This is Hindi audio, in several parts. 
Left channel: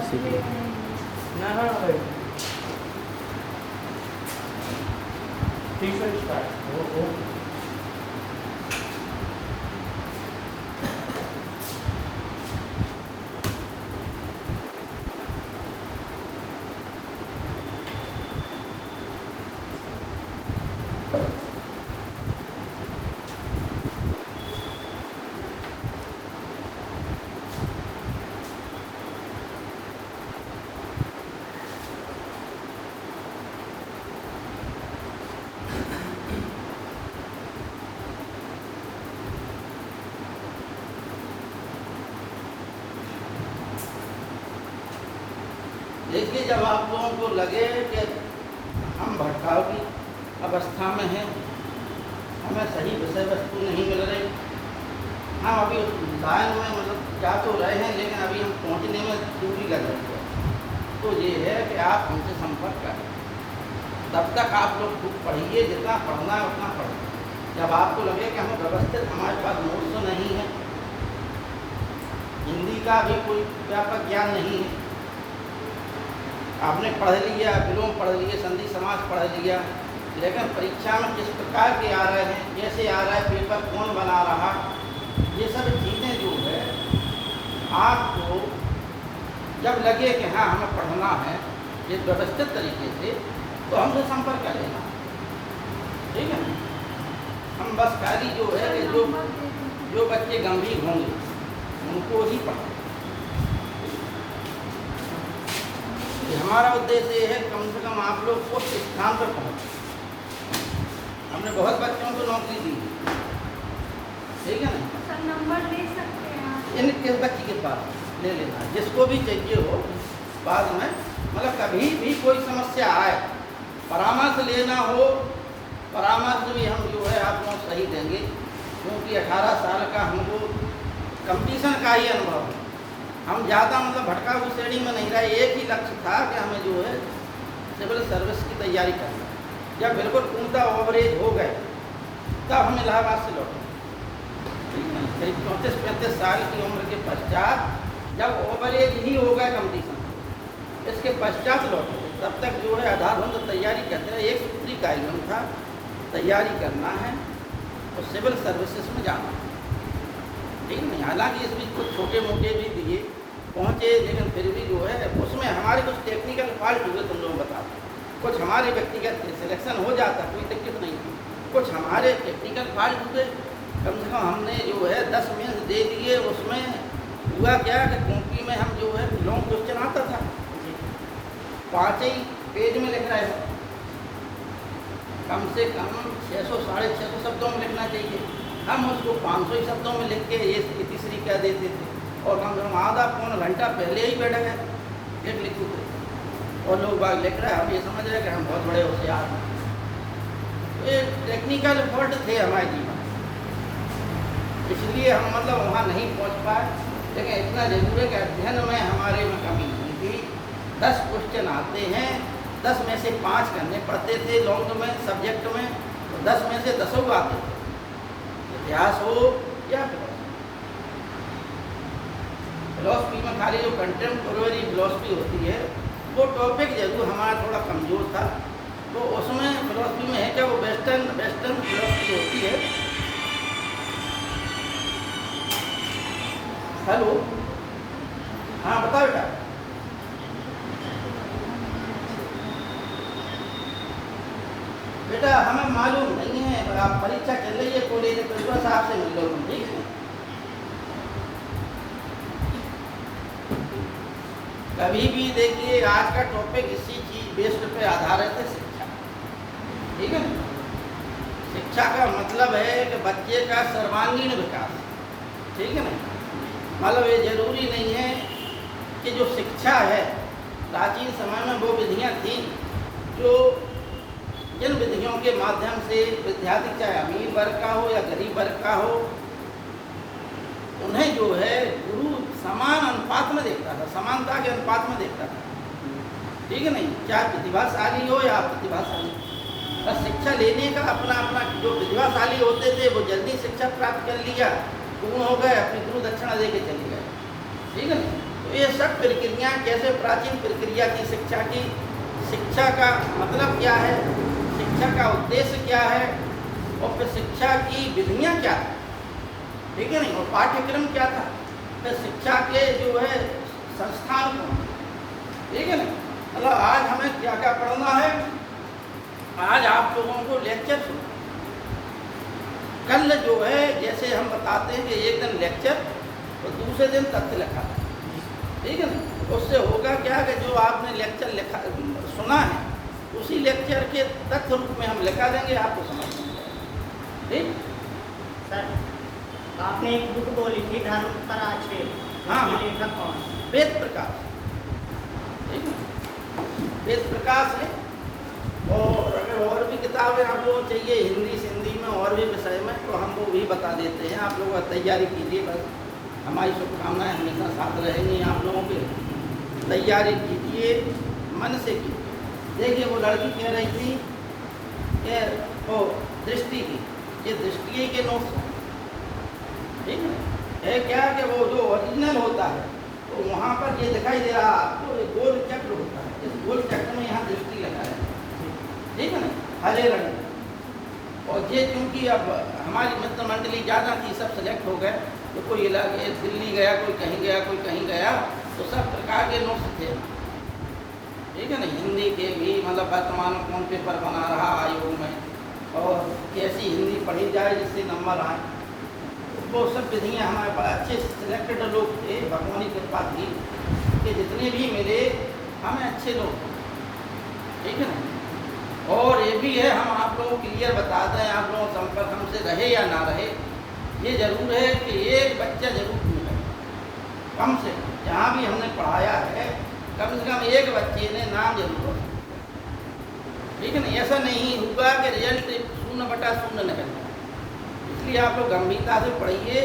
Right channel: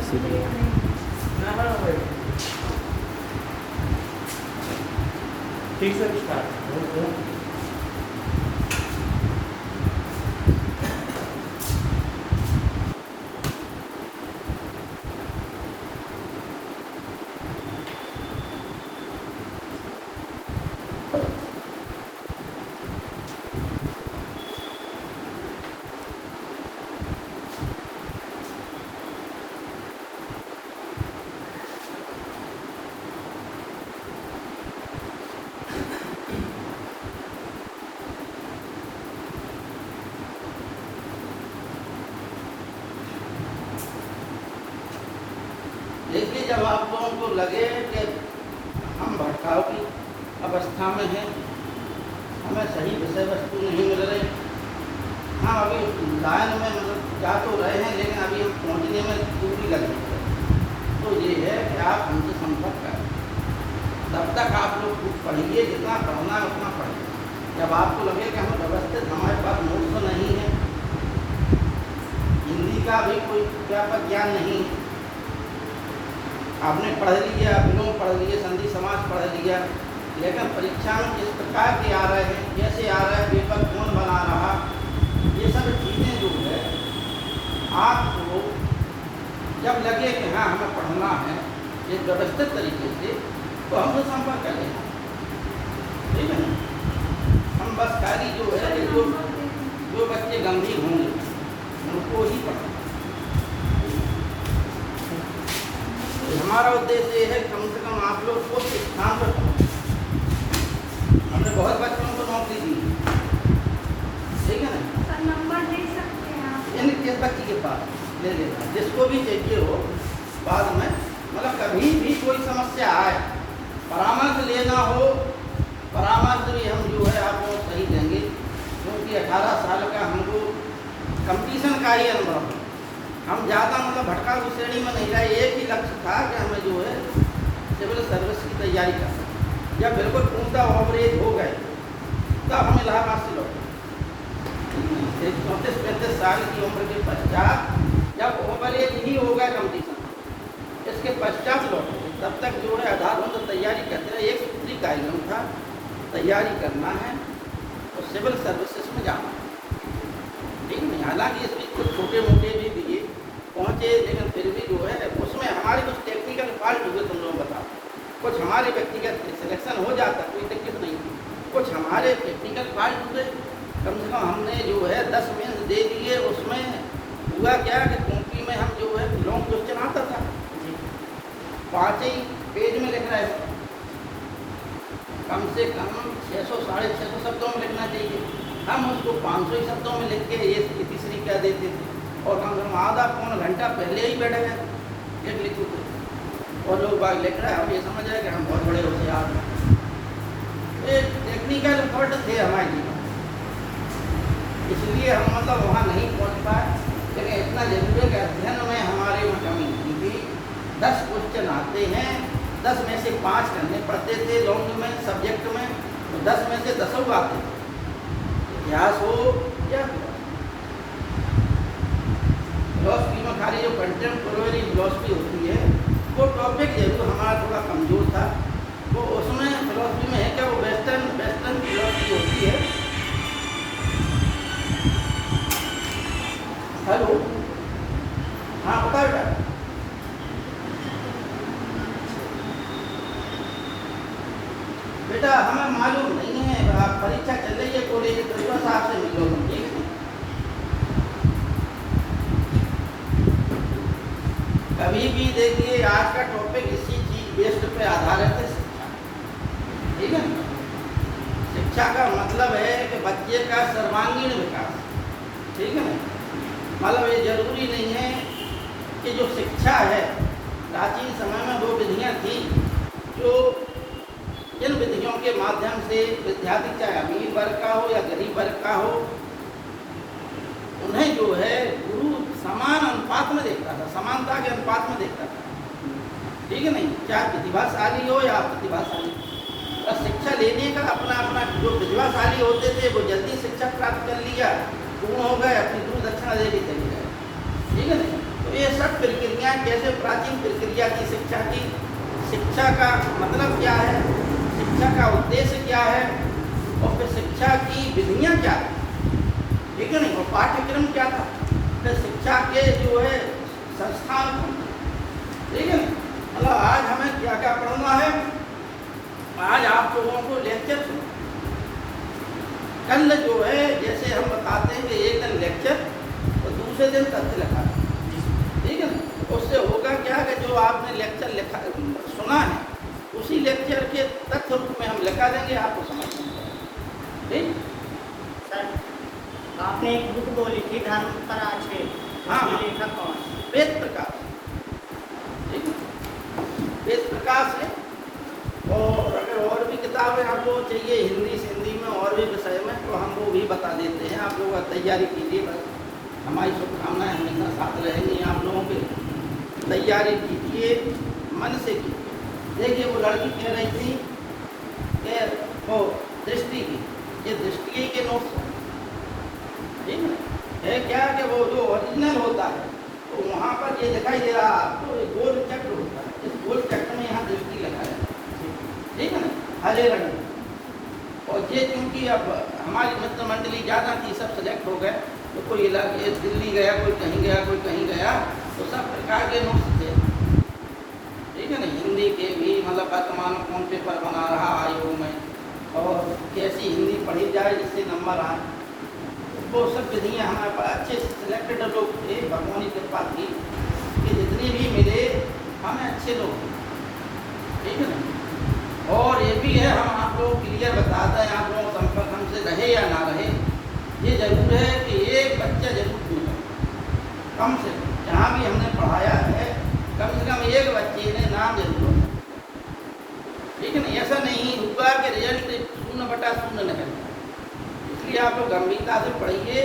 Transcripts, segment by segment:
इसीलिए ठीक से स्टार्ट देखिए, जब आप लोगों को लगे कि हम भटकाव की अवस्था में हैं, हमें सही विषय वस्तु नहीं मिल रही, हम अभी लाइन में मतलब जा तो रहे हैं लेकिन अभी हम पहुँचने में दूरी लग रही है, तो ये है कि आप हमसे संपर्क करें। तब तक आप लोग कुछ पढ़िए, जितना पढ़ना है उतना पढ़िए। जब आपको लगे कि हम व्यवस्थित, हमारे पास नोट्स तो नहीं है, हिंदी का भी कोई व्यापक ज्ञान नहीं है, आपने पढ़ लिया, विलोम पढ़ लिए, संधि समास पढ़ लिया, लेकिन परीक्षा में किस प्रकार के आ रहे हैं, कैसे आ रहा है, पेपर कौन बना रहा, ये सब चीज़ें जो है आपको जब लगे कि हाँ हमें पढ़ना है एक व्यवस्थित तरीके से, तो हमसे संपर्क कर लेना, ठीक है ना। हम बस खाली जो है जो बच्चे गंभीर होंगे उनको ही पढ़ा। हमारा उद्देश्य ये है कम से कम आप लोग को स्थान पर पहुँचे। हमने बहुत बच्चों को नौकरी दी, ठीक है ना। नंबर दे सकते हैं आप? यानी किस बच्चे के पास ले लेना, जिसको भी चाहिए हो बाद में, मतलब कभी भी कोई समस्या आए, परामर्श लेना हो, परामर्श भी हम जो है आपको सही देंगे, क्योंकि 18 साल का हमको कंपटीशन का ही अनुभव है। हम ज़्यादा मतलब भटकाऊ श्रेणी में नहीं रहे, एक ही लक्ष्य था कि हमें जो है सिविल सर्विस की तैयारी करना। जब बिल्कुल पूरा ओवरेज हो गए तब हम इलाहाबाद से लौटे। 34-35 साल की उम्र के पश्चात जब ओवरेज ही हो गए कंपटीशन, इसके पश्चात लौटे। तब तक जो है आधार हम तो तैयारी करते रहे। एक सूत्री का इल्म था, तैयारी करना है और सिविल सर्विसेज में जाना है, ठीक है। हालांकि इसमें कुछ छोटे मोटे भी दिए पहुँचे, लेकिन फिर भी जो है उसमें हमारे कुछ टेक्निकल फॉल्ट हुए, तुम लोग बताते, कुछ हमारे व्यक्तिगत सिलेक्शन हो जाता, कोई दिक्कत नहीं थी, कुछ हमारे टेक्निकल फॉल्ट हुए। कम से कम हमने जो है 10 मेंस दे दिए, उसमें हुआ क्या कि कॉपी में हम जो है लॉन्ग क्वेश्चन आता था, 5 ही पेज में लिख रहे थे, कम से कम 600-650 शब्दों में लिखना चाहिए, हम उसको 500 शब्दों में लिख के ये तीसरी क्या देते थे, और हम आधा पौन घंटा पहले ही बैठ गए एक लिखो, और लोग बाग लिख रहे हैं, हम ये समझ रहे हैं कि हम बहुत बड़े होशियार हैं। ये टेक्निकल फॉल्ट थे हमारे जीवन, इसलिए हम मतलब वहाँ नहीं पहुँच पाए। लेकिन इतना जरूर है कि अध्ययन में हमारे में कमी नहीं थी। 10 क्वेश्चन आते हैं, 10 में से 5 करने पड़ते थे लॉन्ग में सब्जेक्ट में, 10 में से 10 आते थे, इतिहास हो या फिलॉसफी में खाली जो कंटेम्पोरेरी फिलॉसफी होती है वो टॉपिक जरूर हमारा थोड़ा कमज़ोर था, तो उसमें फिलॉसफी में है क्या, वो वेस्टर्न फिलॉसफी होती है। हेलो, हाँ बताओ बेटा। बेटा हमें मालूम नहीं है, आप परीक्षा चल रही है कॉलेज में, प्रिंसिपल साहब से मिलो, ठीक है। कभी भी देखिए आज का टॉपिक इसी चीज बेस्ड पे आधारित है, शिक्षा, ठीक है। शिक्षा का मतलब है कि बच्चे का सर्वांगीण विकास, ठीक है ना। मतलब ये जरूरी नहीं है कि जो शिक्षा है, प्राचीन समय में वो विधियाँ थी जो जिन विधियों के माध्यम से विद्यार्थी चाहे अमीर वर्ग का हो या गरीब वर्ग का हो, उन्हें जो है गुरु समान अनुपात में देखता था, समानता के अनुपात में देखता था, ठीक है नहीं, चाहे प्रतिभाशाली हो या प्रतिभाशाली। और शिक्षा लेने का अपना अपना, जो प्रतिभाशाली होते थे वो जल्दी शिक्षा प्राप्त कर लिया, गुरु हो गए, अपनी गुरु दक्षिणा दे के चले गए, ठीक है नहीं। तो तो ये सब प्रक्रिया कैसे प्राचीन प्रक्रिया की शिक्षा का मतलब क्या है, शिक्षा का उद्देश्य क्या है, और फिर शिक्षा की विधियाँ क्या है, ठीक है नहीं, और पाठ्यक्रम क्या था, फिर शिक्षा के जो है संस्थान, ठीक है नहीं। मतलब आज हमें क्या क्या पढ़ना है, आज आप लोगों को लेक्चर सुनो। कल जो है जैसे हम बताते हैं कि एक दिन लेक्चर तो दूसरे दिन तथ्य लिखा, ठीक है ना। उससे होगा क्या कि जो आपने लेक्चर लिखा सुना है उसी लेक्चर के तथ्य रूप में हम लिखा देंगे, आपको समझ में ठीक। सर आपने एक बुक बोली थी धर्म पर आज के, हाँ, लेखक कौन? वेद प्रकाश, ठीक है, वेद प्रकाश है। और अगर और भी किताबें आप लोगों को चाहिए हिंदी से हिंदी में और भी विषय में तो हम वो भी बता देते हैं। आप लोग तैयारी कीजिए, हमारी शुभकामनाएं हमेशा साथ रहेंगी। आप लोगों की तैयारी कीजिए मन से की। देखिए वो लड़की कह रही थी कि वो दृष्टि की, ये दृष्टि के नोट्स ठीक है क्या कि वो जो ओरिजिनल होता है तो वहाँ पर ये दिखाई दे रहा आपको गोल चक्र होता है, इस गोल चक्र में यहाँ दृष्टि लगा है, ठीक है ना, हरे रंग। और ये क्योंकि अब हमारी मित्र मंडली ज़्यादा थी, सब सेलेक्ट हो गए, तो कोई इलाके दिल्ली गया, कोई कहीं गया, कोई कहीं गया, तो सब प्रकार के नोट्स थे, ठीक है ना। हिंदी के भी मतलब वर्तमान कौन पेपर बना रहा आयोग में, और कैसी हिंदी पढ़ी जाए जिससे नंबर आए, वो सब विधियाँ हमारे पास अच्छे सिलेक्टेड लोग थे, भगवानी कृपा थी कि जितने भी मिले हमें अच्छे लोग, ठीक है ना। और ये भी है हम आप लोग क्लियर बताते हैं, आप लोगों संपर्क हमसे रहे या ना रहे, ये जरूर है कि एक बच्चा जरूर पूछे, कम से कम जहाँ भी हमने पढ़ाया है कम से कम एक बच्चे ने नाम जरूर, ठीक है ना। ऐसा नहीं होगा कि रिजल्ट 0/0 निकले, इसलिए आप लोग गंभीरता से पढ़िए,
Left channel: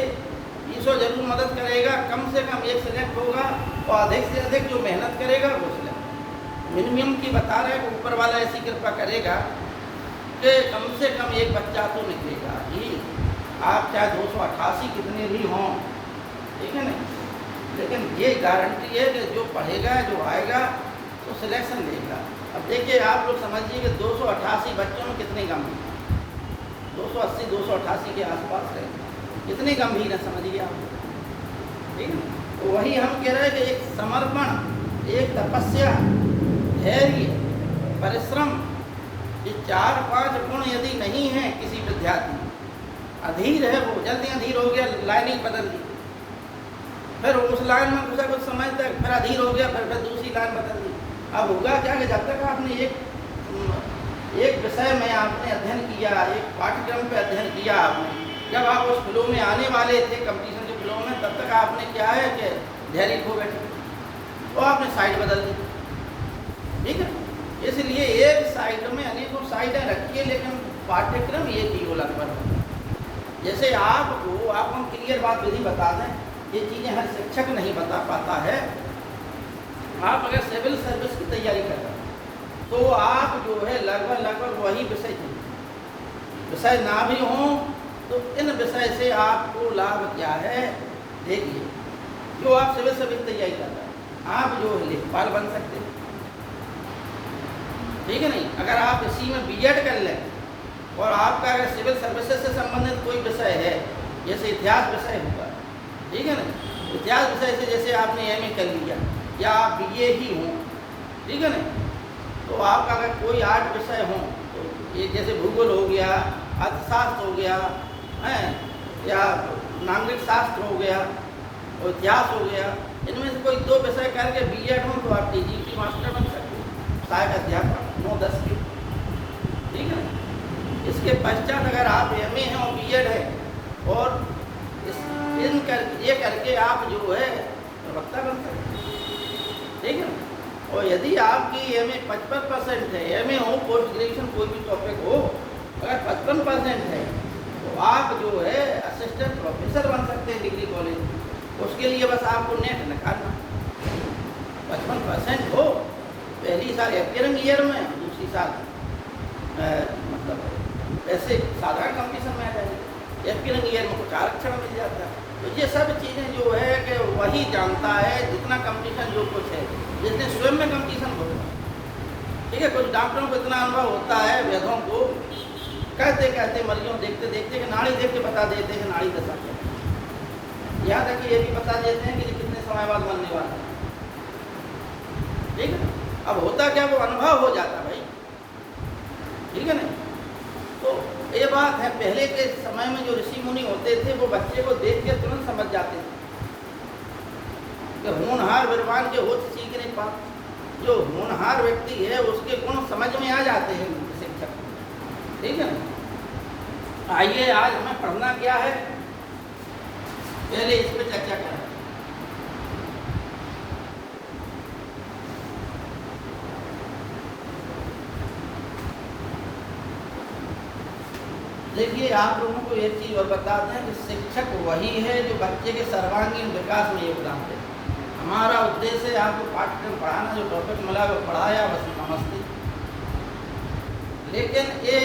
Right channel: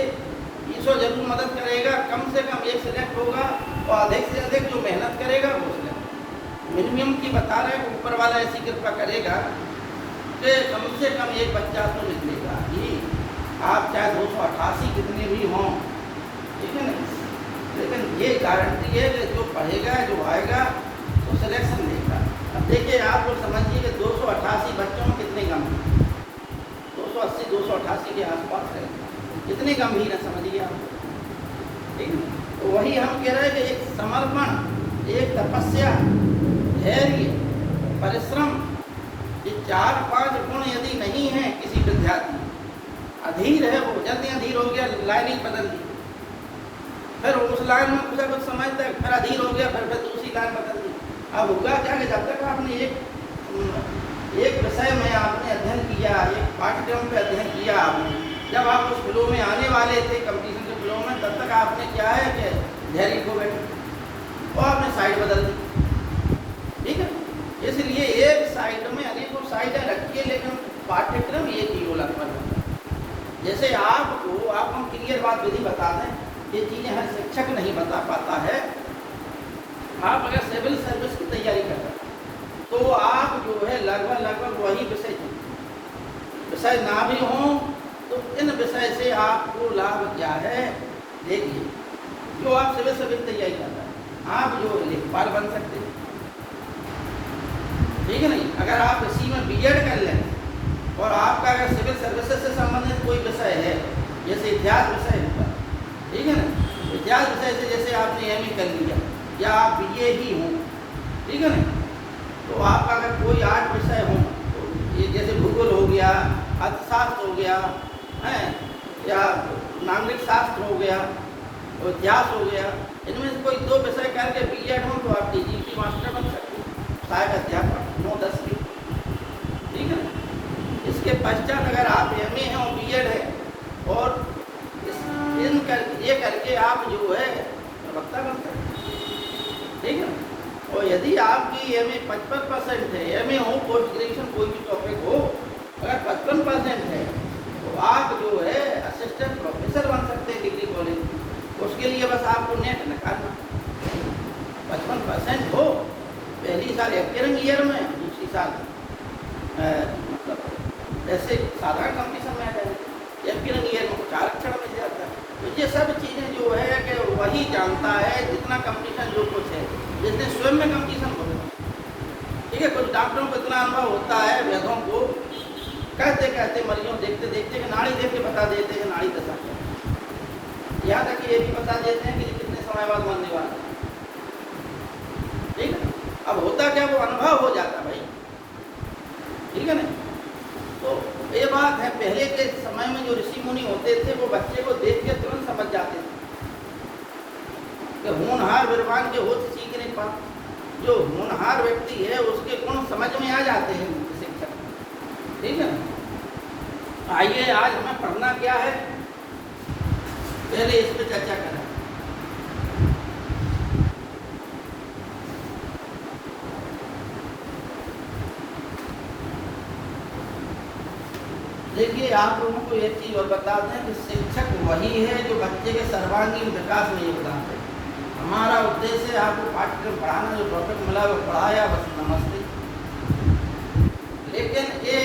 ईश्वर जरूर मदद करेगा। कम से कम एक सिलेक्ट होगा और अधिक से अधिक जो मेहनत करेगा वो सिलेक्ट। मिनिमम की बता रहे हैं, ऊपर वाला ऐसी कृपा करेगा कि कम से कम एक बच्चा तो निकलेगा ही। आप चाहे 288 कितने भी हों, ठीक है ना, लेकिन ये गारंटी है कि जो पढ़ेगा जो आएगा वो सिलेक्शन लेगा। अब देखिए आप लोग समझिए कि 288 बच्चों में कितने गंभीर, 280 288 के आसपास है, कितने गंभीर है समझिए आप, ठीक है। तो वही हम कह रहे हैं कि एक समर्पण, एक तपस्या, धैर्य, परिश्रम, ये 4-5 गुण यदि नहीं है किसी विद्यार्थी, अधीर है वो, जल्दी अधीर हो गया, लाइन बदल दी, फिर उस लाइन में कुछ समझता है, फिर अधीर हो गया, फिर दूसरी लाइन बदल दी। अब होगा क्या कि जब तक आपने एक विषय में आपने अध्ययन किया, एक पाठ्यक्रम पे अध्ययन किया आपने, जब आप उस फ्लो में आने वाले थे कंपटीशन के फ्लो में, तब तक आपने क्या है कि धैर्य खो बैठे तो आपने साइड बदल दी, ठीक है। इसलिए एक साइड में अनेकों साइडें रख के लेकिन पाठ्यक्रम ये चीज़ लगभग होता है। जैसे आप हम क्लियर बात यदि बता दें, ये चीज़ें हर शिक्षक नहीं बता पाता है। आप अगर सिविल सर्विस की तैयारी कर रहे हैं तो आप जो है लगभग वही विषय ना भी हों तो इन विषय से आपको लाभ क्या है। देखिए जो आप सिविल सर्विस तैयारी कर रहे हैं, आप जो लेखपाल बन सकते हैं, ठीक है नहीं। अगर आप इसी में बीएड कर लें और आपका अगर सिविल सर्विसेज से संबंधित कोई विषय है, जैसे इतिहास विषय होगा, ठीक है ना, इतिहास विषय से जैसे आपने एमए कर लिया या आप बीए ही हों, ठीक है ना, तो आपका अगर कोई 8 विषय हो, तो ये जैसे भूगोल हो गया, अर्थशास्त्र हो गया है, या नागरिक शास्त्र हो गया और इतिहास हो गया, इनमें से कोई 2 विषय करके बीएड हो तो आप टीजीटी मास्टर बन सकते हैं, सहायक अध्यापक 9-10 की, ठीक है ना। इसके पश्चात अगर आप एमए हैं और बीएड है और ये करके आप जो है वक्ता बन सकते हैं, ठीक है। और यदि आपकी एमए 55% है, एमए हो कोई ग्रेजुएशन कोई भी टॉपिक हो, अगर 55% है तो आप जो है असिस्टेंट प्रोफेसर बन सकते हैं डिग्री कॉलेज। उसके लिए बस आपको नेट निकालना 55% हो, पहली साल एकेडमिक ईयर में, दूसरी साल मतलब ऐसे साधारण कॉम्पिटिशन में आ जाएगा, एकेडमिक ईयर में 4 अक्षर मिल जाता है। तो ये सब चीज़ें जो है कि वही जानता है, जितना कम जो कुछ है, जिसने स्वयं में कंडीशन हो। ठीक है, कुछ डॉक्टरों को इतना अनुभव होता है, वैद्यों को कहते कहते मरीजों देखते देखते कि नाड़ी देख के बता देते हैं नाड़ी बता है। यहाँ तक कि ये भी बता देते हैं कि कितने समय बाद मरने वाला है। ठीक है, अब होता क्या, वो अनुभव हो जाता भाई। ठीक है ना। तो ये बात है, पहले के समय में जो ऋषि मुनि होते थे वो बच्चे को देख के तुरंत समझ जाते थे कि होनहार विद्वान के होश सीख नहीं पाते। जो होनहार व्यक्ति है उसके गुण समझ में आ जाते हैं शिक्षक। ठीक है, आइए आज हमें पढ़ना क्या है, पहले इस पर चर्चा करें। देखिए, आप लोगों को एक चीज और बता दें कि शिक्षक वही है जो बच्चे के सर्वांगीण विकास में योगदान दे। हमारा उद्देश्य है आपको पाठ्यक्रम पढ़ाना, जो टॉपिक मिला वो पढ़ाया, बस नमस्ते। लेकिन ये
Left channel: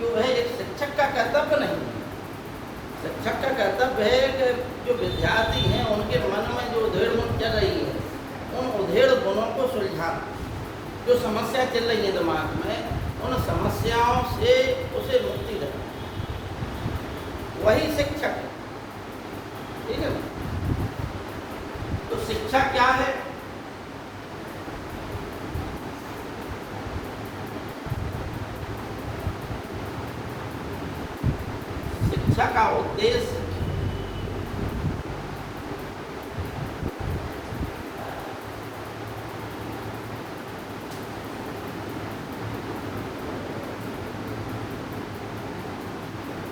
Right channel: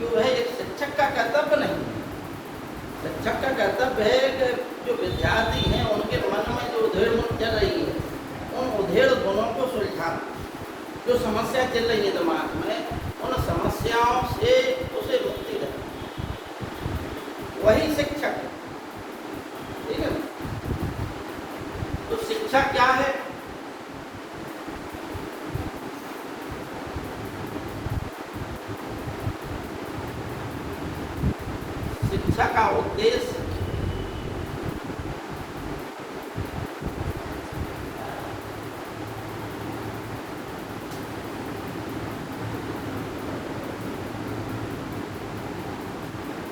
जो है एक शिक्षक का कर्तव्य नहीं है। शिक्षक का कर्तव्य है कि जो विद्यार्थी हैं उनके मन में जो उधेड़ चल रही है, उन उधेड़ गुणों को सुलझाना। जो समस्या चल रही है दिमाग में, उन समस्याओं से उसे मुक्ति देना, वही शिक्षक है। ठीक है, तो शिक्षा क्या है? शिक्षा का उद्देश्य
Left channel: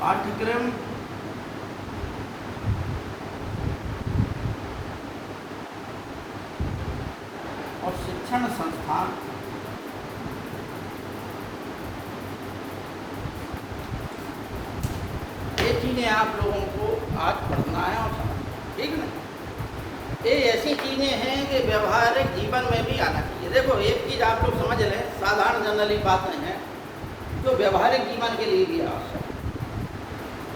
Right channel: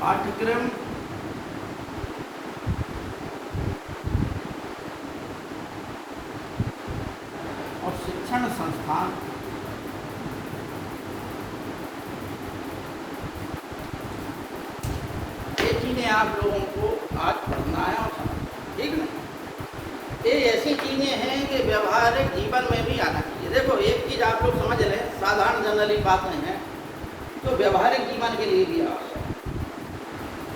पाठ्यक्रम और शिक्षण संस्थान ये चीजें आप लोगों को आज पढ़ना है। ठीक है, ये ऐसी चीजें हैं कि व्यवहारिक जीवन में भी आना चाहिए। देखो, एक चीज आप लोग समझ लें, साधारण जनरली बात नहीं है, तो व्यवहारिक जीवन के लिए भी आवश्यक।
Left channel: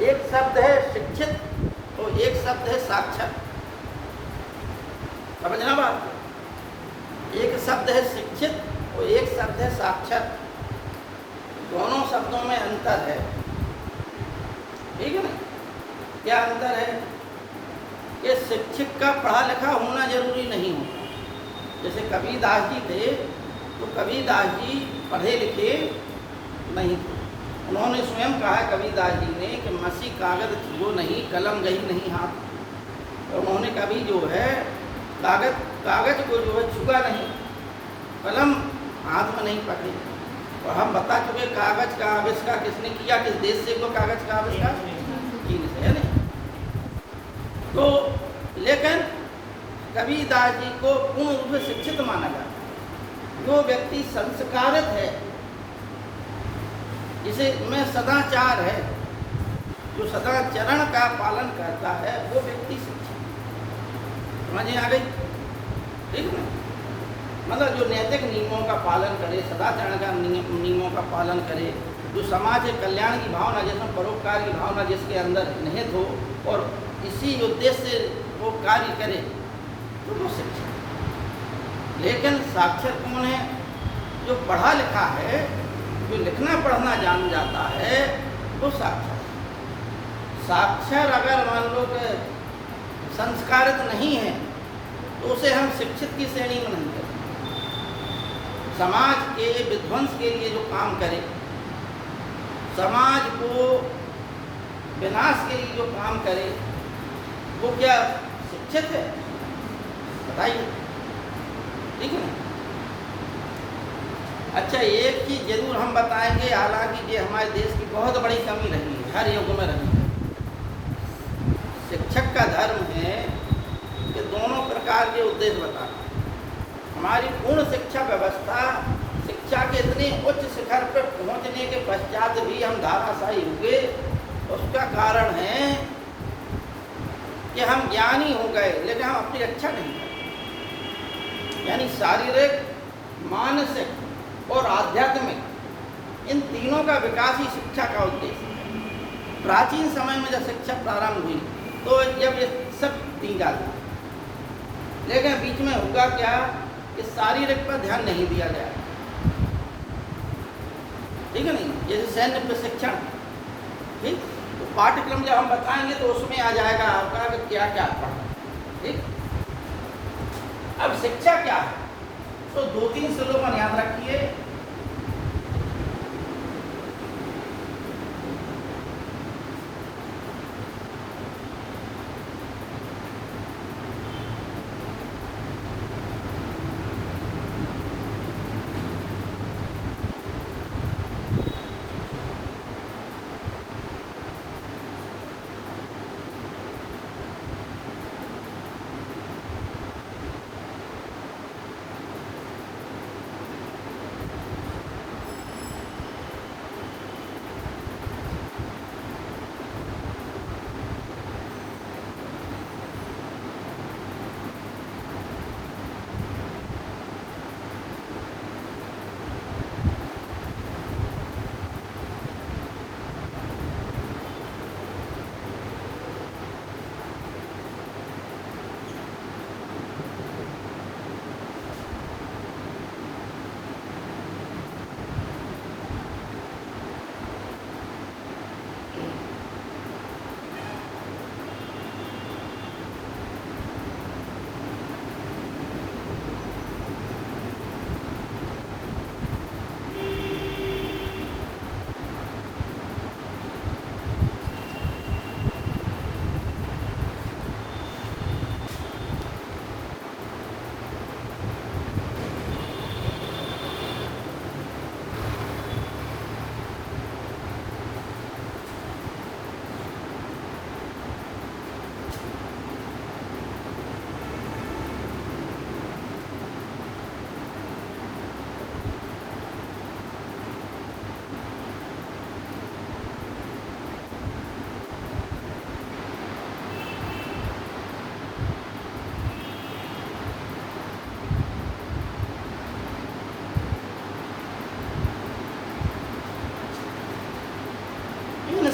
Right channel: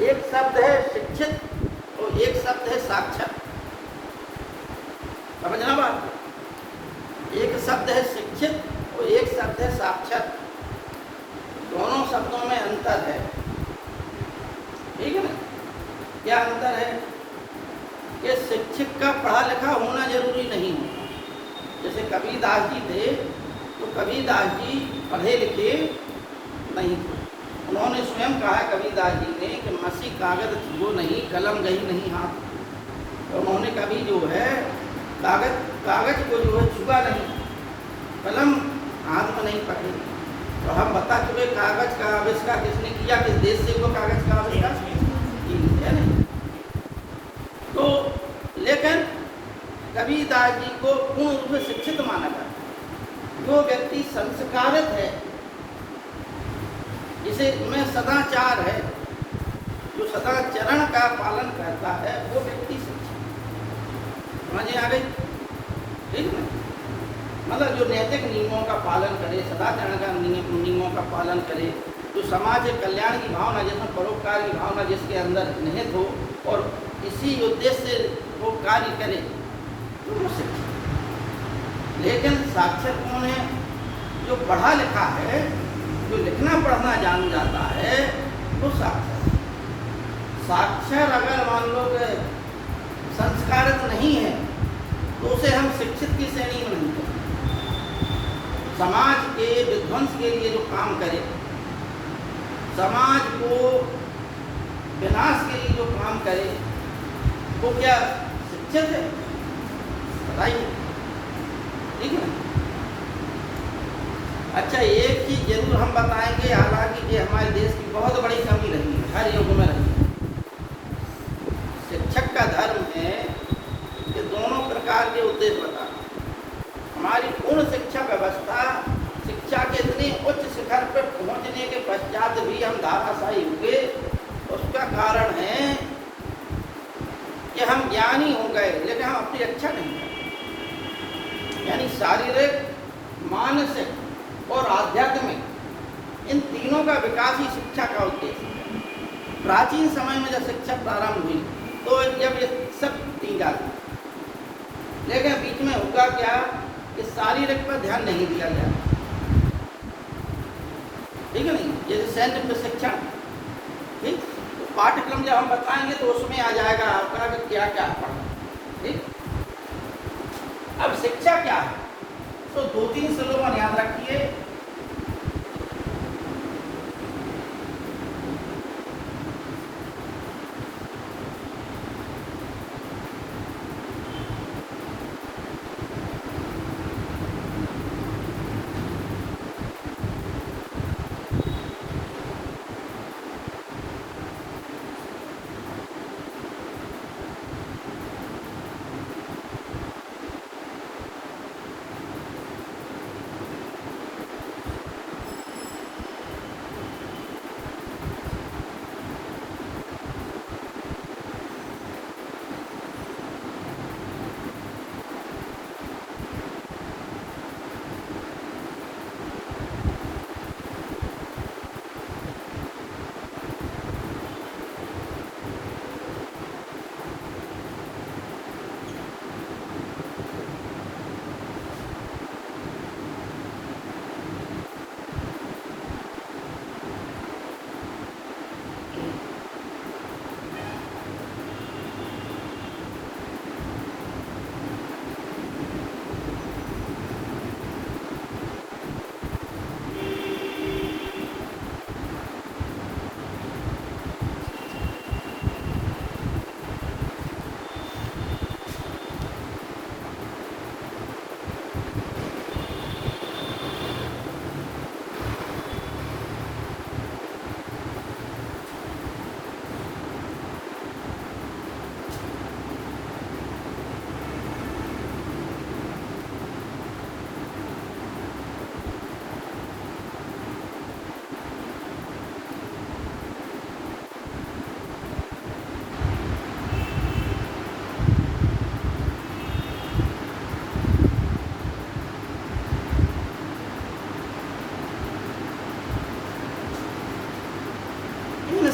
एक शब्द है शिक्षित और एक शब्द है साक्षर। समझना बात, एक शब्द है शिक्षित और एक शब्द है साक्षर। दोनों शब्दों में अंतर है। ठीक है ना। क्या अंतर है? ये शिक्षक का पढ़ा लिखा होना जरूरी नहीं है। जैसे कबीरदास जी थे, तो कबीरदास जी पढ़े लिखे नहीं थे। उन्होंने स्वयं कहा, कबीरदास जी ने, कि मसी कागज छुओ नहीं, कलम गई नहीं हाथ। तो उन्होंने कभी जो है कागज को जो है छुआ नहीं, कलम हाथ में नहीं पकड़ी। तो हम बता चुके कागज का आविष्कार किसने किया, किस देश से वो कागज का आविष्कार, चीन से, है नहीं। तो लेकिन कबीरदास जी को पूर्ण रूप में शिक्षित माना जाता। जो व्यक्ति संस्कारित है, जिसे में सदाचार है, जो सदाचरण का पालन करता है, वो व्यक्ति शिक्षित। समझ आ गई? ठीक है, मतलब जो नैतिक नियमों का पालन करे, सदाचरण का नियमों का पालन करे, जो समाज के कल्याण की भावना, जिसमें परोपकार की भावना जिसके अंदर निहित हो और इसी उद्देश्य से वो कार्य करे, तो वो शिक्षित। लेकिन साक्षर कौन है? जो पढ़ा लिखा है, जो लिखना पढ़ना जान जाता है, वो साक्षर। साक्षर अगर मान लो कि संस्कारित नहीं है, तो उसे हम शिक्षित की श्रेणी में नहीं करते। समाज के विध्वंस के लिए जो काम करे, समाज को विनाश के लिए जो काम करे, वो क्या शिक्षित है? बताइए। ठीक है। अच्छा, एक चीज जरूर हम बताएंगे, हालांकि ये हमारे देश की बहुत बड़ी कमी रही है, हर युग में रही है। शिक्षक का धर्म है कि दोनों प्रकार के उद्देश्य बताना। हमारी पूर्ण शिक्षा व्यवस्था, शिक्षा के इतने उच्च शिखर पर पहुंचने के पश्चात भी हम धाराशाही हुए, उसका कारण है कि हम ज्ञानी हो गए, लेकिन हम अपनी रक्षा नहीं कर। यानी शारीरिक, मानसिक और आध्यात्मिक, इन तीनों का विकास ही शिक्षा का उद्देश्य। प्राचीन समय में जब शिक्षा प्रारंभ हुई, तो जब ये सब दी जाती, लेकिन बीच में होगा क्या कि शारीरिक पर ध्यान नहीं दिया जाएगा, ठीक है नहीं। जैसे सैन्य प्रशिक्षण, ठीक, तो पाठ्यक्रम जब हम बताएंगे तो उसमें आ जाएगा आपका कि क्या क्या पढ़ना, ठीक। अब शिक्षा क्या है, तो 2-3 स्लोगन याद रखिए।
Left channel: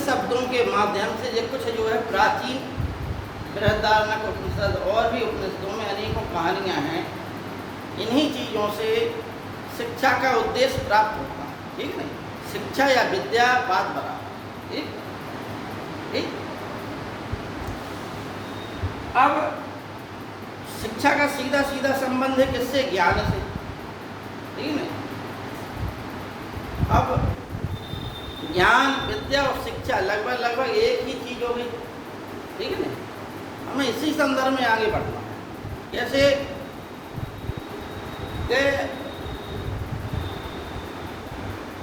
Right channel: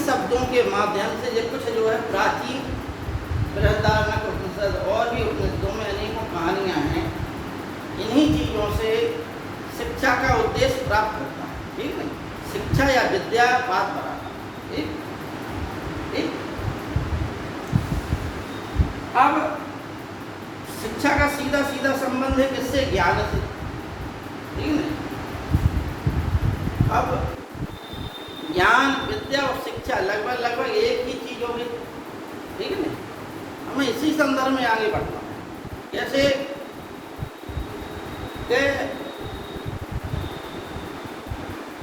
शब्दों के माध्यम से जो कुछ जो है प्राचीन बृहदारण्यक उपनिषद और भी उपनिषदों में अनेकों कहानियाँ हैं, इन्हीं चीज़ों से शिक्षा का उद्देश्य प्राप्त होता है, ठीक है। शिक्षा या विद्या बात बराबर, ठीक ठीक। अब शिक्षा का सीधा सीधा संबंध है किससे, ज्ञान से, ठीक है। अब ज्ञान, विद्या और शिक्षा लगभग एक ही चीज होगी, ठीक है। हमें इसी संदर्भ में आगे बढ़ना है। जैसे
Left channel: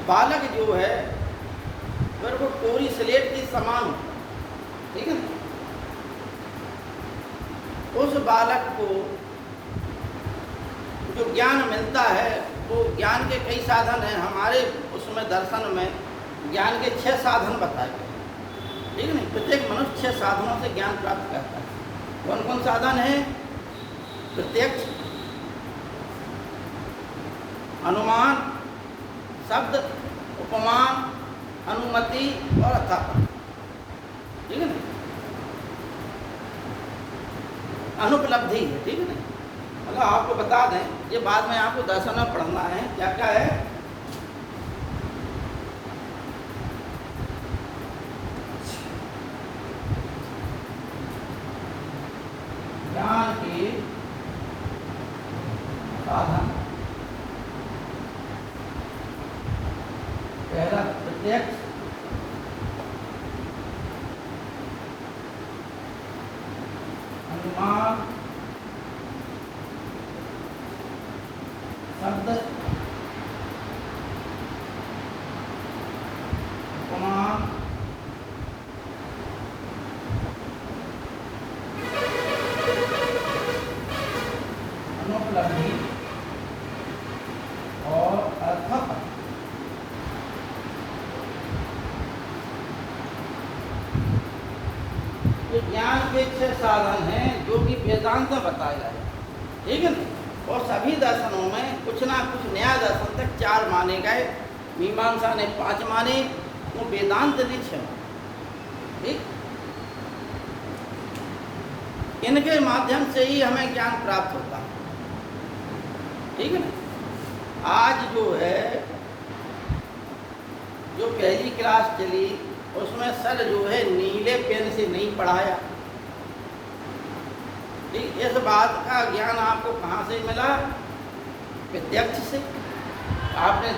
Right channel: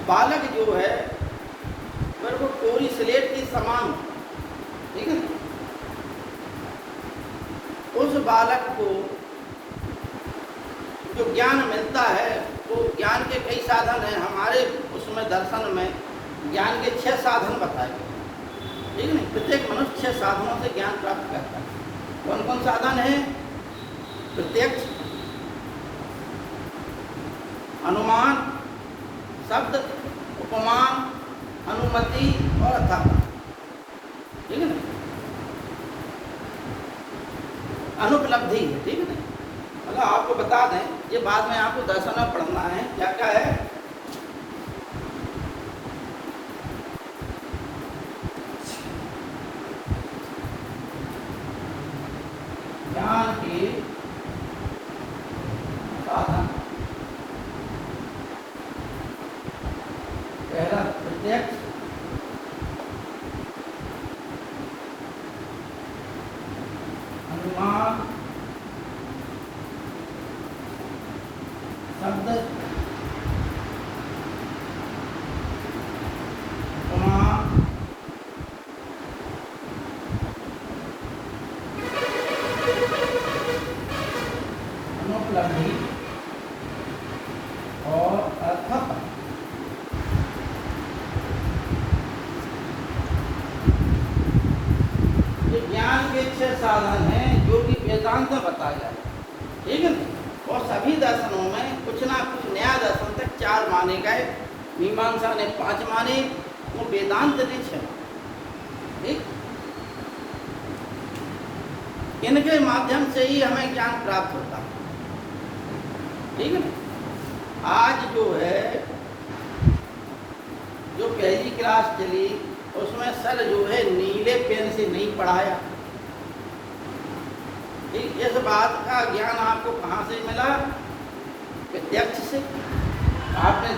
बालक जो है अगर वो कोरी स्लेट के समान, ठीक है, उस बालक को जो ज्ञान मिलता है वो ज्ञान के कई साधन हैं। हमारे उसमें दर्शन में ज्ञान के 6 साधन बताए गए, ठीक है। प्रत्येक मनुष्य 6 साधनों से ज्ञान प्राप्त करता है। कौन कौन साधन है? प्रत्यक्ष, अनुमान, शब्द, उपमान, अनुमति और अर्थापन, ठीक है ना। अनुपलब्धि, ठीक है। मतलब आपको बता दें, ये बाद में आपको दर्शन में पढ़ना है क्या क्या है। ज्ञान के साधन, पहला प्रत्यक्ष, अनुमान, शब्द, उपमान, अनुपलब्धि और अर्थापन। ये ज्ञान के 6 साधन हैं जो कि वेदांत में बताया जाए, ठीक है ना। और सभी दर्शनों में कुछ ना कुछ नया दर्शन तक 4 माने गए, मीमांसा ने 5 माने, तो वेदांत भी 6, ठीक। इनके माध्यम से ही हमें ज्ञान प्राप्त होता है। ठीक है ना। आज जो है, जो पहली क्लास चली उसमें सर जो है नीले पेन से नहीं पढ़ाया। ठीक, इस बात का ज्ञान आपको कहाँ से मिला? प्रत्यक्ष से। आपने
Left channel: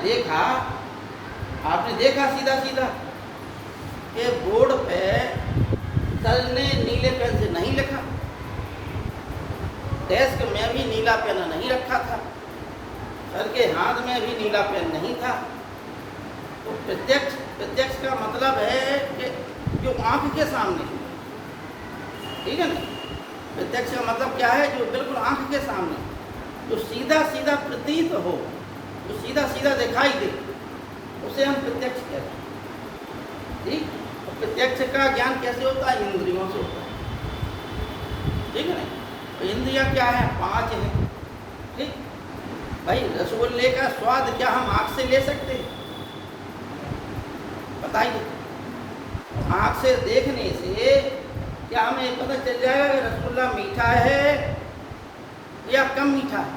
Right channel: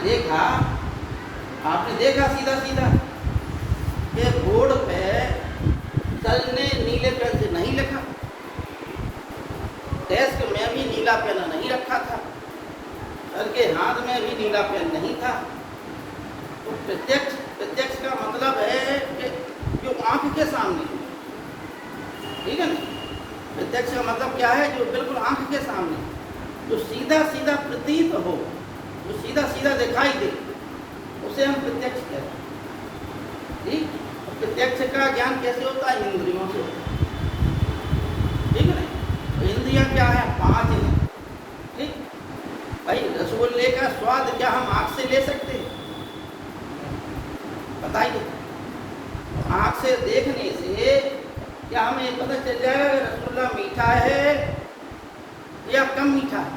देखा सीधा सीधा कि बोर्ड पे सर ने नीले पेन से नहीं लिखा, डेस्क में भी नीला पेन नहीं रखा था, सर के हाथ में भी नीला पेन नहीं था। तो प्रत्यक्ष का मतलब है कि जो आंख के सामने, ठीक है ना। प्रत्यक्ष का मतलब क्या है? जो बिल्कुल आंख के सामने, जो सीधा सीधा प्रतीत हो, जो सीधा सीधा दिखाई दे, उसे हम प्रत्यक्ष कहते हैं। ठीक, प्रत्यक्ष का ज्ञान कैसे होता है? इंद्रियों से। ठीक है ना। इंद्रियां क्या है? 5 हैं। ठीक भाई, रसगुल्ले का स्वाद क्या हम आँख से ले सकते हैं? बताइए। आँख से देखने से क्या हमें पता चल जाएगा कि रसगुल्ला मीठा है या कम मीठा है?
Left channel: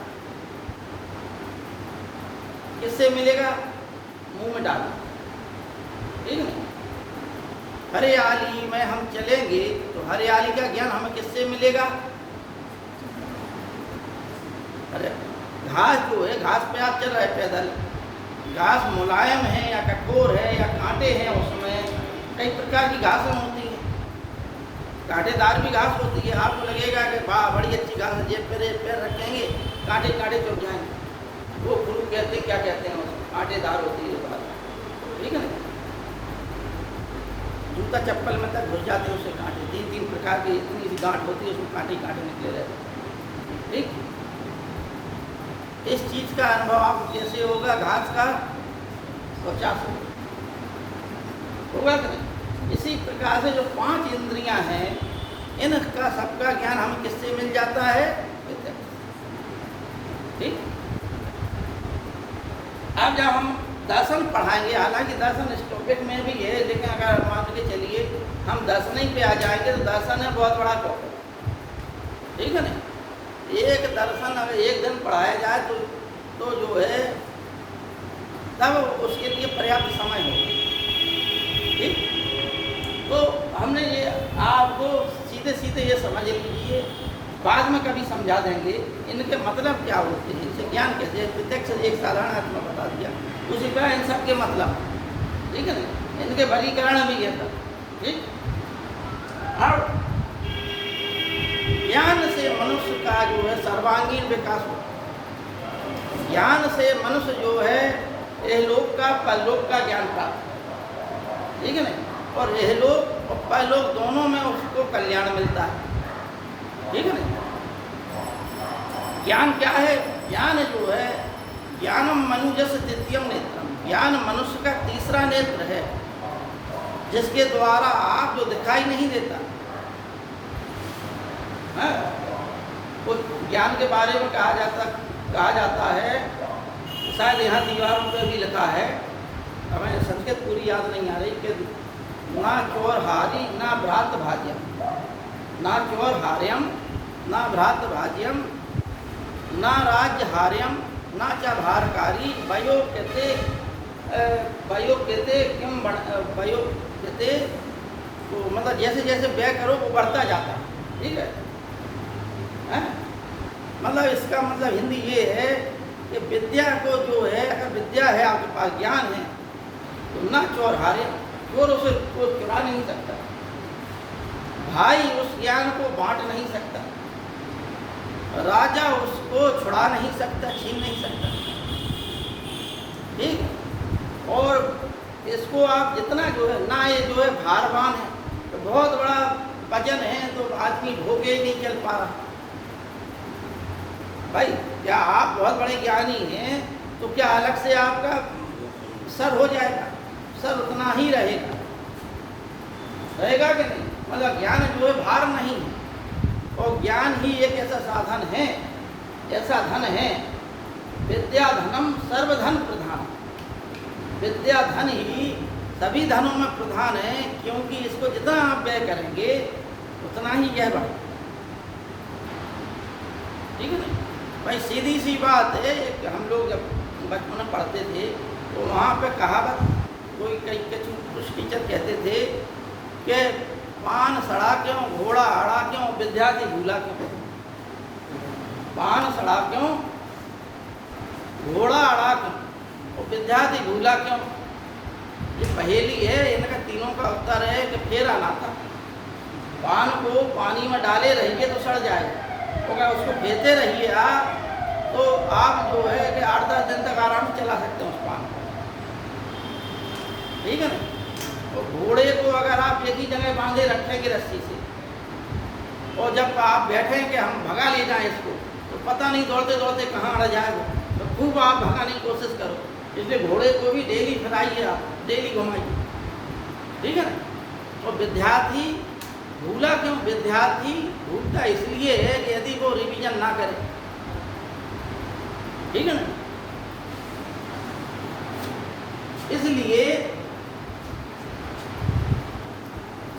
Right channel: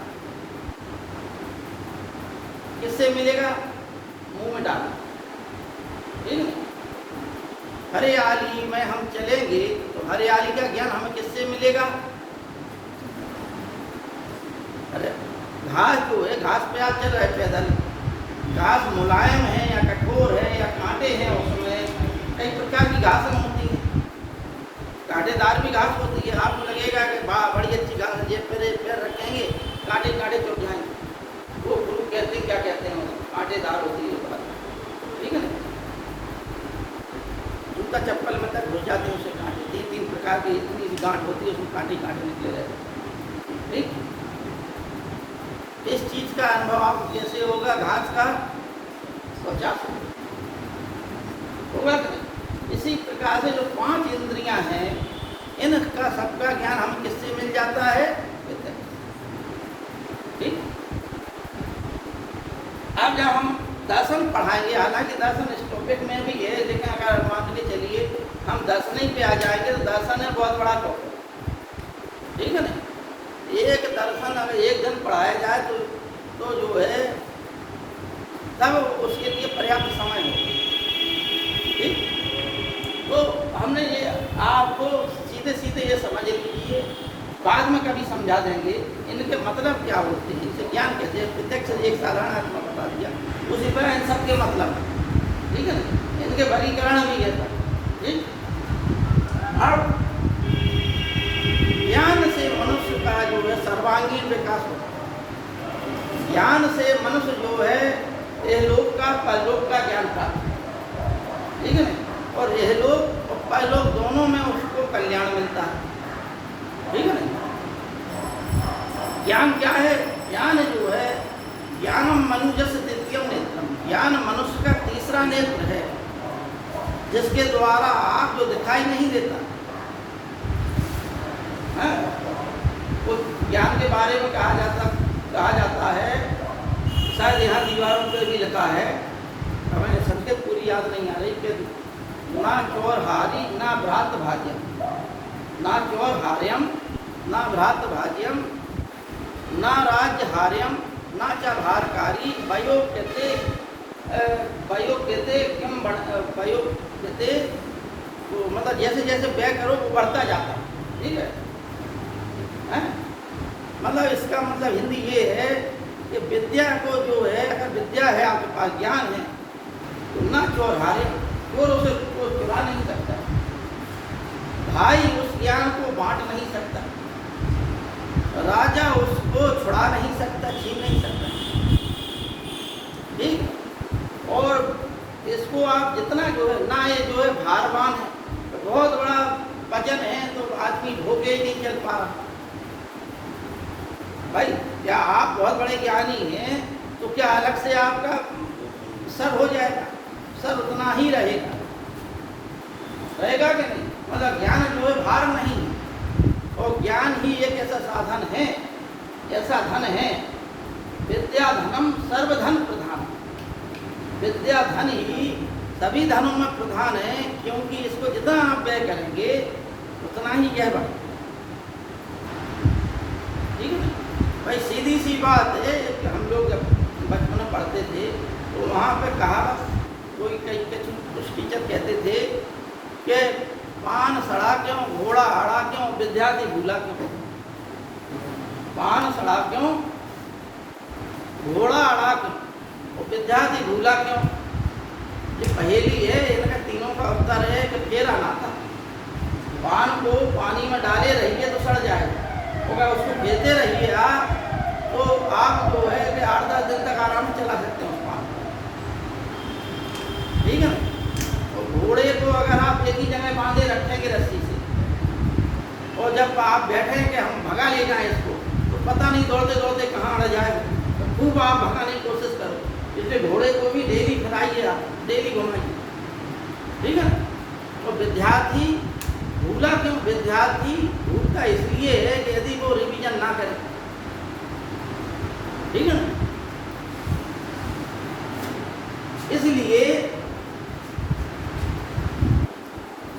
किससे मिलेगा? मुंह में डालो। ठीक है। हरियाली में हम चलेंगे तो हरियाली का ज्ञान हमें किससे मिलेगा? अरे घास जो है, घास पे आप चल रहे पैदल, घास मुलायम है या कठोर है या कांटे हैं, उसमें कई प्रकार की घास होती है। कांटेदार भी घास होती है। आपको लगेगा कि वाह बड़ी अच्छी घास है, जेब पैर रखेंगे कांटे कांटे चुप जाएंगे। वो गुरु कहते क्या कहते हैं? कांटेदार होती है। ठीक है ना। जूता चप्पल में तक घुस जाते हैं, उससे कांटे 3 प्रकार की इतनी गांठ होती है, उसमें कांटे निकले रहते हैं। ठीक, इस चीज का अनुभव आप कैसे होगा? घास का 50 होगा। इसी प्रकार से जो 5 इंद्रियां हैं, इनका सबका ज्ञान हम किससे मिल जाता है? ठीक। अब जब हम दर्शन पढ़ाएंगे, हालांकि दर्शन इस टॉपिक में भी है, लेकिन अगर मान के चलिए हम दर्शन पे आ जाएंगे तो दर्शन है बहुत बड़ा टॉपिक। ठीक है ना। एक दर्शन अगर एक दिन पढ़ाया जाए तो जो है तब उसके लिए पर्याप्त समय हो। ठीक, तो हमने ये आपको सीधे सीधे ये समझ लीजिए, बाद में कभी समझा देंगे इनके मतलब क्या होते हैं, इनसे ज्ञान कैसे है। प्रत्यक्ष एक साधारण आपने बता दिया, उसी तरह इन सबके मतलब। ठीक है ना। इनके वर्गीकरण भी कहता। ठीक, अब ज्ञान से मनुष्य का जो है सर्वांगीण विकास होता है। ज्ञान से मनुष्य जो है इहलोक का परलोक का ज्ञान प्राप्त। ठीक है ना। और इहलोक और परलोक दोनों में उसको कल्याण मिलता है। ठीक है ना। ज्ञान क्या है? ज्ञान जो है, ज्ञानम मनुजस्य तृतीयम नेत्रम, ज्ञान मनुष्य का तीसरा नेत्र है, जिसके द्वारा आप जो दिखाई नहीं देता। वो ज्ञान के बारे में कहा जाता है, शायद यहाँ दीवारों पर भी लिखा है, हमें संकेत पूरी याद नहीं आ रही, कि ना चोर हारी ना भ्रात भाज्यम, ना चोर हार्यम ना भ्रात भाज्यम, ना राज्य हार्यम ना च भारकारी, वयो कहते क्यों वयो कहते, तो मतलब जैसे जैसे व्यय करो वो बढ़ता जाता। ठीक है। मतलब इसका मतलब हिंदी ये है कि विद्या को जो है, अगर विद्या है आपके पास, ज्ञान है, तो ना चोर हारे, चोर उसे को चुरा नहीं सकता, भाई उस ज्ञान को बांट नहीं सकता, राजा उसको छुड़ा नहीं सकता, छीन नहीं सकता। ठीक। और इसको आप जितना जो है ना, ये जो है भारवान है, तो बहुत बड़ा वजन है, तो आदमी ढोके ही नहीं चल पा रहा। भाई क्या आप बहुत बड़े ज्ञानी हैं तो क्या अलग से आपका सर हो जाएगा? सर उतना ही रहेगा कि नहीं? मतलब ज्ञान जो है भार नहीं है, और ज्ञान ही एक ऐसा साधन है, ऐसा धन है, विद्या धनम सर्वधन प्रधान। विद्या धन ही सभी धनों में प्रधान है, क्योंकि इसको जितना आप व्यय करेंगे उतना ही यह बढ़ेगा। ठीक है ना? भाई सीधी सी बात है कि हम लोग जब बचपन में पढ़ते थे तो वहाँ पर कहावत कोई कुछ टीचर कहते थे कि पान सड़ा क्यों, घोड़ा आड़ा क्यों, विद्यार्थी भूला क्यों। पान सड़ा क्यों, घोड़ा आड़ा क्यों और विद्यार्थी भूला क्यों। ये पहेली है, इनका तीनों का उत्तर है कि फेरा नाता। पान को पानी में डाले रहिए तो सड़ जाएगा, अगर उसको फेंकते रहिए आप तो आप जो है कि 8-10 दिन तक आराम से चला सकते हैं उस पान को, ठीक है ना? तो घोड़े को अगर आप एक ही जगह बांधे रखेंगे रस्सी से और जब आप बैठें कि हम भगा ले जाएं इसको, तो पता नहीं दौड़ते दौड़ते कहाँ अड़ जाएगा। तो खूब आप भगाने की कोशिश करो, इसलिए घोड़े को भी डेली फिराइए, आप डेली घुमाइए, ठीक है। तो विद्यार्थी भूला क्यों, विद्यार्थी भूलता इसलिए है कि यदि वो रिवीजन ना करे, ठीक है ना। इसलिए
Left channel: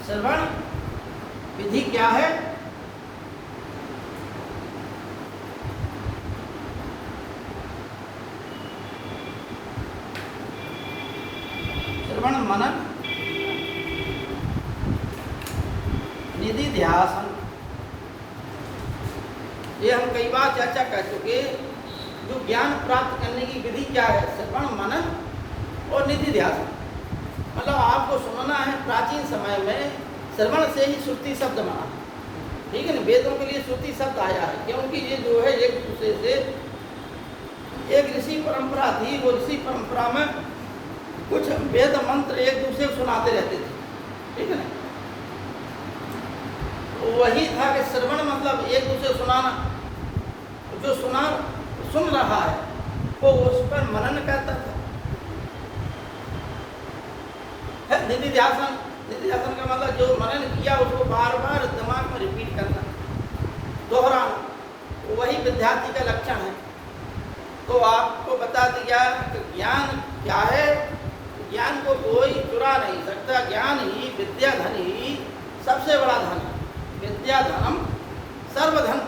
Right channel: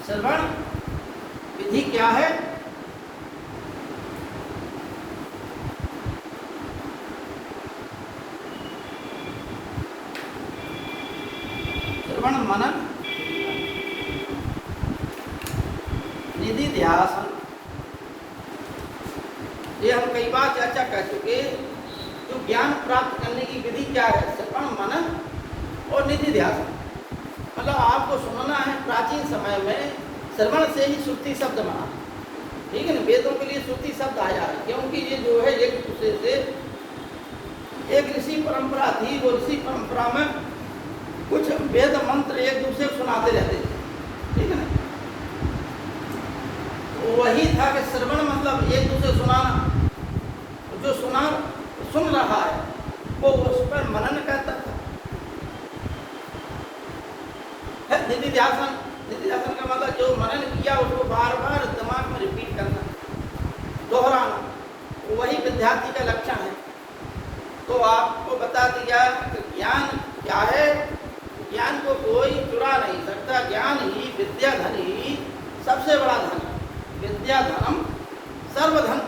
श्रवण विधि क्या है? श्रवण मनन निधिध्यासन, ये हम कई बार चर्चा कर चुके। जो ज्ञान प्राप्त करने की विधि क्या है? श्रवण मनन और निधिध्यासन। मतलब आपको सुनना है, प्राचीन समय में श्रवण से ही श्रुति शब्द बना, ठीक है ना। वेदों के लिए श्रुति शब्द आया है क्योंकि ये जो है एक दूसरे से, एक ऋषि परंपरा थी, वो ऋषि परंपरा में कुछ वेद मंत्र एक दूसरे को सुनाते रहते थे, ठीक है ना। वही था कि श्रवण मतलब एक दूसरे सुनाना, जो सुन रहा है वो उस पर मनन करता था। निधिध्यासन, निधिध्यासन का मतलब जो मनन किया उसको बार बार दिमाग में रिपीट करना, दोहराना, वही विद्यार्थी का लक्षण है। तो आपको बता दिया कि ज्ञान क्या है। ज्ञान को कोई चुरा नहीं सकता, ज्ञान ही विद्या धन ही सबसे बड़ा धन है। विद्या धन सर्वधन,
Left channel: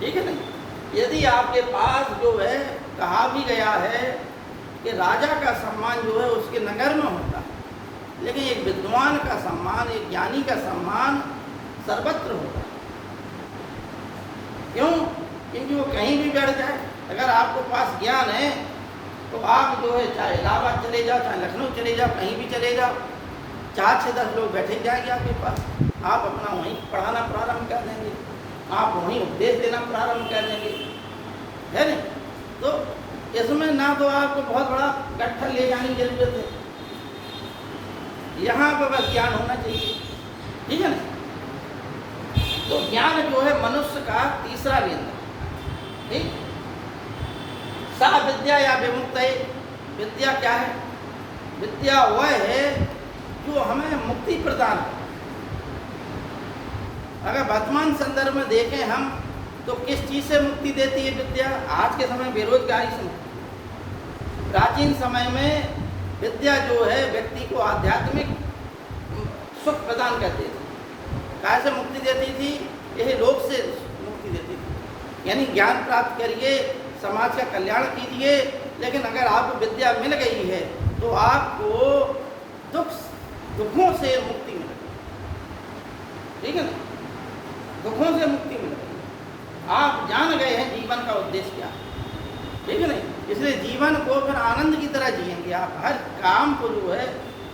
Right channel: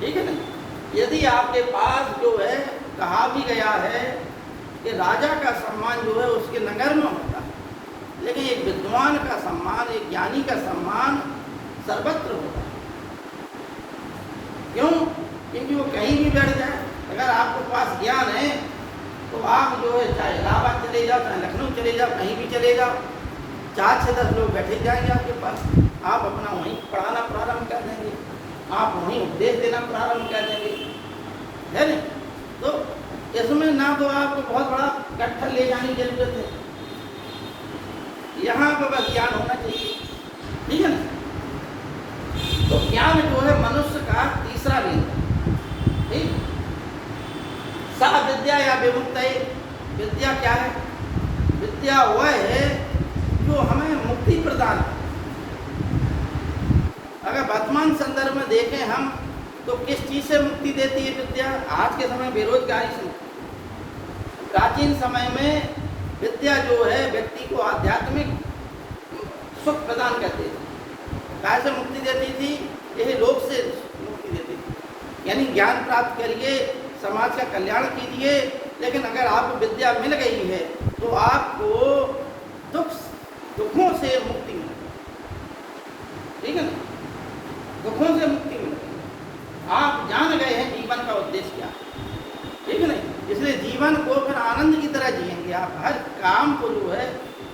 ठीक है ना। यदि आपके पास जो है, कहा भी गया है कि राजा का सम्मान जो है उसके नगर में होता है, लेकिन एक विद्वान का सम्मान, एक ज्ञानी का सम्मान सर्वत्र होता है। क्यों? क्योंकि वो कहीं भी बैठ जाए, अगर आपके पास ज्ञान है तो आप जो है चाहे इलाहाबाद चले जाओ, चाहे लखनऊ चले जाओ, कहीं भी चले जाओ, 4-6-10 लोग बैठे जाएंगे आपके पास, आप अपना वहीं पढ़ाना प्रारंभ कर देंगे, आप वहीं उपदेश देना प्रारंभ कर देंगे, है ना। तो इसमें ना तो आपको बहुत बड़ा गट्ठर ले जाने की जरूरत है, यहाँ पर बस ज्ञान होना चाहिए, ठीक है ना। तो ज्ञान जो है मनुष्य का तीसरा बिंदु, ठीक। सा विद्या या विमुक्त, विद्या क्या है? विद्या वह है जो हमें मुक्ति प्रदान करे। अगर वर्तमान संदर्भ में देखें हम तो किस चीज से मुक्ति देती है विद्या? आज के समय बेरोजगारी से। प्राचीन समय में विद्या जो है व्यक्ति को आध्यात्मिक सुख प्रदान करती थी। कहाँ से मुक्ति देती थी? यही लोक से मुक्ति देती थी, यानी ज्ञान प्राप्त करिए, समाज का कल्याण कीजिए। लेकिन अगर आपको विद्या मिल गई है तो आपको दुखों से मुक्ति मिले, ठीक है ना। दुखों से मुक्ति मिले, आप जान गए हैं जीवन का उद्देश्य क्या, ठीक है ना। इसलिए जीवन को फिर आनंद की तरह जिएंगे आप। हर काम को जो है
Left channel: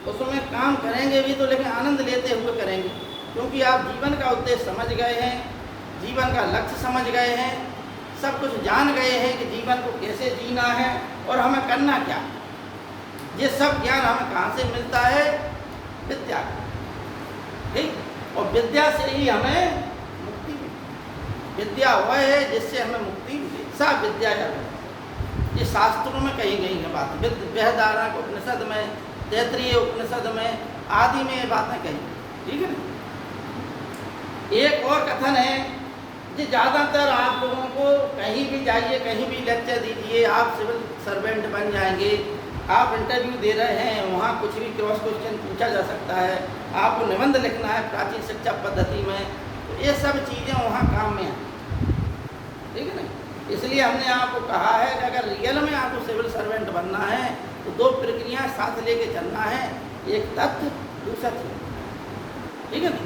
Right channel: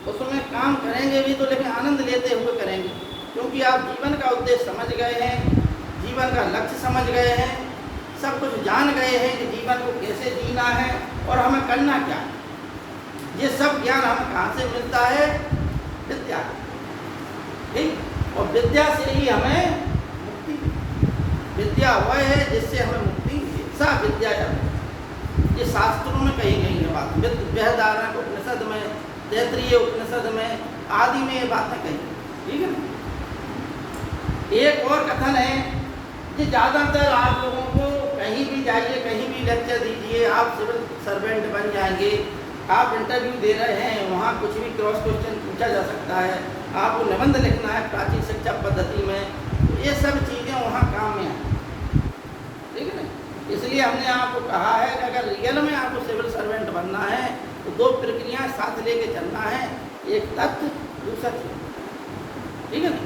उसमें काम करेंगे भी तो, लेकिन आनंद लेते हुए करेंगे, क्योंकि आप जीवन का उद्देश्य समझ गए हैं, जीवन का लक्ष्य समझ गए हैं, सब कुछ जान गए हैं कि जीवन को कैसे जीना है और हमें करना क्या। ये सब ज्ञान हमें कहाँ से मिलता है? विद्या, ठीक। और विद्या से ही हमें मुक्ति, विद्या वह है जिससे हमें मुक्ति मिले। सा विद्या, ये शास्त्रों में कही गई है बात। बृहदारण्यक उपनिषद में, तैत्तिरीय उपनिषद में आदि में ये बातें कही, ठीक है। एक और कथन है कि ज़्यादातर आप लोगों को कहीं भी जाइए, कहीं भी लेक्चर दीजिए, आप सिविल सर्वेंट बन जाएंगे, आप इंटरव्यू दे रहे हैं, वहाँ कुछ भी क्रॉस क्वेश्चन पूछा जा सकता है, आपको निबंध लिखना है प्राचीन शिक्षा पद्धति में, तो ये सब चीज़ें वहाँ काम में हैं, इसलिए हमने आपको कहा है कि अगर रियल में आपको सिविल सर्वेंट बनना है तो दो प्रक्रिया साथ लेके चलना है, एक तत्व दूसरा तत्व। ठीक है ना?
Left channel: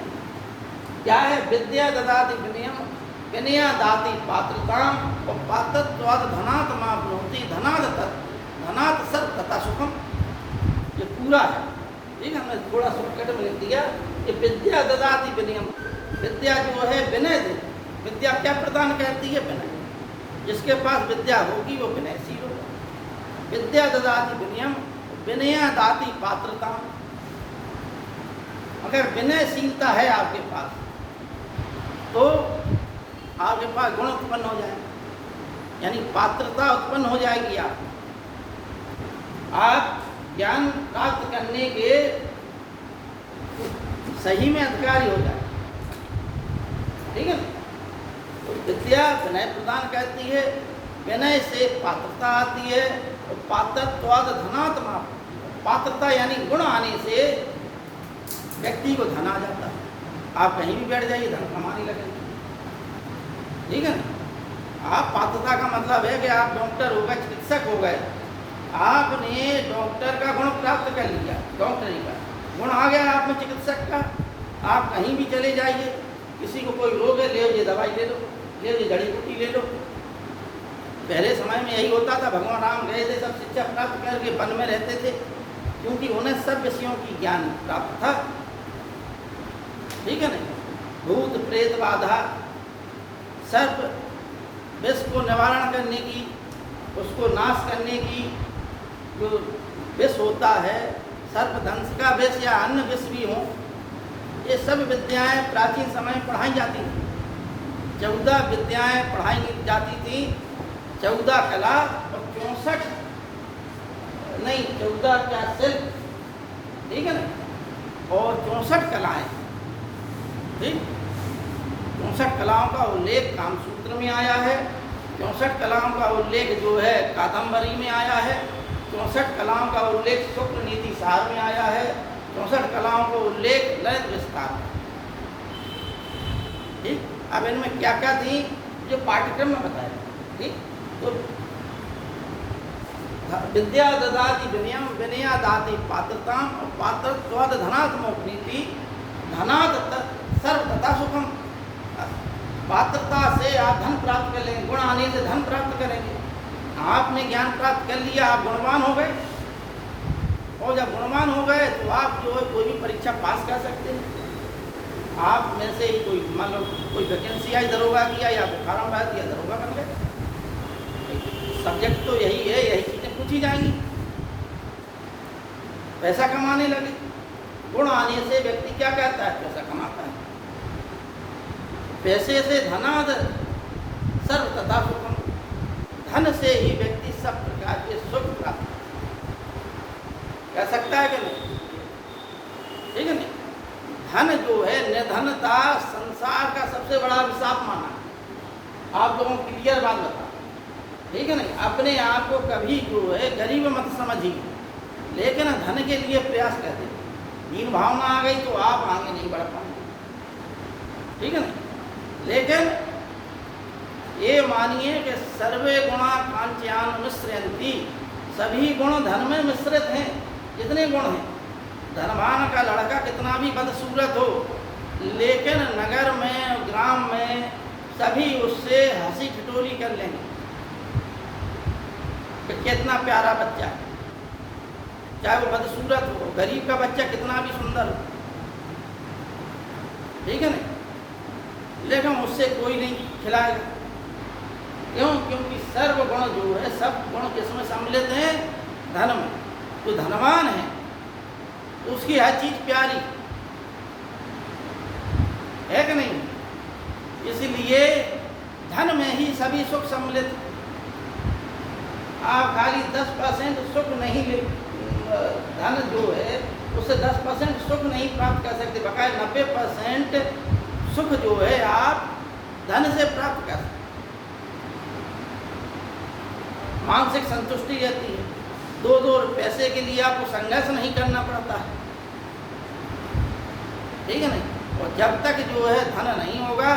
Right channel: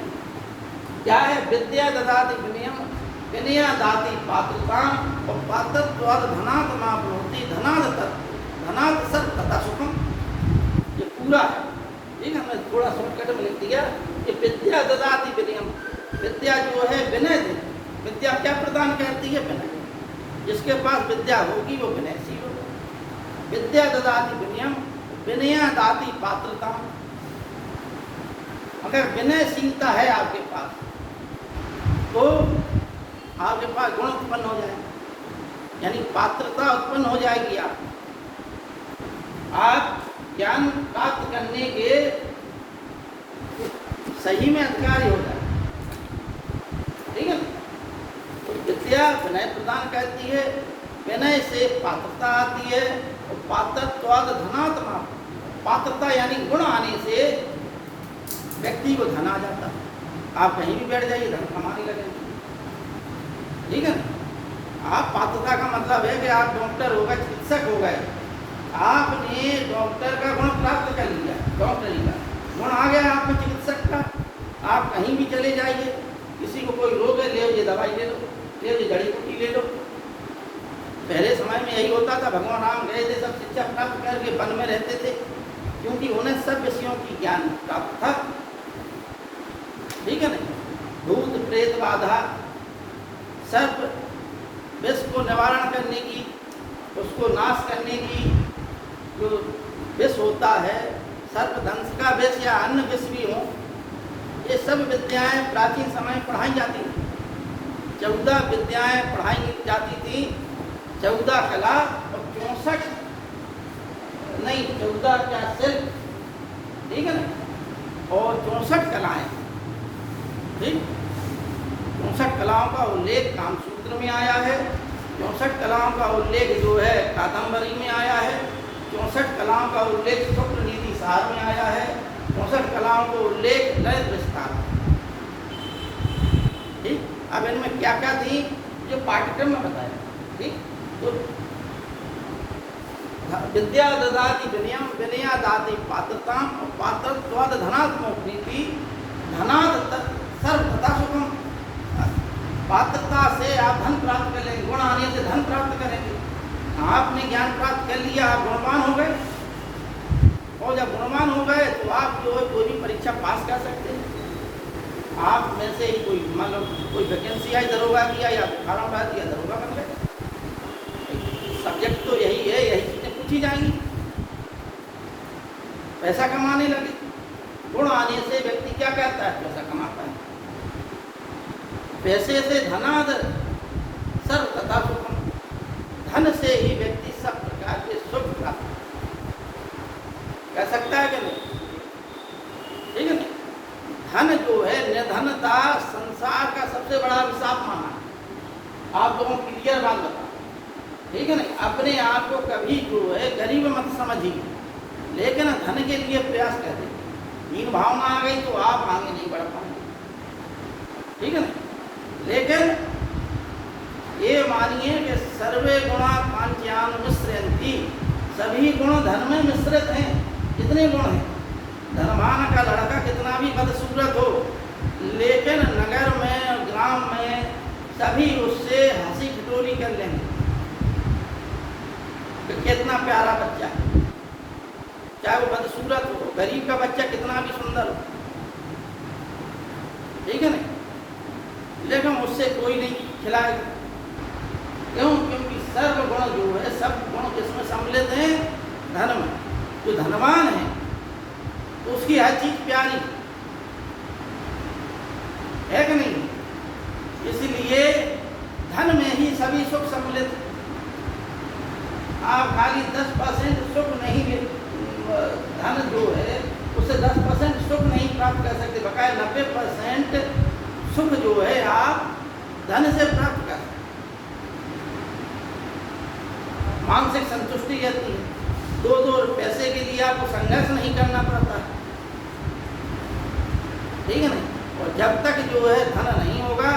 क्या है? विद्या ददाति विनयम, विनया दाति पात्रताम, और पात्रत्वाद धनात् माप्नोति, धनात् तत्, धनात् सत् तथा सुखम। ये पूरा है। ठीक है, हमने थोड़ा शॉर्टकट में लिख दिया कि विद्या ददाति विनयम, विद्या जो है विनय दे। विद्या क्या प्रदान करती है? विनय। जिसके पास विद्या होगी वो विनयशील होगा। विद्या ददाति विनयम, विनया दाति पात्रता। अगर विनयशीलता है आपके पास तो आपके पास गुण उत्पन्न हो जाएगा, यानी पात्रता उत्पन्न हो जाएगी। आप ज्ञान प्राप्त करने के सही में अधिकारी हो जाए। ठीक है? तो विद्या विनय प्रदान करती है, विनय से पात्रता आती है, और पात्रत्वाद धनात् माप, पात्रता यानी गुण आने से व्यक्ति को धन आ जाता है। आप कहीं भी बैठ जाइए धन कमाने लगेंगे। ठीक है ना? आप पात्रता का मतलब है कि आप डॉक्टर हो गए, चिकित्सक हो गए, आपने डॉक्टर का गुण प्राप्त कर लिया, डॉक्टरी का गुण आ गया आप में चिकित्सक का। आप कहीं भी चले जाइए, किसी को कोई रोग है, ले दवाई ले लो, ले जड़ी बूटी ले लो। पहले समय में यही होता था, भगवान राम गए थे, सब शिक्षा प्राप्त करके वन में रहते थे, क्योंकि उन्हें सब विषयों की ज्ञान प्राप्त था। ठीक है ना? भूत प्रेत बाधा, सर्प विष को निवारण करने की, उसको नाश करने की जो विष होता है, सर्प दंश का विष या अन्य विष भी हो, ये सब विद्याएं प्राचीन समय में पढ़ाई जाती थी। 14 विद्याएं पढ़ाई जाती थी, 14 कला और 64 नहीं 14 क्या सिर्फ, ठीक है ना, और 64 कलाएं। ठीक, 64 कलाओं का उल्लेख कामसूत्र में आया है, 64 कलाओं का उल्लेख जो है कादम्बरी में आया है, 64 कलाओं का उल्लेख शुक्ल नीति सार में आया है, 64 कलाओं को उल्लेख ललित विस्तार। ठीक, अब इनमें क्या क्या थी जो पाठ्यक्रम में बताया। ठीक, तो विद्या ददाति विनयम, विनया दाति पात्रताम, और पात्रत्वाद धनात् मोक्ति, धनात् सर्व तथा सुखम। पात्रता से आप धन प्राप्त कर लेंगे, गुण आने से धन प्राप्त करेंगे। आपने ज्ञान प्राप्त कर लिया, आप गुणवान हो गए, और जब गुणवान हो गए तो आप जो है कोई भी परीक्षा पास कर सकते हैं। आप में से ही कोई मतलब कोई वैकेंसी आई दरोगा किया या फार्माबाद किया दरोगा बन गए। सब्जेक्ट तो यही है, यही चीजें पूछी जाएंगी। पैसा कमाने लगे, गुण आने से व्यक्ति क्या करता है? पैसा कमाता है। पैसे से धनाद सर्व तथा सुखम, धन से ही व्यक्ति सब प्रकार के सुख प्राप्त कर सकता है कि नहीं? ठीक है ना? धन जो है, निर्धनता संसार का सबसे बड़ा अभिशाप माना है। आप लोगों को क्लियर बात बता, ठीक है ना? अपने आप को कभी जो है गरीब मत समझिए, लेकिन धन के लिए प्रयास करें। हीन भावना आ गई तो आप आगे नहीं बढ़ पाएंगे। ठीक है ना? लेकिन ये मानिए कि सर्वे गुणा कांच्यान मिश्रयन्ति, सभी गुण धन में मिश्रित हैं। कितने गुण हैं? धनवान का लड़का कितना भी बदसूरत हो, लेकिन नगर में ग्राम में सभी उससे हंसी ठिठोली कर लेंगे कि कितना प्यारा बच्चा है, चाहे वो बदसूरत हो। गरीब का बच्चा कितना भी सुंदर हो, ठीक है ना, लेकिन उससे कोई नहीं खिलाएगा। क्यों? क्योंकि सर्व गुण जो है, सब गुण किसमें सम्मिलित हैं? धन में। जो धनवान है उसकी हर चीज प्यारी है कि नहीं? इसलिए धन में ही सभी सुख सम्मिलित। आप खाली 10% सुख नहीं, धन जो है उससे 10% सुख नहीं प्राप्त कर सकते, बकाया 90% सुख जो है आप धन से प्राप्त कर सकते। मानसिक संतुष्टि रहती है, 2 पैसे के लिए आपको संघर्ष नहीं करना पड़ता, ठीक है ना? और जब तक जो है धन नहीं होगा,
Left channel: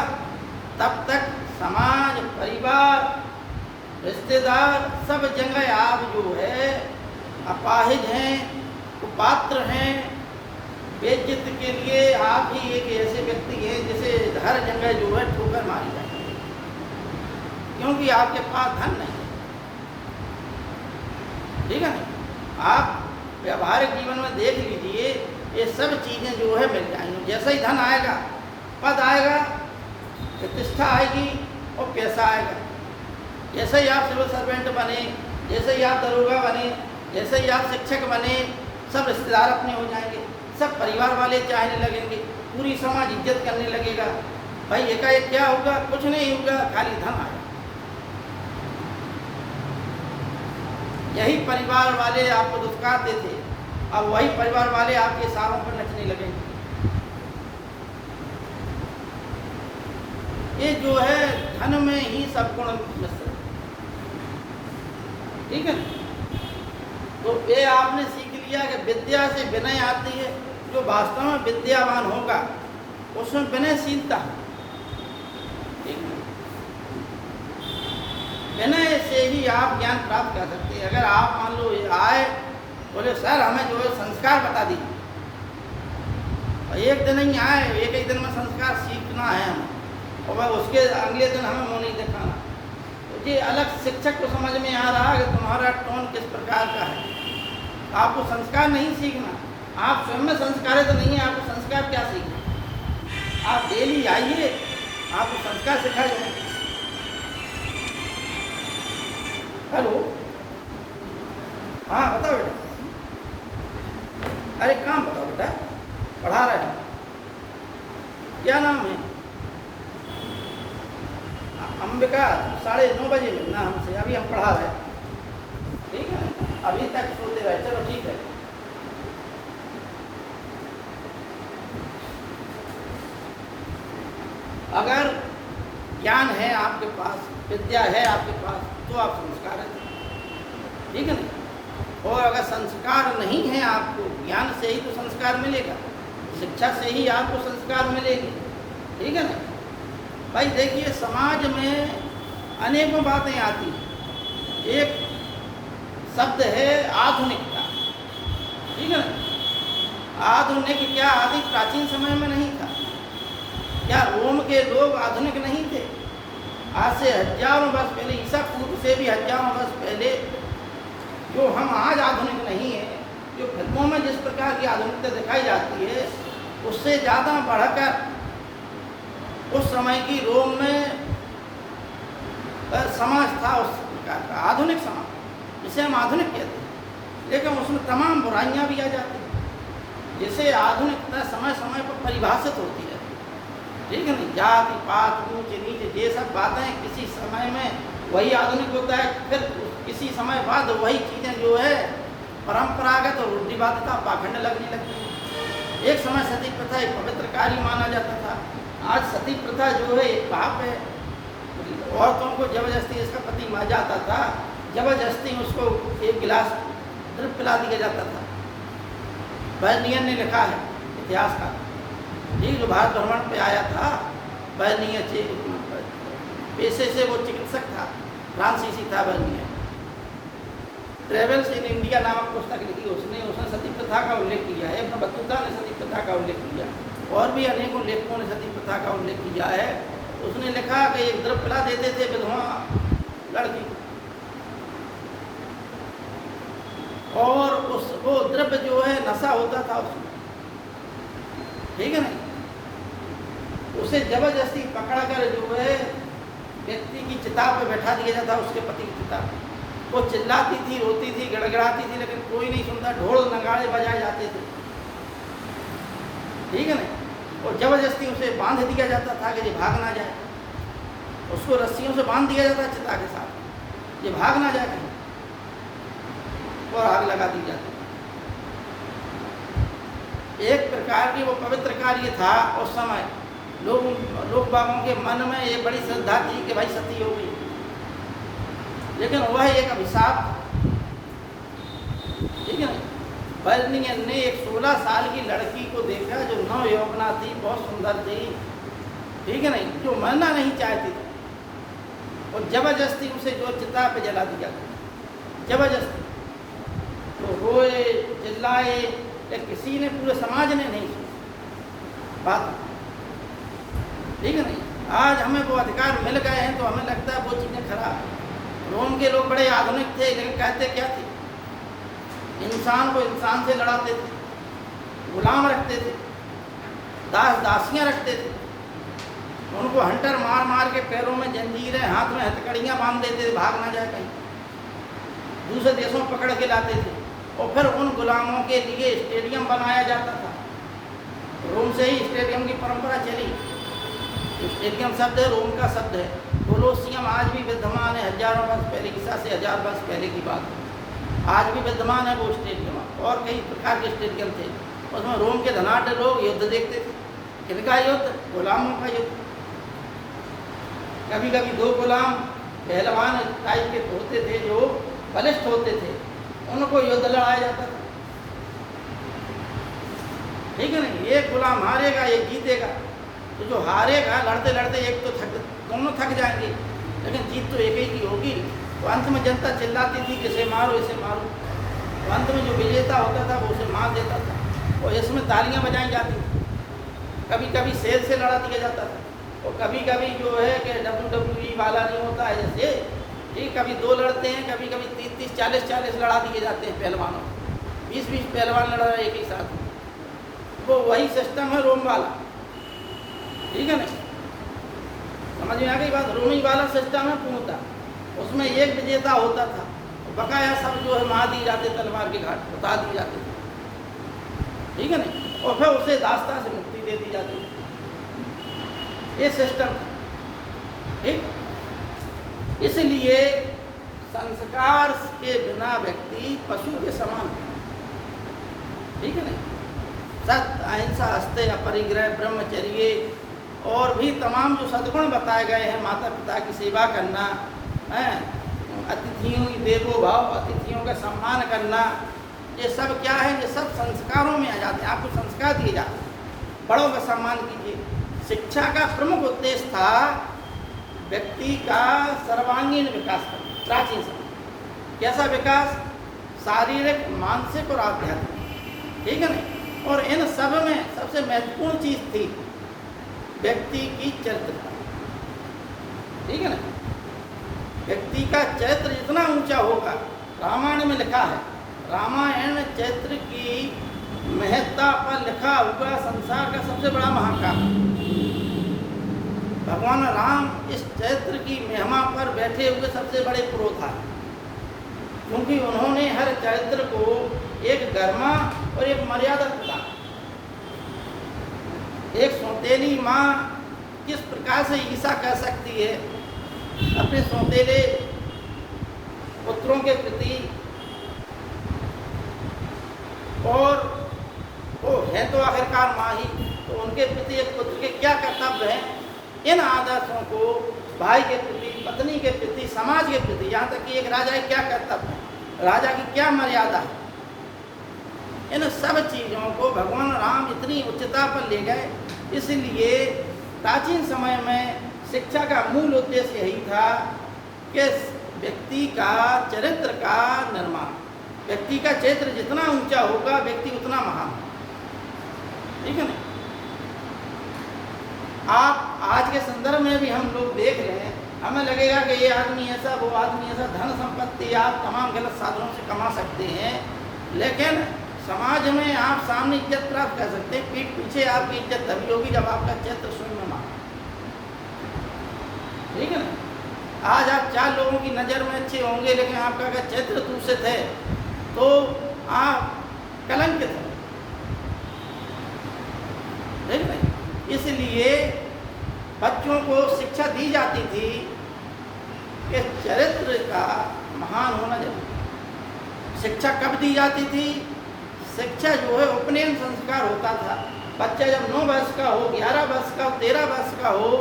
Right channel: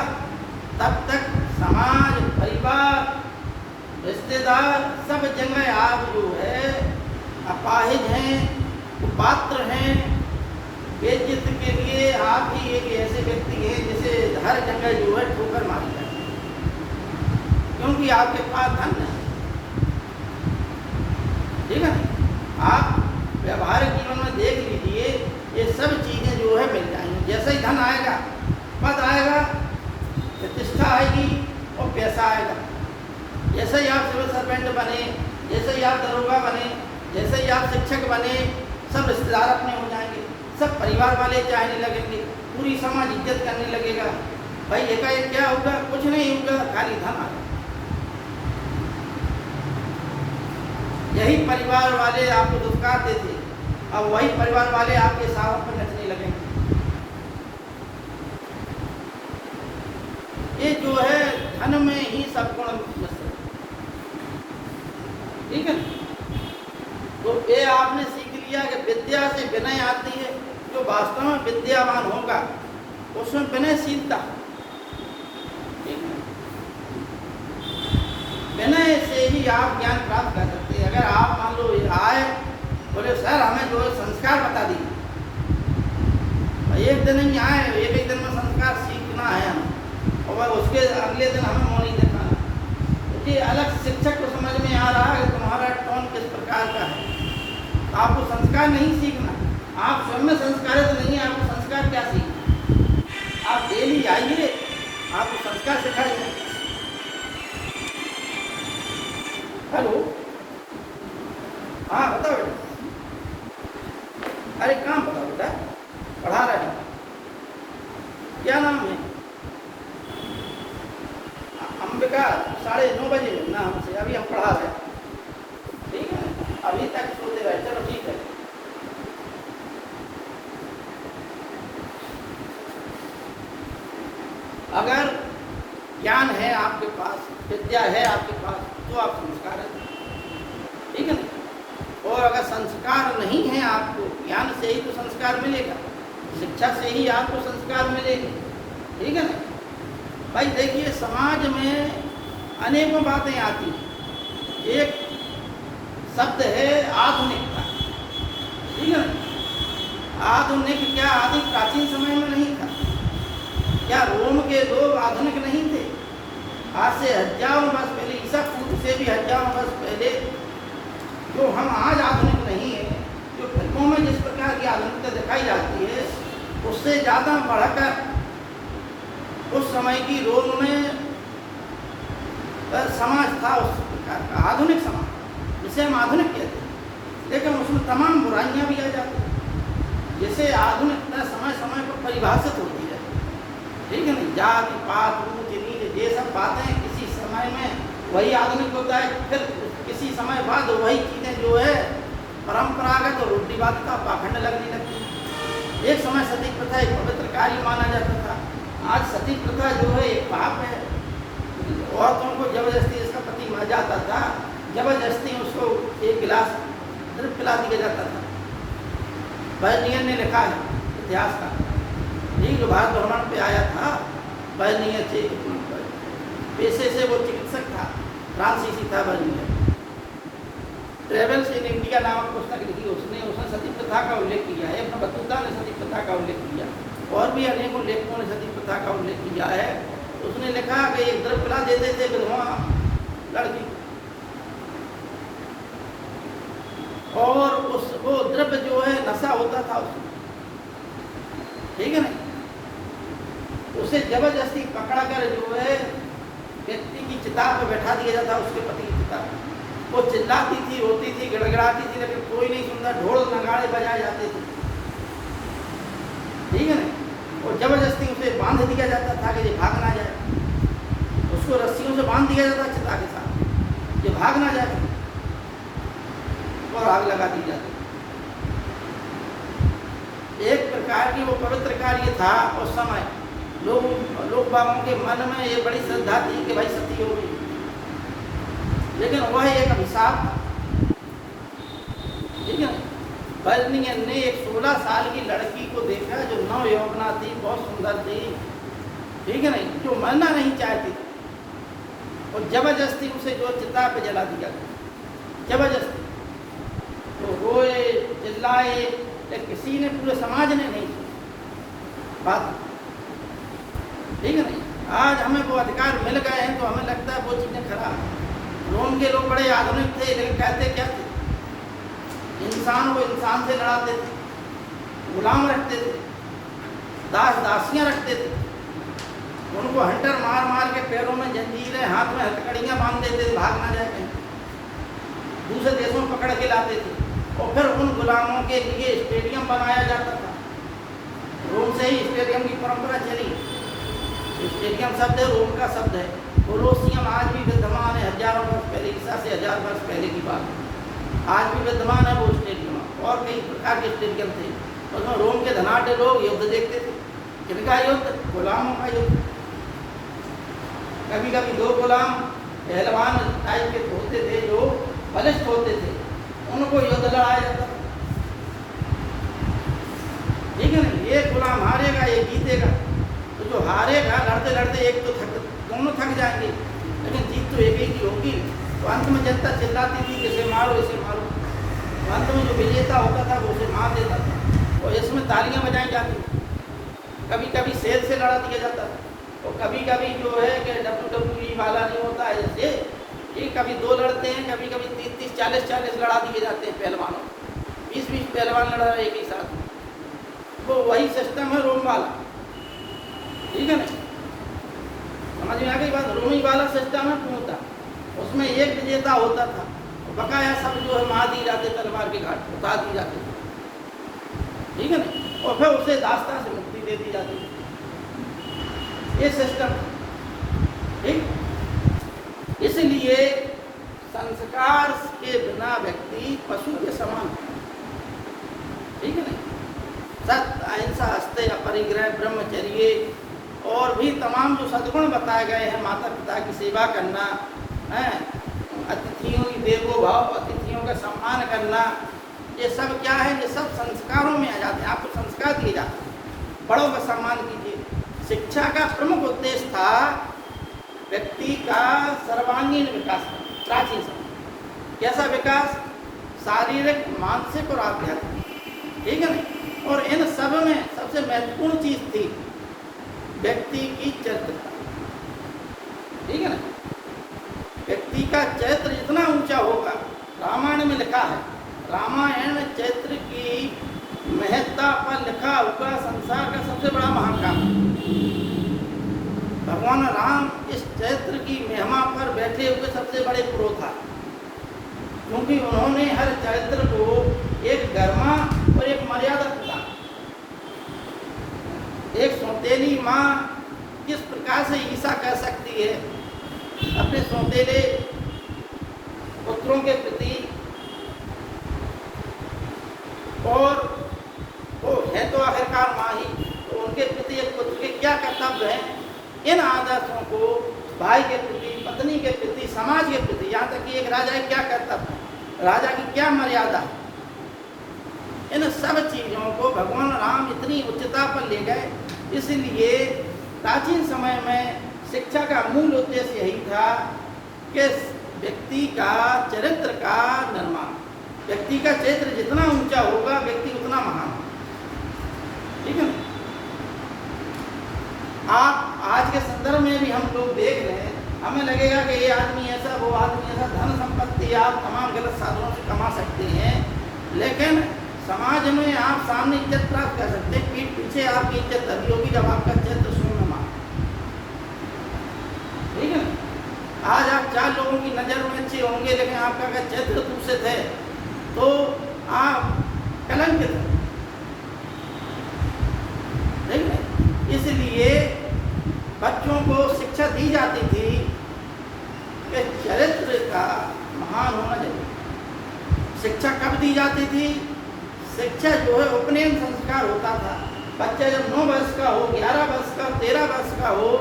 तब तक समाज परिवार रिश्तेदार सब जगह आप जो है अपाहिज हैं, कुपात्र हैं। बेइज्जत के लिए आप ही एक ऐसे व्यक्ति हैं जिसे हर जगह जो है ठोकर मारी जाती है, क्योंकि आपके पास धन नहीं। ठीक है, आप व्यवहारिक जीवन में देख लीजिए, ये सब चीज़ें जो है मिल जाएंगी। जैसे ही धन आएगा, पद आएगा, प्रतिष्ठा आएगी और पैसा आएगा। जैसे ही आप सिविल सर्वेंट बने, जैसे ही आप दरोगा बने, जैसे ही आप शिक्षक बने, सब रिश्तेदार अपने हो जाएंगे, सब परिवार वाले चाहने लगेंगे, पूरी समाज इज्जत करने लगेगा। भाई एकाएक क्या होगा? कुछ नहीं होगा, खाली धन आएगा। यही परिवार वाले आपको दुष्कारते थे, अब वही परिवार वाले आपके इशारों पर नचने लगेंगे। ये जो है धन में ही सब गुण नष्ट। ठीक है, तो ये आपने सीख लिया कि विद्या से विनय आती है। जो वास्तव में विद्यावान होगा उसमें विनयशीलता, विनय से ही आप ज्ञान प्राप्त कर सकते हैं। अगर आप मान लो आए बोले सर हमें जो है संस्कार बता दी, एक दिन ही आए, एक दिन में संस्कार सीखना है हमें, और वह उसके अगले दिन हमें मुँह नहीं दिखाना। तो ये अलग शिक्षक को समझ में आ रहा है कि तुम्हारा टोन किस प्रकार का है। आपको संस्कार नहीं सीखना, आप स्वयं में संस्कारित नहीं है, आपको संस्कार क्या सीखना? आप डेली आइए, आपको संस्कार सिखाया जाए। हेलो, हाँ बताओ बेटा। अरे कहाँ बताओ बेटा, पढ़ा रहे हो? क्या नाम है? अंबिका 9:30 बजे ना हमसे, अभी हम पढ़ा रहे हैं। ठीक है, अभी तक सोते रहे, चलो ठीक है। अगर ज्ञान है आपके पास, विद्या है आपके पास, तो आप संस्कार हैं। ठीक है ना? और अगर संस्कार नहीं है आपको, ज्ञान से ही तो संस्कार मिलेगा, शिक्षा से ही आपको संस्कार मिलेगी। ठीक है ना? भाई देखिए, समाज में अनेकों बातें आती हैं। एक शब्द है आधुनिकता। ठीक है ना? आधुनिक क्या आदि प्राचीन समय में नहीं था? क्या रोम के लोग आधुनिक नहीं थे? आज से हजारों वर्ष पहले, ईसा पूर्व से भी हजारों वर्ष पहले, जो हम आज आधुनिक नहीं है, जो फिल्मों में जिस प्रकार की आधुनिकता दिखाई जाती है, उससे ज़्यादा बढ़कर उस समय की रोम में समाज था उस प्रकार का आधुनिक समाज, जिसे हम आधुनिक कहते हैं। लेकिन उसमें तमाम बुराइयां भी आ जाती हैं, जैसे आधुनिकता समय समय पर परिभाषित होती है। ठीक है ना? जाति पात ऊंच नीच ये सब बातें किसी समय में वही आधुनिक होता है, फिर किसी समय बाद वही चीज़ें जो है परंपरागत और रूढ़िवादिता पाखंड लगने लगती है। एक समय सती प्रथा एक पवित्र कार्य माना जाता था, आज सती प्रथा जो है एक पाप है। औरतों को जबरदस्ती, इसका पति मर जाता था, जबरदस्ती उसको एक गिलास दूध पिला दिया जाता था। बर्नियर ने लिखा है इतिहास का, ठीक, जो भारत भ्रमण पे आया था, बर्नियर से पेशे से वो चिकित्सक था, फ्रांसीसी था बर्नियर। ट्रेवल्स इन इंडिया नामक पुस्तक लिखी उसने सती प्रथा का उल्लेख किया है। इसमें बतूता ने सती प्रथा का उल्लेख किया, और भी अनेकों लेखकों ने सती प्रथा का उल्लेख किया है। उसने लिखा कि द्रव्य पिला देते थे विधवा लड़की, और उसको द्रव्य जो है नशा होता था उसमें। ठीक है ना? उसे जबरदस्ती पकड़ा कर जो है व्यक्ति की चिता पर बैठा दिया जाता, उसके पति की चिता। वो चिल्लाती थी, रोती थी, गड़गड़ाती थी, लेकिन कोई नहीं सुनता। ढोल नगाड़े बजाए जाते थे। ठीक है ना? और जबरदस्ती उसे बांध दिया जाता था कि ये भाग ना जाए। उसको रस्सियों से बांध दिया जाता चिता के साथ, ये भाग ना जाए, और आग लगा दी जाती। एक प्रकार की वो पवित्र कार्य था उस समय। लोग बागों के मन में एक बड़ी श्रद्धा थी कि भाई सती होगी, लेकिन वह एक अभिशाप। ठीक है? बर्नियर ने एक 16 साल की लड़की को देखा जो नव यौवना थी, बहुत सुंदर थी। ठीक है नहीं? जो मरना नहीं चाहती, और जबरदस्ती उसे जो चिता पे जला दिया गया, जबरदस्ती। तो रोए चिल्लाए, किसी ने, पूरे समाज ने नहीं सुना बात, ठीक है ना। आज हमें वो अधिकार मिल गए हैं तो हमें लगता है वो चीज़ें खराब। रोम के लोग बड़े आधुनिक थे, लेकिन कहते क्या थे, इंसान को इंसान से लड़ाते थे, गुलाम रखते थे, दास दासियां रखते थे, उनको हंटर मार मार के पैरों में जंजीरें, हाथ में हथकड़ियाँ बांध देते थे, भाग ना जाए, दूसरे देशों में पकड़ के लाते थे, और फिर उन गुलामों के लिए स्टेडियम बनाया जाता था। रोम से ही स्टेडियम की परंपरा चली। स्टेडियम शब्द है, रोम का शब्द है। कोलोसियम आज भी विद्यमान है, हजारों वर्ष पहले, ईसा से 1000 वर्ष पहले की बात, आज भी विद्यमान है वो स्टेडियम। और कई प्रकार के स्टेडियम थे, उसमें रोम के धनाढ़ लोग युद्ध देखते थे। किनका युद्ध? गुलामों का युद्ध। कभी कभी दो गुलाम पहलवान टाइप के होते थे, जो बलिष्ठ होते थे, उनको युद्ध लड़ाया जाता था, ठीक है ना। एक गुलाम हारेगा, एक जीतेगा। तो जो हारेगा, लड़ते लड़ते एक तो दोनों थक जाएंगे, लेकिन जीत तो एक ही की होगी। तो अंत में जनता चिल्लाती थी, इसे मारो, इसे मारो। तो अंत में जो विजेता होता था वो उसे मार देता था, और इसमें तालियां बजाई जाती थी। कभी कभी शेर से लड़ा दिया जाता था, और कभी कभी जो है कि WWE वाला नहीं होता है जैसे, ठीक, कभी दो लड़ते हैं, कभी कभी 30-30, 40-40 लड़ा दिए जाते हैं पहलवानों, 20-20 पहलवान लड़ा रहे एक ही साथ में। वो वही सिस्टम है रोम वाला, ठीक है ना। समझ में आ गई बात? रोमी वाला सिस्टम है पूर्णता, उसमें एक विजेता होता था, बकाया सब जो है मार दिए जाते, तलवार के घाट उतार दिए जाते, ठीक है ना। और फिर उसे दास्तां से मुक्ति दे दी जाती है, ये सिस्टम, ठीक। इसलिए संस्कार के बिना व्यक्ति पशु के समान है, ठीक है ना। सत्य, अहिंसा, अस्तेय, अपरिग्रह, ब्रह्मचर्य और भी तमाम जो सद्गुण बताए गए हैं, माता पिता की सेवा करना है, अतिथियों की देवो भाव, अतिथियों का सम्मान करना, ये सब क्या है? ये सब संस्कारों में आ जाते हैं। आपको संस्कार दिए जाते हैं, बड़ों का सम्मान कीजिए। शिक्षा का प्रमुख उद्देश्य था व्यक्ति का सर्वांगीण विकास, प्राचीन समय। कैसा विकास? शारीरिक, मानसिक और आध्यात्मिक, ठीक है ना। और इन सब में सबसे महत्वपूर्ण चीज थी व्यक्ति की चरित्र, ठीक है ना। व्यक्ति का चरित्र जितना ऊंचा होगा, रामायण में लिखा है, रामायण में चरित्र की महत्ता पर लिखा हुआ संसार का सबसे बड़ा महाकाव्य। भगवान राम इस चरित्र की महिमा पर बैठे हुए सबसे बड़े पुरोधा, क्योंकि उन्होंने हर चरित्र को एक गरिमा और एक मर्यादा प्रदान। एक सौतेली माँ किस प्रकार से ईर्षा कर सकती है अपने सौतेले पुत्रों के प्रति, और वो है तो आखिरकार माँ ही, तो उनके प्रति एक पुत्र के क्या कर्तव्य हैं, इन आदर्शों को भाई के प्रति, पत्नी के प्रति, समाज के प्रति, यहाँ तक कि एक राजा के क्या कर्तव्य है, राजा की क्या मर्यादा है, इन सब चीज़ों को भगवान राम इतनी उच्चता पर ले गए। इसलिए प्राचीन समय में शिक्षा का मूल उद्देश्य यही था कि व्यक्ति का चरित्र का निर्माण। व्यक्ति का चरित्र जितना ऊंचा होगा, व्यक्ति उतना महान, ठीक है ना। आप आज के संदर्भ में भी हम लोग देख रहे हैं, हमें लगेगा कि ये आदमी ऐसा, वो आदमी ऐसा, धन संपत्ति आप तमाम गलत साधनों से कमा सकते हैं, लेकिन समाज में आप सामने इज्जत प्राप्त कर सकते हैं, पीठ पीछे आपकी इज्जत तभी होगी जब आपका चरित्र शून्य मान, ठीक है ना। आज आप 4 लोगों की नज़र में अच्छे होंगे, लेकिन आपका अगर चरित्र दूषित है तो आप कलंकित हो, ठीक है। इसलिए बच्चों को शिक्षा दी जाती थी कि चरित्र का महान होना जरूरी। शिक्षा कब दी जाती थी? शिक्षा जो है उपनयन संस्कार होता था। बच्चा जब 9 वर्ष का हो, 11 वर्ष का, 13 वर्ष का हो,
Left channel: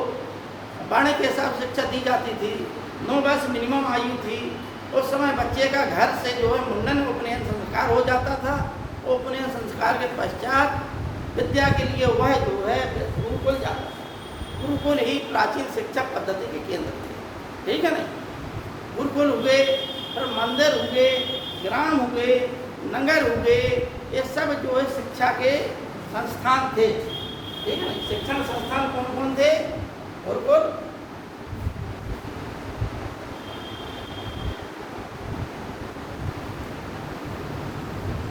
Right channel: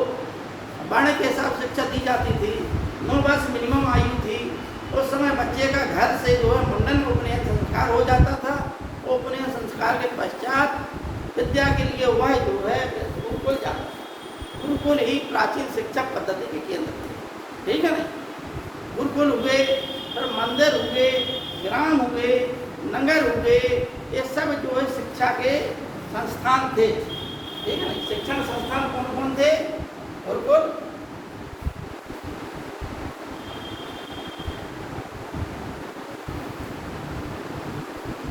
वर्ण के हिसाब शिक्षा दी जाती थी। 9 वर्ष मिनिमम आयु थी। उस समय बच्चे का घर से जो है मुंडन उपनयन संस्कार हो जाता था। उपनयन संस्कार के पश्चात विद्या के लिए वह जो है गुरुकुल जाता था। गुरुकुल ही प्राचीन शिक्षा पद्धति के केंद्र थे, ठीक है ना? गुरुकुल हुए, फिर मंदिर हुए, ग्राम हुए, नगर हुए, ये सब जो है शिक्षा के संस्थान थे। ठीक है, शिक्षण संस्थान कौन कौन थे? गुरुकुल,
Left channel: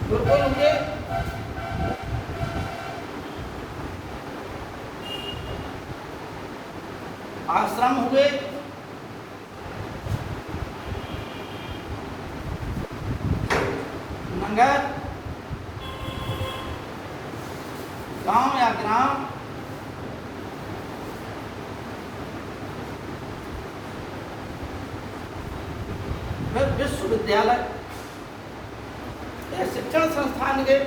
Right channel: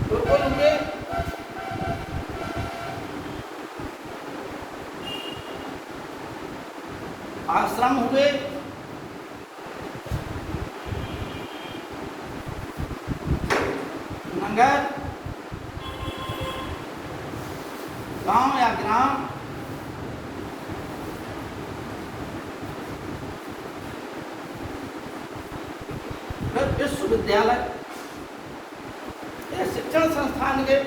गुरुकुल हुए, आश्रम हुए, नगर, गांव या ग्राम, फिर विश्वविद्यालय या शिक्षण संस्थान के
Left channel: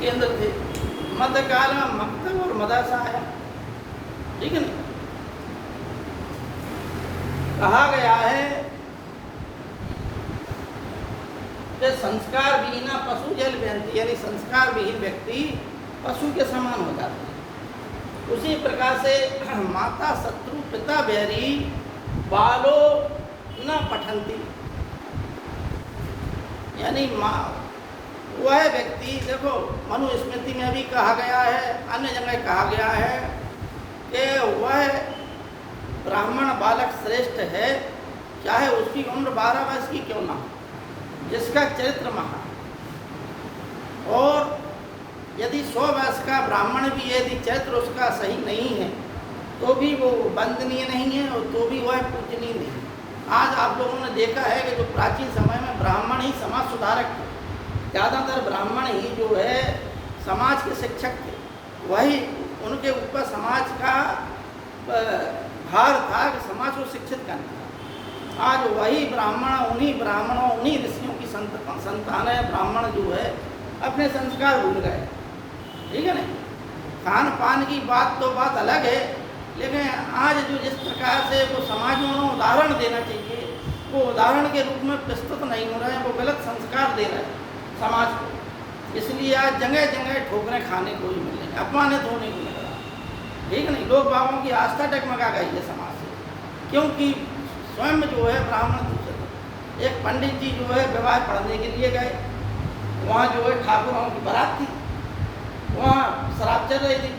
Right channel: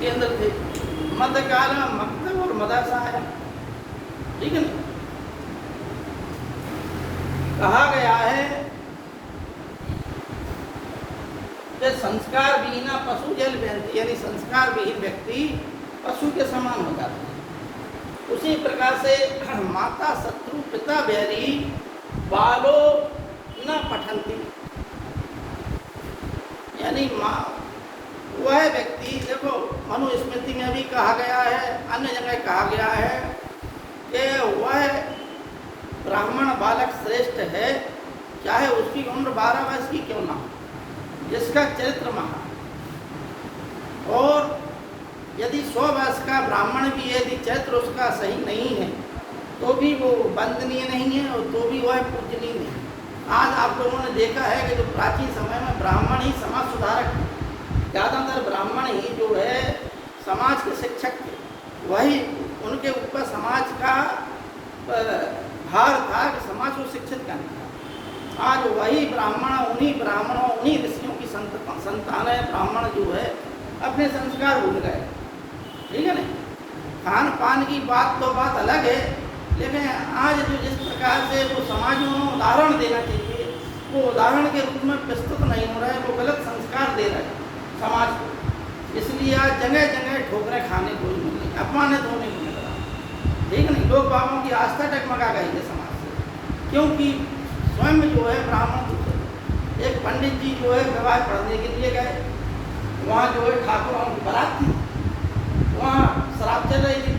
केंद्र थे। मध्यकाल में मकतब और मदरसा है। ठीक है ना? कहा गया है कि संस्कार विहीना पशु जल व्यंती, यानी संस्कार विहीन व्यक्ति पशु के समान हो जाता है। उसी प्रकार से माता शत्रु पिता बैरी बालो न पठंती, यानी माँ वह व्यक्ति, देखो मनुस्मृति में भी कहा गया है, अन्य जगह कहा गया है कि वह ब्राह्मण बालक श्रेष्ठ है, चाहे उसकी उम्र 12 वर्ष की क्यों ना, जिसका चरित्र महा। और यदि 100 वर्ष का ब्राह्मण भी यदि चरित्र उसका सही नहीं है तो भी वो वंदनीय नहीं है, और तो भी वह पूजनीय नहीं है। आज आप लोगों ने देखा है कि जो प्राचीन समय में ब्राह्मण ही समाज सुधारक थे, ज़्यादातर ब्राह्मण ही जो है समाज के शिक्षक थे, वही उनके ऊपर समाज का भार था कि समाज को शिक्षित करना। आज वही ब्राह्मणों उन्हीं ऋषियों की संतान है। ब्राह्मण जो है अपने संस्कार भूल गए। ठीक है ना? खान पान की बात तो बात अलग है, लेकिन आज जो जिस प्रकार से वो समाज में उदाहरण देना चाहिए, वो उदाहरण के रूप में प्रस्तुत नहीं हो रहे हैं, वो गलत संस्कार दे रहे हैं समाज को। इसलिए आज जगह जगह ठोकरें खाने को ही मिल रही, अपमानित होने को मिल रहा। ठीक नहीं? लोग बाबों की आस्था टकमगा गई है समाज से, क्योंकि स्वयं जो है ब्राह्मण दूसरे। एक पंडित जी जो है विवाह पढ़ने के लिए गए, वहाँ जो है ठाकुरों की बारात थी, वहाँ शराब चल रही थी।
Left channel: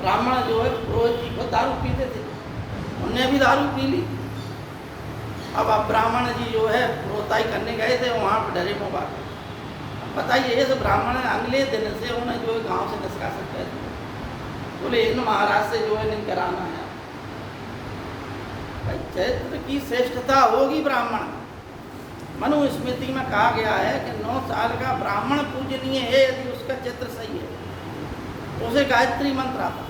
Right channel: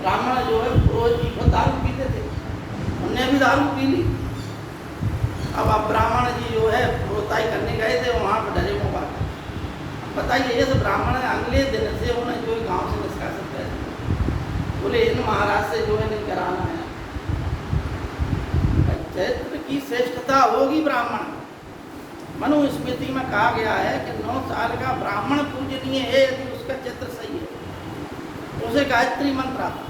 ब्राह्मण जो है पुरोहित जी को दारू पीते थे, उन्हें भी दारू पी ली। अब ब्राह्मण जी जो है रोताई करने गए थे, वहाँ पर डरे को बात बताइए, ये ब्राह्मण अगले दिन से उन्हें जो है गाँव से निष्कासित कर दिया। बोले इन महाराज से जो है नहीं कराना है। चरित्र की श्रेष्ठता होगी ब्राह्मण। मनुस्मृति में कहा गया है कि 9 साल का ब्राह्मण पूजनीय है यदि उसका चित्र सही है। उसे गायत्री मंत्र आता,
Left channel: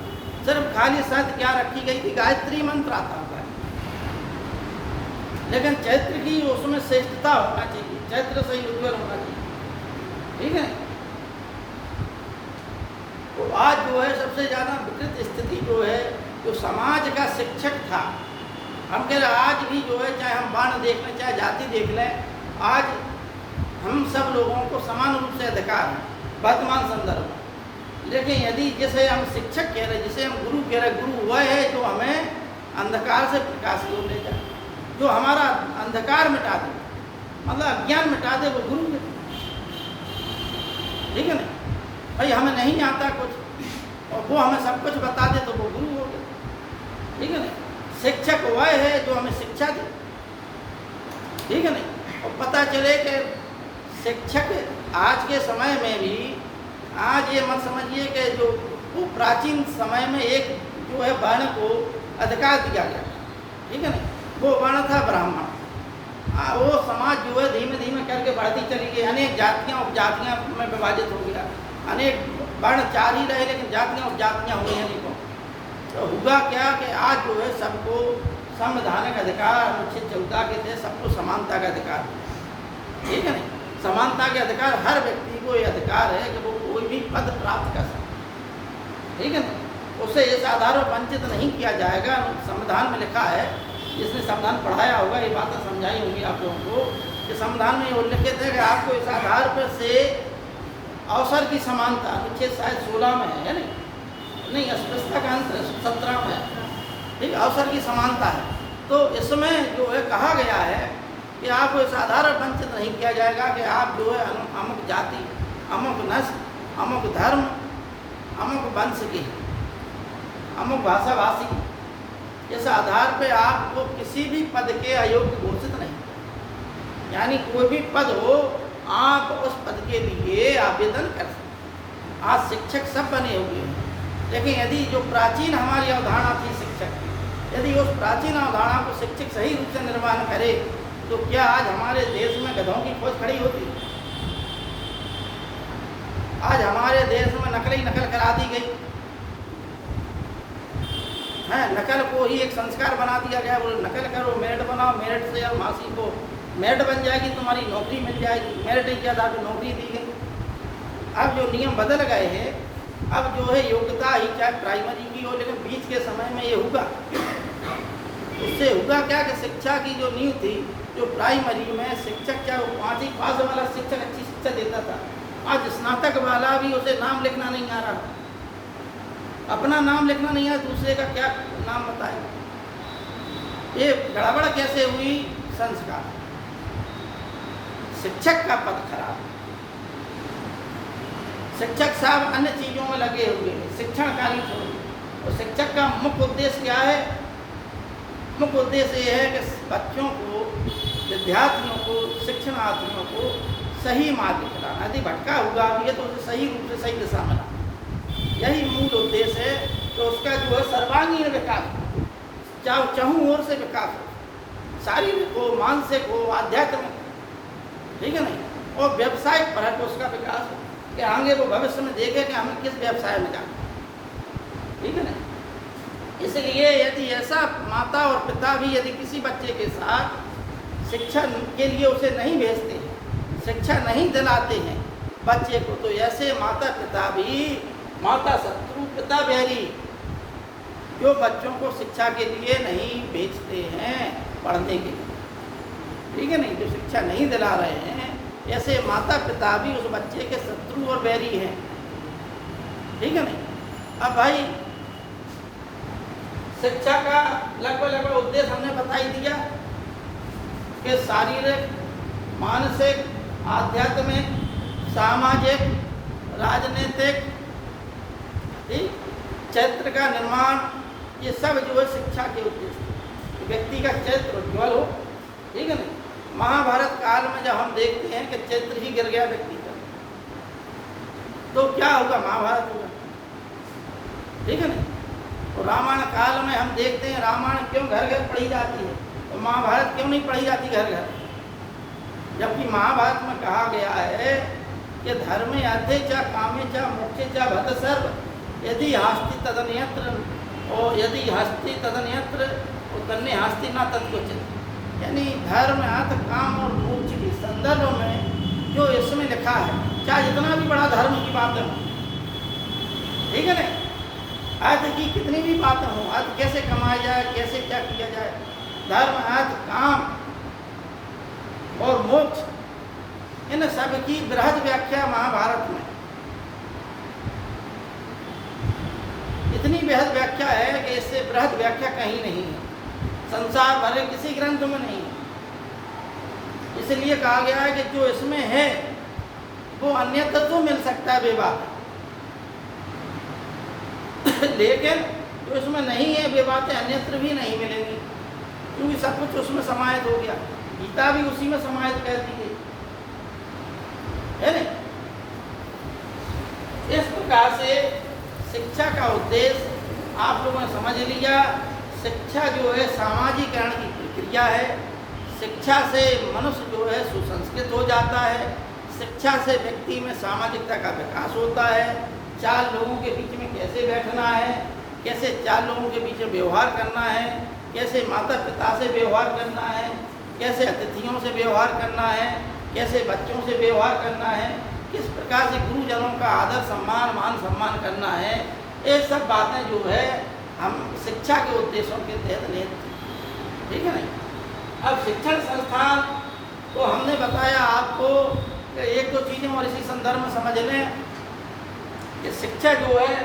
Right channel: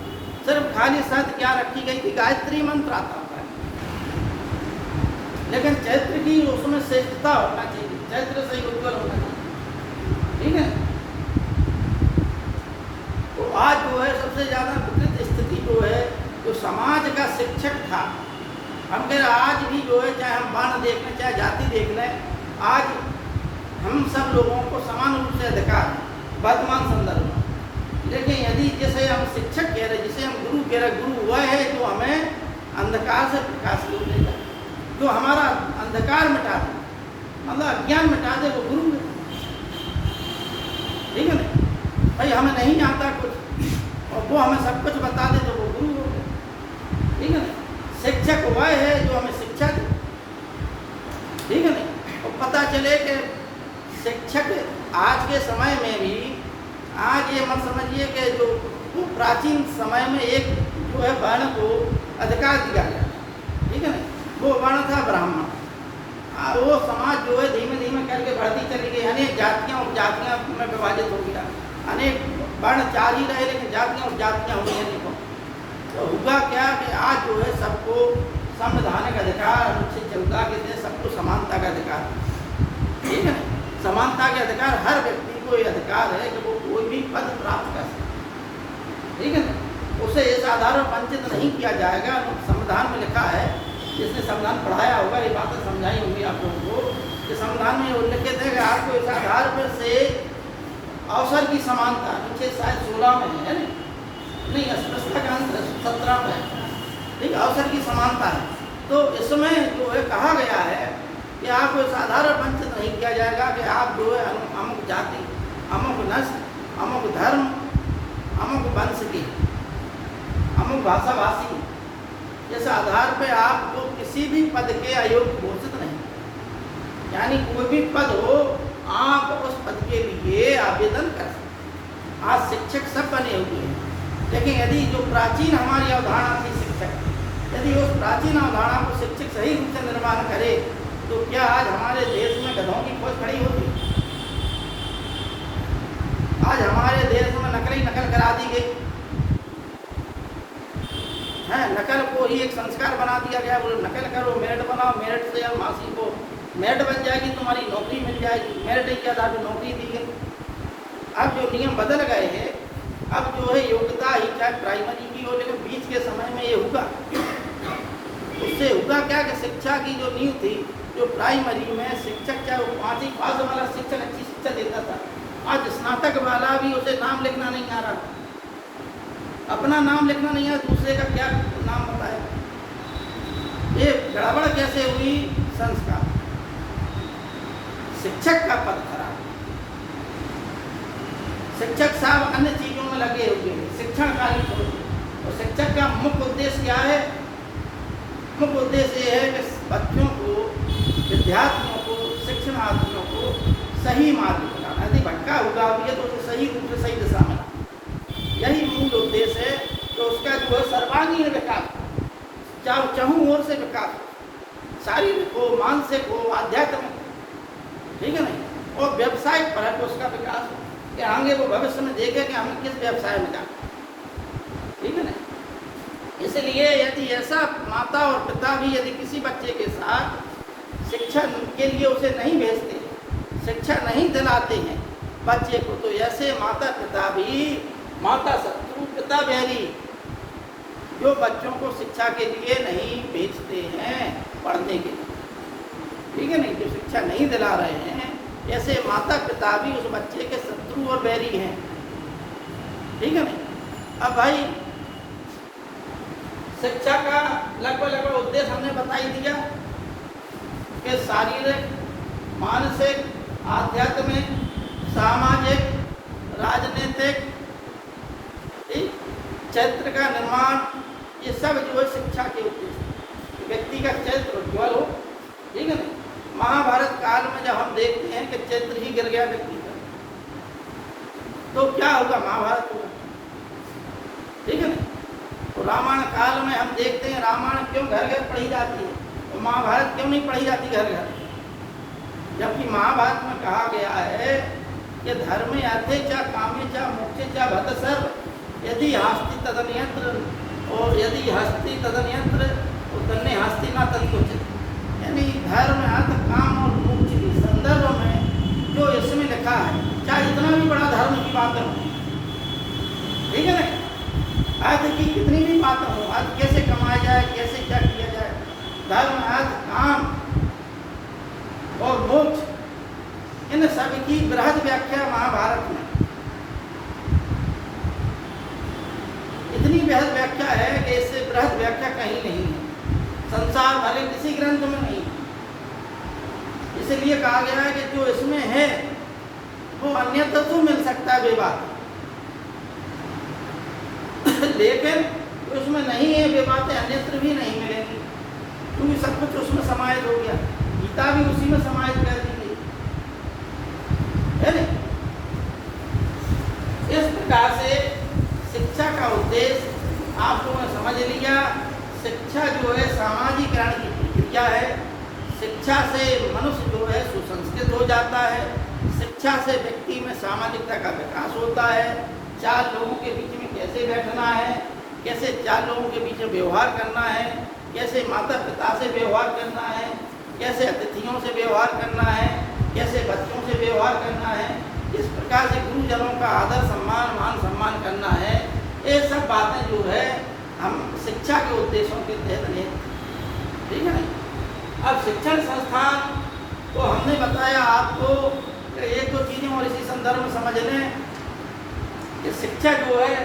सिर्फ खाली शर्त क्या रखी गई थी? गायत्री मंत्र आता है, लेकिन चरित्र की उसमें श्रेष्ठता होना चाहिए, चरित्र सही उज्ज्वल होना चाहिए। ठीक है? तो आज जो है सबसे ज़्यादा विकृत स्थिति जो है, जो समाज का शिक्षक था, हम कह रहे आज भी जो है, चाहे हम वर्ण देख लें चाहे जाति देख लें, आज हम सब लोगों को समान रूप से अधिकार है वर्तमान संदर्भ में। लेकिन यदि जैसे हम शिक्षक कह रहे, जिसे हम गुरु कह रहे, गुरु वह है जो हमें अंधकार से प्रकाश को ले जाए, जो हमारा अंधकार मिटा दे, मतलब अज्ञान मिटा दे, वो गुरु है। ठीक है ना? भाई हमें नहीं आता कुछ और वो हमें सब कुछ बता दे तो वो गुरु हो गए। ठीक है ना? शिक्षक वह है जो हमें शिक्षा दे। ठीक है ना? और पता चले कि शिक्षक आज के समय में भी, आज ये मत समझिए कि जो वो प्राचीन समय में एक जो है वर्ण को अधिकार दिया गया। ठीक है ना? वो वर्ण था ब्राह्मण। वो समाज जो है धीमे धीमे करके बढ़ती चली गई, अनेक जातियाँ उपजातियाँ में विभाजित हो गया, अनेक वर्ण 4 ही रहे लेकिन जातियाँ उपजातियाँ हो गई। देखो तो हुआ क्या कि आज जो है सबको संवैधानिक अधिकार, अनुच्छेद 14 के तहत सबको समानता का अधिकार। ठीक है ना? समानता के अधिकार, हर व्यक्ति को ये अधिकार है कि वो कोई भी पद प्राप्त कर सके। ठीक है ना? उसे इस आधार पर वंचित नहीं किया जाएगा। संविधान में लिखा है, जिसने संविधान पढ़ाया होगा ये बातें समझाई होंगी आप लोगों को, कि संविधान में उल्लेखित है कि आपको इस आधार पर से अवसर की समानता, अनुच्छेद शायद 16 में है ना? नहीं, अस्पृश्यता का अंत 17 में है। ठीक, अवसर की समानता है। तो इसमें जो है कहा गया है कि आपको साधारण वंचित नहीं किया जाएगा कि आप जो है अमुक जाति, अमुक नस्ल, अमुक धर्म, अमुक वंश के, अमुक भाषाभाषी, इस आधार पे आपको किसी भी पद के अयोग्य घोषित नहीं। यानी कोई भी पद हो, आप उस पद के लिए आवेदन कर सकते। आज शिक्षक सब बने हुए हैं, लेकिन यदि जो प्राचीन हमारी अवधारणा थी शिक्षक की, यदि उस प्राचीन अवधारणा को शिक्षक सही रूप से निर्माण करे तो क्या आज हमारे देश में गधों की खोज खड़ी होती? आज हमारे देश में नकल करा दी गई है, नकल को ही एक संस्कार बना दिया गया। बोलो नकल करो, मेरिट बनाओ, मेरिट से अब मासी को मेरिट बन जाएगी, तुम्हारी नौकरी मिल जाएगी। मेरिट ही क्या था, तो नौकरी दी गई। अब जो नियम बदल गए हैं, अब जो है योग्यता ही चाहे प्राइमरी की हो, लेकिन बीच के समय में ये होगा, उससे होगा क्या कि शिक्षा की जो नींव थी, जो प्राइमरी में शिक्षक चाहे वो 5वीं पास वाला शिक्षक अच्छी शिक्षा देता था, आज स्नातक वाला भी उसे नाम लिखना नहीं आ रहा, अपना नाम लिखना नहीं है, दूसरे का क्या नाम बताए। ये गड़बड़ कैसे हुई? संस्कार। शिक्षक का पद खराब, शिक्षक साहब अन्य चीजों में लगे हुए हैं, शिक्षण कार्य छोड़। और शिक्षक का मुख्य उद्देश्य क्या है? मुख्य उद्देश्य ये है कि बच्चों को, विद्यार्थियों को, शिक्षणार्थियों को सही मार्ग दिखाना। यदि भटका हुआ भी है तो उसे सही रूप से सही दिशा में, यही मूल उद्देश्य है। तो उसका जो है सर्वांगीण विकास, चाहे चहुं ओर से विकास, शारीरिक हो, मानसिक हो, आध्यात्मिक, ठीक है नहीं, और व्यवसाय पर है तो उसका विकास हो कि आगे वो भविष्य में देखे कि हमें किस व्यवसाय में क्या, ठीक है ना। इसलिए यदि ऐसा माता और पिता भी यदि किसी बच्चे के साथ शिक्षा के लिए उसे नहीं भेजते, शिक्षा नहीं दिलाते हैं बच्चे को, तो ऐसे माता पिता भी माता शत्रु पिता बैरी, जो बच्चों को शिक्षा के लिए नहीं भेजते हैं पढ़ने के लिए, ठीक है नहीं, जो शिक्षा नहीं दिला रहे हैं, ऐसे माता पिता भी उस बच्चे के शत्रु और बैरी हैं, ठीक है नहीं। अब भाई शिक्षा का लगभग उद्देश्य हमने बता ही दिया कि शारीरिक, मानसिक, आध्यात्मिक, सामाजिक, राजनीतिक, चरित्र का निर्माण, ये सब जो है शिक्षा के उद्देश्य। व्यक्ति का चरित्र उज्ज्वल हो, ठीक है ना। महाभारत काल में जब हम देखते हैं कि चरित्र ही गिर गया व्यक्ति का, तो क्या होगा? महाभारत होगा, ठीक है ना। तो रामायण काल में हम देखते हैं रामायण क्यों घर घर पढ़ी जाती है, तो महाभारत क्यों नहीं पढ़ी जाती घर घर? जबकि महाभारत में कहा गया है कि धर्मे अर्थे च कामे च मोक्षे च भक्त सर्व, यदि हस्ति तदन्यत्र, और यदि हस्ति तदन्यत्र तो तन्ने हस्ति ना तदुचित। यानी धर्म, अर्थ, काम और मोक्ष के संदर्भ में जो इसमें लिखा है, चाहे जितना भी बड़ा धर्म की बातें हो, ठीक है ना, अर्थ की कितनी भी बातें हो, अर्थ कैसे कमाया जाए, कैसे क्या किया जाए, धर्म, अर्थ, काम और मोक्ष, इन सब की बृहद व्याख्या महाभारत में, इतनी बृहद व्याख्या है कि इससे बृहद व्याख्या कहीं नहीं है, संसार भरे किसी ग्रंथ में नहीं। इसलिए कहा गया है कि जो इसमें है वो अन्यत्र तो मिल सकता है बेबात, लेकिन जो इसमें नहीं है वे बातें अन्यत्र भी नहीं मिलेंगी, क्योंकि सब कुछ उसमें समाहित हो गया। गीता भी उसी में समाहित कर दी गई है ना। इस प्रकार से शिक्षा का उद्देश्य आप लोगों ने समझ लिया। शिक्षा जो है सामाजिकरण की प्रक्रिया है। शिक्षा से मनुष्य जो है सुसंस्कृत हो जाता है। शिक्षा से व्यक्ति में सामाजिकता का विकास होता है। चार लोगों के बीच में कैसे बैठना है, कैसे चार लोगों के बीच में व्यवहार करना है, कैसे माता पिता से व्यवहार करना है, कैसे अतिथियों से व्यवहार करना है, कैसे बच्चों से व्यवहार करना है, किस प्रकार से गुरुजनों का आदर सम्मान, मान सम्मान करना है, ये सब बातें जो है हम शिक्षा के उद्देश्यों के तहत ले, ठीक है ना। अब शिक्षण संस्थान तो हमने बताया आपको कि एक दो चीज़ें और इसी संदर्भ में समझ लें कि शिक्षा जो है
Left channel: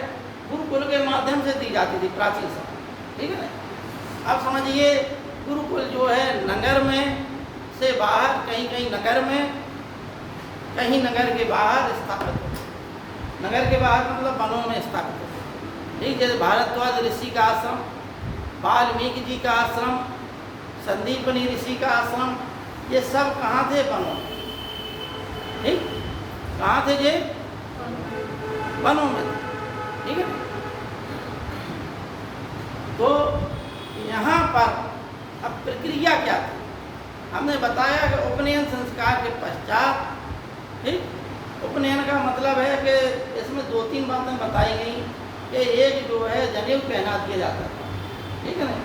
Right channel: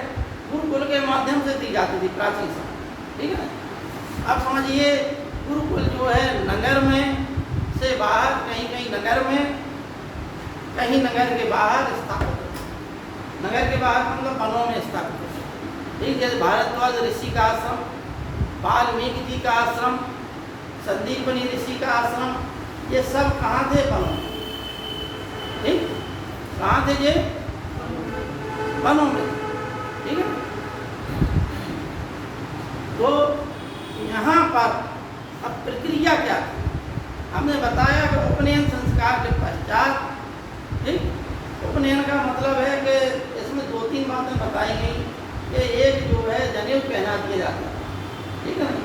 गुरुकुल के माध्यम से दी जाती थी प्राचीन समय, ठीक है ना। अब समझिए गुरुकुल जो है नगर में से बाहर, कहीं कहीं नगर में, कहीं नगर के बाहर स्थापित होते। नगर के बाहर मतलब वनों में स्थापित होते। ठीक, जैसे भारद्वाज ऋषि का आश्रम, वाल्मीकि जी का आश्रम, संदीपनी ऋषि का आश्रम, ये सब कहाँ थे? वनों में। ठीक, कहाँ थे ये? वनों में। ठीक है, तो यहाँ पर अब प्रक्रिया क्या थी? हमने बताया कि उपनयन संस्कार के पश्चात, ठीक, उपनयन का मतलब है कि इसमें 2-3 बातें बताई गई कि एक जो है जनेऊ पहना दिया जाता था, ठीक है ना,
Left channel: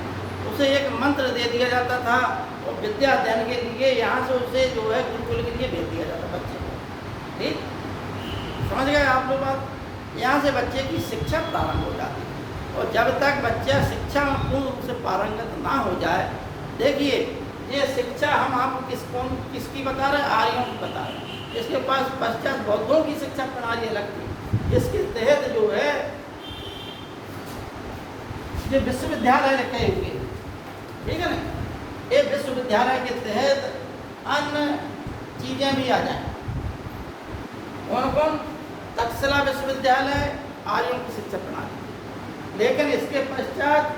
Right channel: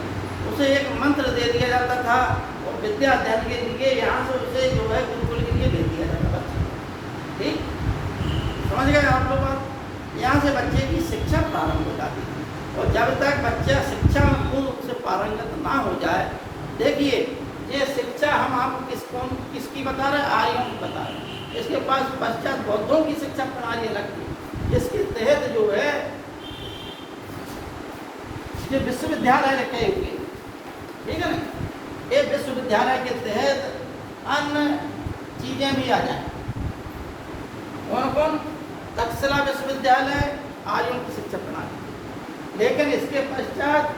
उसे एक मंत्र दे दिया जाता था और विद्या अध्ययन के लिए यहाँ से उसे जो है गुरुकुल के लिए भेज दिया जाता था। ठीक, समझ गए आप लोग बात? यहाँ से बच्चे की शिक्षा प्रारंभ हो जाती है और जब तक बच्चा शिक्षा में पूर्ण रूप से पारंगत ना हो जाए, देखिए ये शिक्षा हम आपको किसकी बता रहे हैं? आर्यों की बता रहे हैं। इसके पास पश्चात बौद्धों की शिक्षा प्रणाली अलग थी, जिसके तहत जो है ये विश्वविद्यालय रखे हुए, ठीक है ना, एक विश्वविद्यालय के तहत अन्य चीजें भी आ जाए। कौन? तक्षशिला विश्वविद्यालय, आर्यों की शिक्षा प्रणाली। लेकिन इसके पश्चात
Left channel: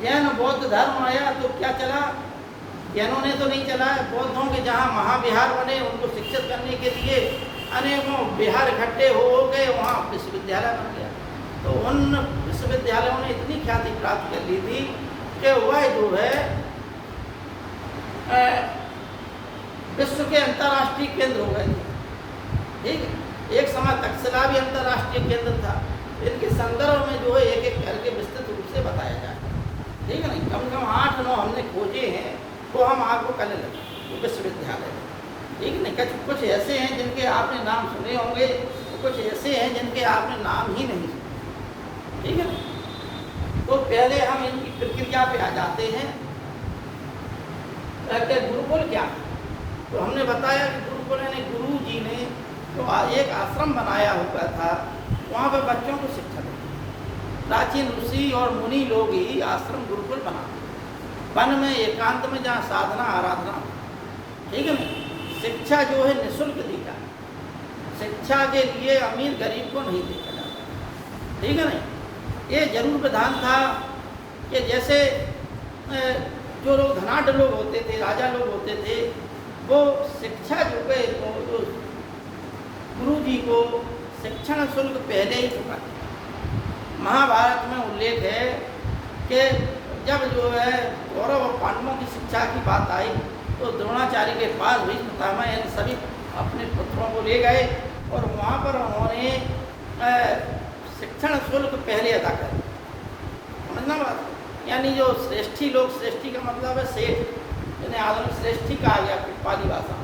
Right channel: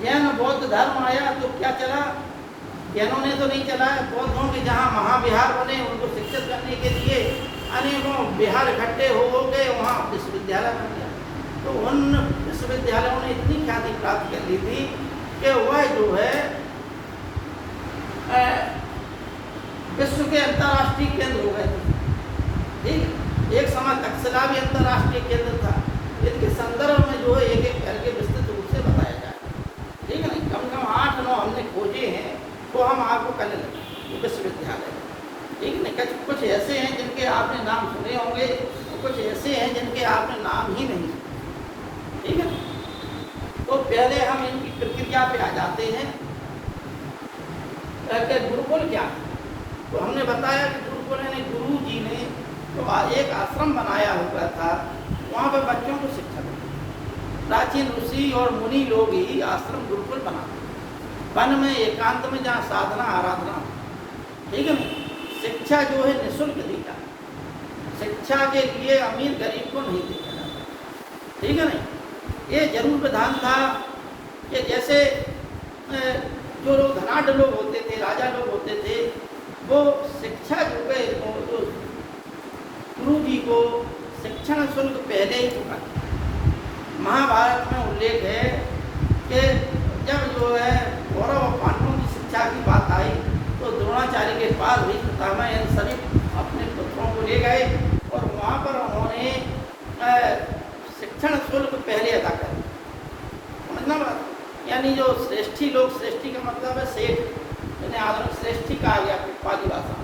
जैन बौद्ध धर्म आया तो क्या चला? जैनों ने तो नहीं चलाया, बौद्धों के जहाँ महाविहार बने उनको शिक्षित करने के लिए अनेकों विहार इकट्ठे हो गए, वहाँ विश्वविद्यालय बन गया। तो उन विश्वविद्यालयों ने इतनी ख्याति प्राप्त कर ली थी कि वह जो है विश्व के अंतर्राष्ट्रीय केंद्र हो गए थे। ठीक, एक समय तक्षशिला भी अंतर्राष्ट्रीय केंद्र था। इनके संदर्भ में जो है एक एक करके विस्तृत रूप से बताया जाए, ठीक है ना। कम से कम 8-9 हमने खोजे हैं, तो हम आपको कल विश्वविद्यालय, ठीक है। कुछ ऐसे हैं जिनके आपने नाम सुने होंगे, कुछ ऐसे हैं जिनके आपने नाम ही नहीं सुने, ठीक है। तो पहले हम इनकी प्रक्रिया पे आ जाते हैं कि गुरुकुल क्या है। तो हमने बताया कि गुरुकुल ने, गुरु जी ने तो एक आश्रम बनाया हुआ था, वहाँ पे बच्चों को शिक्षा देते। प्राचीन ऋषि और मुनि लोग ही आश्रम गुरुकुल बनाते, वन में एकांत में, जहाँ साधना आराधना, ठीक है। शिक्षा जो है निःशुल्क दी जाती, शिक्षा के लिए अमीर गरीब को नहीं दी जाती, ठीक है ना। ये जरूर विधान था कि जैसे जो लोग धनाढ़ लोग होते थे, राजा लोग होते थे, वो शिक्षा जो है गुरु जी को शिक्षण शुल्क पहले ही चुका। महाभारत में उल्लेख है कि जब जो है कौरव और पांडवों की शिक्षा की बात आई तो द्रोणाचार्य के पास भीष्म इन सभी अपने पुत्रों को ले गए और वहाँ पर उन्होंने शिक्षण शुल्क पहले अदा कर, समझना बात। यानी जो श्रेष्ठी लोग, श्रेष्ठी का मतलब है सेठ, यानी आधुनिक श्रेष्ठी कहा गया पाली भाषा,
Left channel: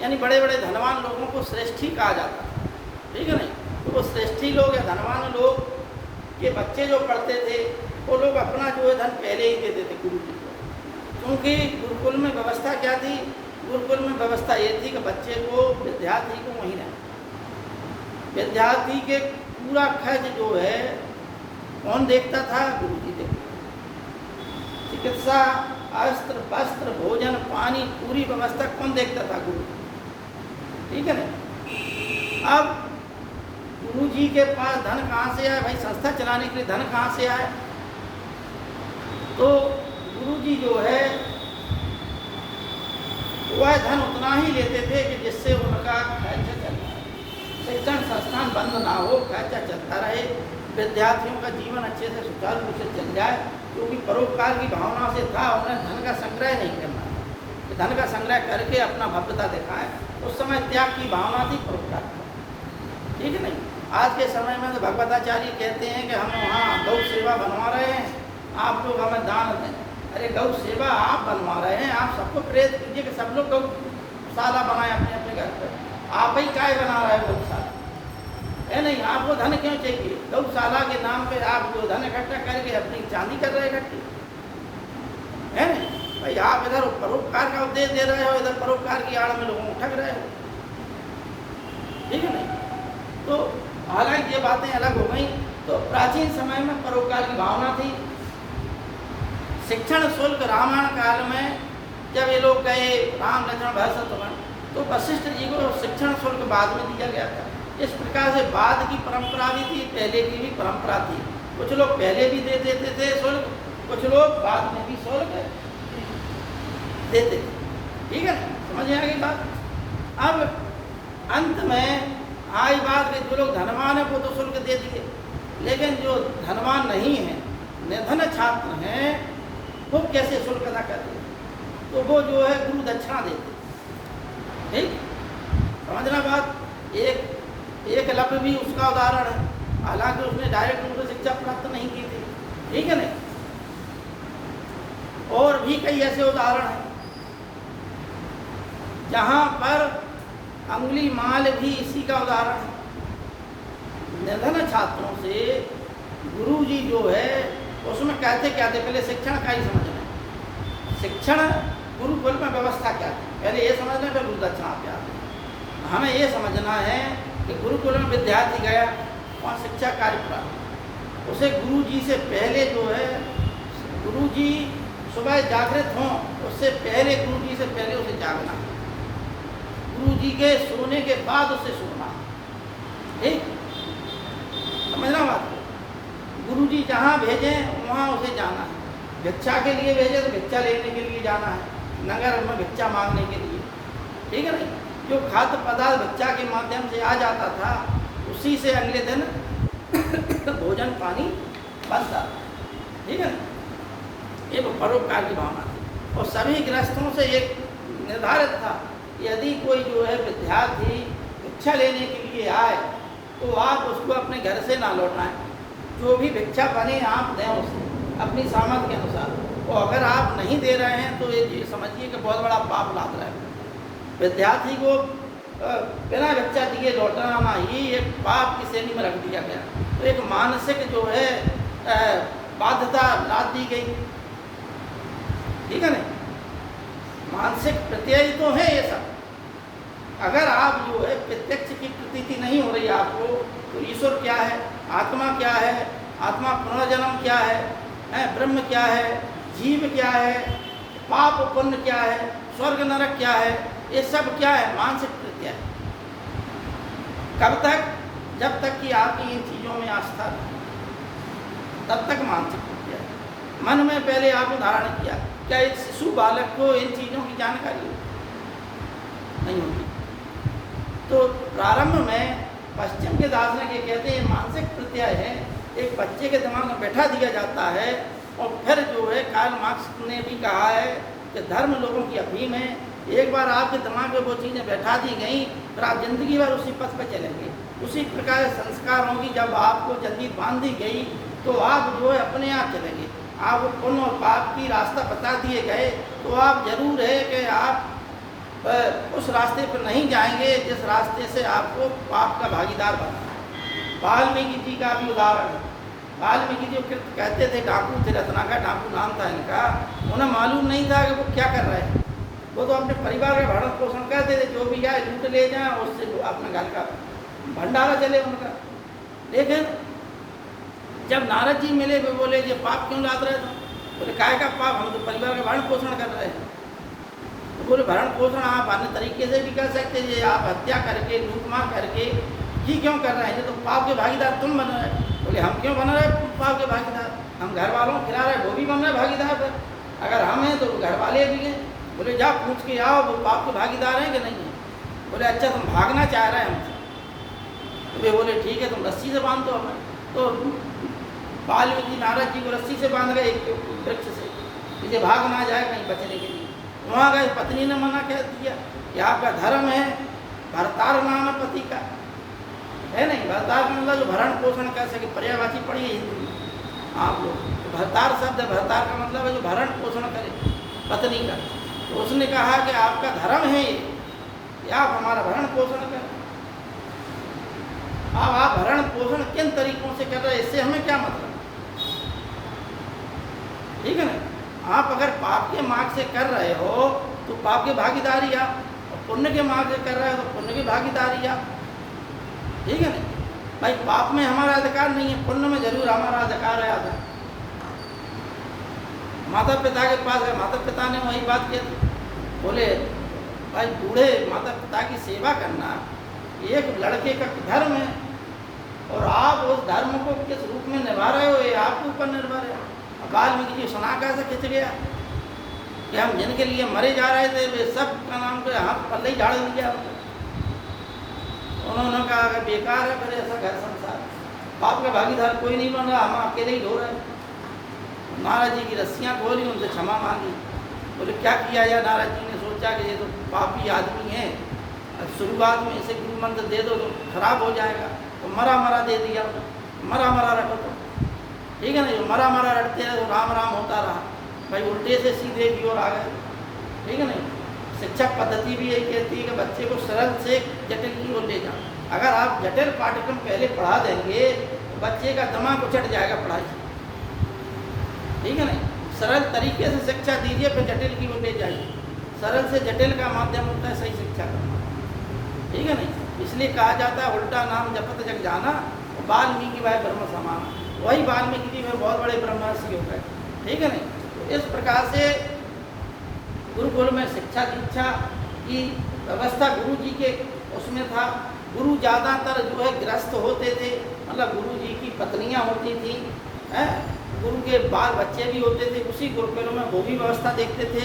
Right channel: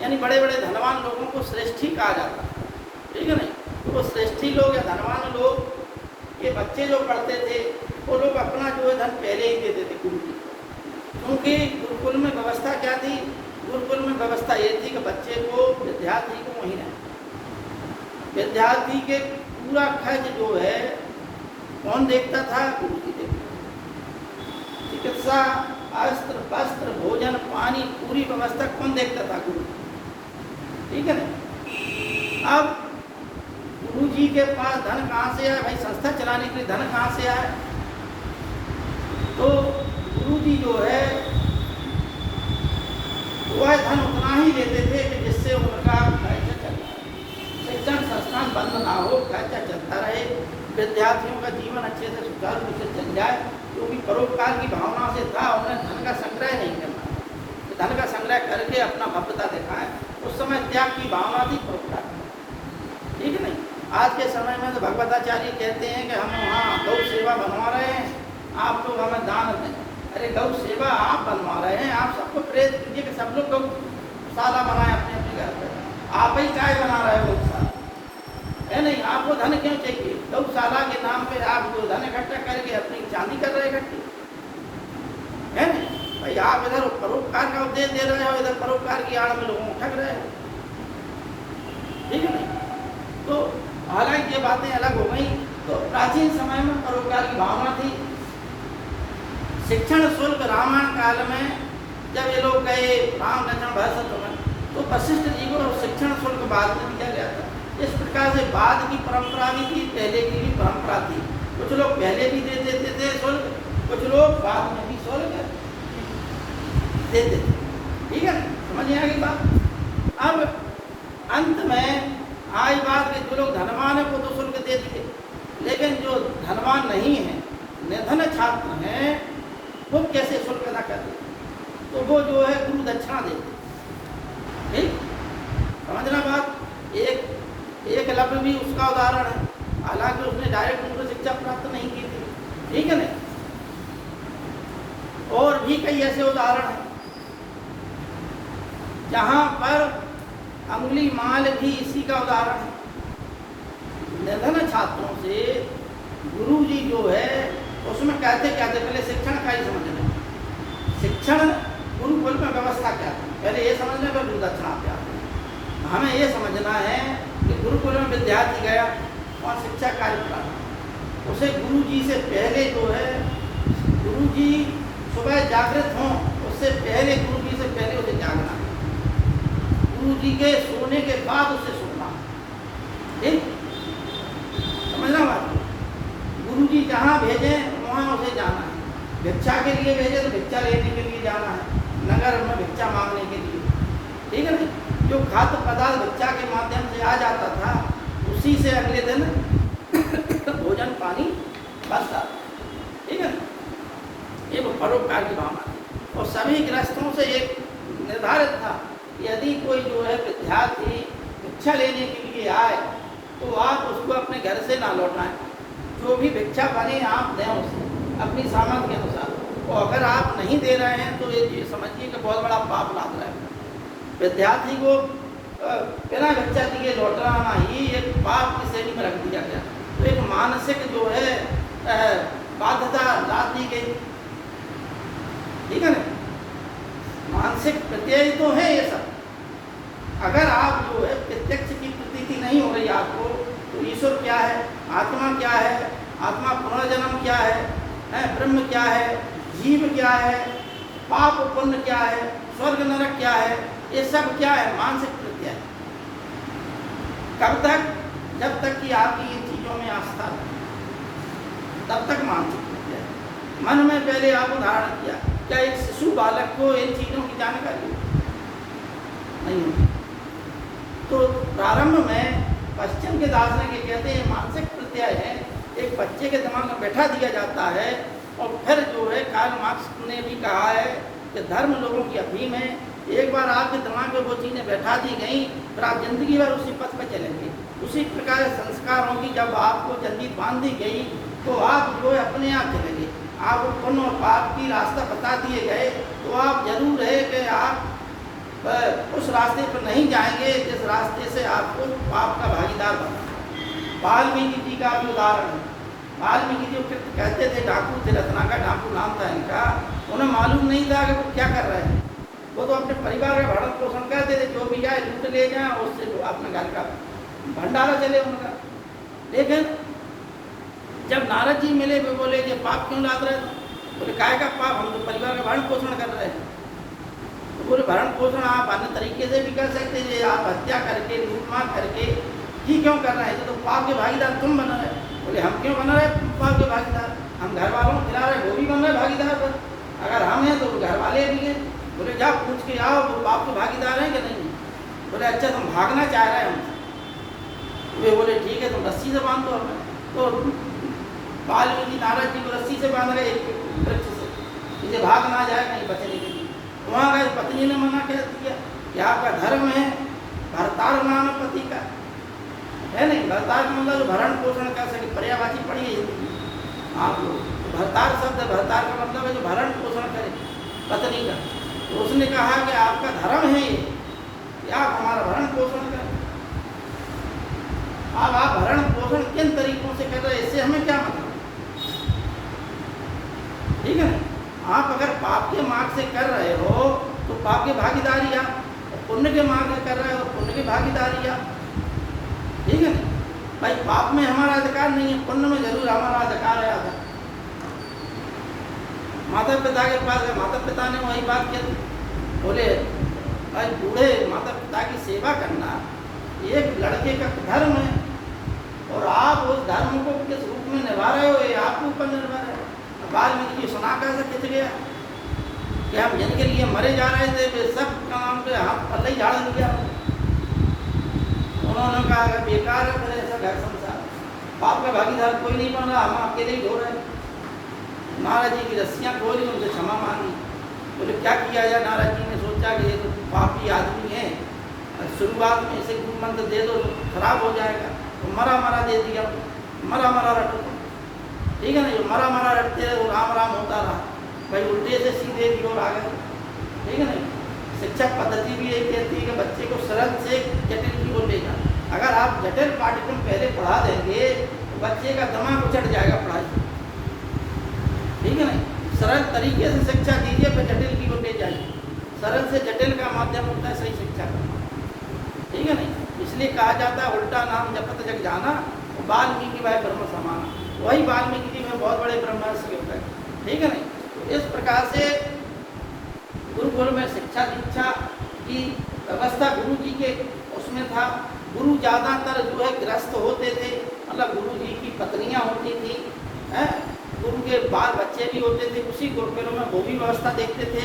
यानी बड़े बड़े धनवान लोगों को श्रेष्ठी कहा जाता है, ठीक है ना। तो वो श्रेष्ठी लोग या धनवान लोग के बच्चे जो पढ़ते थे वो लोग अपना जो है धन पहले ही देते थे गुरु जी, क्योंकि गुरुकुल में व्यवस्था क्या थी? गुरुकुल में व्यवस्था ये थी कि बच्चे को, विद्यार्थी को वहीं रहना, विद्यार्थी के पूरा खर्च जो है कौन देखता था? गुरु जी देखता। चिकित्सा, अस्त्र, वस्त्र, भोजन, पानी, पूरी व्यवस्था कौन देखता था? गुरु, ठीक है ना। अब गुरु जी के पास धन कहाँ से आया? भाई संस्था चलाने के लिए धन कहाँ से आया? तो गुरु जी जो है वह धन उतना ही लेते थे कि जिससे उनका खर्चा चलता है, शिक्षण संस्थान बंद ना हो, खर्चा चलता रहे, विद्यार्थियों का जीवन अच्छे से सुचारू रूप से चल जाए, क्योंकि परोपकार की भावना से था। उन्हें धन का संग्रह नहीं करना, धन का संग्रह करके अपना भव्यता दिखाएं। उस समय त्याग की भावना थी, परोपकार, ठीक है नहीं। आज के समय में तो भगवताचार्य कहते हैं कि हम वहाँ गौ सेवा बनवा रहे हैं, आप लोग हमें दान दें। अरे गौ सेवा आप बनवा रहे हैं, आप सबको प्रेरित कीजिए कि सब लोग गौशाला बनाए अपने अपने घर पर। आप ही काय बना रहे हो गौशाला, है नहीं? आपको धन क्यों चाहिए? गौशाला के नाम पे आप जो धन इकट्ठा करके अपनी चांदी कर रहे इकट्ठी, है नहीं भाई? आप इधर परोपकार का उपदेश दे रहे हो, इधर परोपकार की आड़ में लोगों को ठग रहे हो, ठीक है नहीं। तो हालांकि ये बातें अलग हो गई। तो प्राचीन समय में परोपकार की भावना थी, शिक्षण शुल्क रामायण काल में जब ये लोग गए राम लक्ष्मण भरत शत्रुघ्न, तो वशिष्ठ जी को शिक्षण शुल्क बाद में दिया गया था। इस प्रकार से बाद की परंपरा भी थी, पहले की भी परंपरा थी। कुछ लोग पहले भी दे देते थे शुल्क, कुछ लोग बाद में भी शुल्क देते थे। ठीक है, समझ में आ गई बात। अब अंत में आई बात कि जो लोग धनवान है वो तो शुल्क दे दिए, लेकिन जो धनवान नहीं है, निर्धन छात्र हैं, वो कैसे शुल्क अदा करते? तो वो जो है गुरु दक्षिणा देते। ठीक, समझना बात। एक लफ्ज़ भी उसका उदाहरण है, हालांकि उसने डायरेक्ट उनको शिक्षा प्राप्त नहीं की थी। ठीक है ना। और भी कई ऐसे उदाहरण हैं जहां पर अंगुली माल भी इसी का उदाहरण है। निर्धन छात्रों से गुरु जी जो है उसमें कहते क्या थे, पहले शिक्षण का ही समझना। शिक्षण गुरुकुल में व्यवस्था क्या थी, पहले ये समझना कि गुरु दक्षिणा क्या थी। हमें ये समझना है कि गुरुकुल में विद्यार्थी गया और शिक्षा कार्य प्राप्त, उसे गुरु जी से पहले जो है, गुरु जी सुबह जागृत हों उससे पहले, गुरु जी से पहले उसे जागना, गुरु जी के सोने के बाद उसे सोना। ठीक, समझना बात। गुरु जी जहाँ भेजें वहाँ उसे जाना है। भिक्षा के लिए भेजे तो भिक्षा लेने के लिए जाना है, नगर में भिक्षा मांगने के लिए। ठीक है ना। जो खाद्य पदार्थ बच्चा के माध्यम से आ जाता था, उसी से अगले दिन भोजन पानी बनता। ठीक है ना। एक परोपकार की भावना थी और सभी गृहस्थों से एक निर्धारित था, यदि कोई जो है विद्यार्थी भिक्षा लेने के लिए आए तो आप उसको अपने घर से ना लौटना है। जो भी भिक्षा बने आप दें उसे अपनी सामर्थ्य के अनुसार। और अगर आप नहीं दे रहे हैं तो ये समझिए कि बहुत बड़ा पाप लाद रहे हैं। विद्यार्थी को बिना भिक्षा दिए लौटाना ही एक पाप की श्रेणी में रख दिया गया। तो एक मानसिक जो है बाध्यता लाद दी गई। ठीक है ना। मानसिक प्रत्यय तो है ये सब। अगर आप जो है प्रत्यक्ष की प्रतीति नहीं हो रही आपको, तो ईश्वर क्या है, आत्मा क्या है, आत्मा पुनर्जन्म क्या है, ब्रह्म क्या है, जीव क्या है, पाप पुण्य क्या है, स्वर्ग नरक क्या है, ये सब क्या है, मानसिक प्रत्यय। कब तक? जब तक कि आपकी इन चीज़ों में आस्था, तब तक मानसिक प्रत्यय। मन में पहले आपने धारण किया, क्या एक शिशु बालक को इन चीज़ों की जानकारी नहीं होती। तो प्रारंभ में पश्चिम के दार्शनिक ये कहते हैं मानसिक प्रत्यय है, एक बच्चे के दिमाग में बैठा दिया जाता है। और फिर जो है कार्ल मार्क्स ने भी कहा है कि धर्म लोगों की अफीम है। एक बार आपके दिमाग में वो चीज़ें बैठा दी गई, फिर आप जिंदगी भर उसी पथ पर चलेंगे। उसी प्रकार संस्कारों की जब आपको जल्दी बांधी गई तो आप जो है अपने आप चलेंगे। आप पुण्य और पाप की रास्ता बता दिए गए तो आप जरूर है कि आप उस रास्ते पर नहीं जाएंगे जिस रास्ते से आपको पाप का भागीदार बना। वाल्मीकि जी का भी उदाहरण है। वाल्मीकि जी कहते थे डाकू थे, रत्नाकर डाकू नाम था इनका। उन्हें मालूम नहीं था कि वो क्या कर रहे हैं। वो तो अपने परिवार का भरण पोषण करते थे, जो भी जाए लूट ले जाए, उससे अपने घर का भंडारा चले उनका। लेकिन जब नारद जी मिले वे बोले कि पाप क्यों लाद रहे थे? बोले काय का पाप, हम तो परिवार का भरण पोषण कर रहे हैं। बोले भरण पोषण आप अन्य तरीके से भी कर सकते थे, आप हत्या करके लूटमार करके ही क्यों कर रहे हैं? तो पाप के भागीदार तुम बन रहे। बोले हम क्यों बन रहे पाप के भागीदार? हम घर वालों को खिला रहे, वो भी बन रहे भागीदार पर। अगर हम हैं तो घर वाले भी हैं। बोले जाओ पूछ के आओ वो पाप के भागीदार हैं कि नहीं है। बोले अच्छा तुम भागना चाह रहे हैं हमसे। वे बोले ठीक है तुम रस्सी से बांध दो हमें। तो वाल्मीकि नारद जी को रस्सी से बांध गए एक वृक्ष से, इसे भाग ना जाए कहीं बचने के लिए। वहाँ गए, पत्नी ने मना कह दिया कि आपका धर्म है भरतार नाम पति का है नहीं। भरतार का मतलब जो भरण पोषण कर सके, पर्यायवाची पढ़िए हिंदी आप लोग। भरतार शब्द, भरतार का मतलब है जो भरण पोषण करे पत्नी का। तो उसने कहा कि आपका धर्म है ये, आप हमारा भरण पोषण करें। अब आप भरण पोषण किन तरीकों से कर रहे हैं, इससे हमें क्या मतलब? ठीक है ना। आप अगर पाप के मार्ग से कर रहे हो तो पाप की भागीदारी आप, और पुण्य के मार्ग से कर रहे हो तो पुण्य की भागीदारी आप। ठीक है ना भाई। पाप में हमारा अधिकार नहीं है, पुण्य में जरूर हमारा अधिकार है। माता पिता के पास गए, माता पिता ने वही बात की, बोले भाई बूढ़े माता पिता की सेवा करना एक लड़के का धर्म है, और आप उस धर्म को किस रूप में निभा रहे हो ये आपके ऊपर निर्भर है। वाल्मीकि जी सुना कैसे खिंच गया कि हम जिनके लिए मरे जा रहे थे वे सब नाम के हाथ पल्ले ही झाड़ दिया। उन्होंने कहा अगर बेकार है फिर ऐसा घर संसार, बाप का भागीदार कोई नहीं बन रहा, हम अकेले ही ढो रहे हैं। महाराज जी की रस्सियाँ खोली, उनसे क्षमा मांगी। बोले क्या किया जाए? नाराज जी ने सोचा कि ये तो पापी आदमी है, शुरुआत में इसे गुरु मंत्र दे दो खराब हो जाएगा, तो मरा मरा दे दिया, मरा मरा रटो, ठीक है ना। मरा मरा रटते रहे, राम राम होता रहा, भाई उल्टे से सीधे की ओर आ गए, ठीक है ना। शिक्षा पद्धति भी यही कहती है कि बच्चे को सरल से जटिल की ओर ले जाए। अगर आप जटिल पाठ्यक्रम पहले पढ़ा देंगे तो बच्चे का दिमाग उचट जाएगा पढ़ाई से, ठीक है ना। सरल तरीके से शिक्षा दीजिए, फिर जटिल की ओर ले जाइए। सरल से जटिल का माध्यम होता है सही शिक्षा का, ठीक है ना। इसलिए कहा जाता है उल्टा नाम जपत जग जाना, वाल्मीकि भाई ब्रह्म समाना। वही वाल्मीकि जी में बहुत बड़े ब्रह्मर्षि हो गए, ठीक है ना। इस प्रकार से गुरुकुल में शिक्षा दीक्षा की व्यवस्था गुरु जी के उसमें था। गुरु ज़्यादातर जो है ग्रस्त होते थे, मतलब गुरु जी की पत्नियां होती थी, गुरु के बाल बच्चे भी होते थे, उसी गुरुकुलों में वो भी व्यवस्था देखते थे।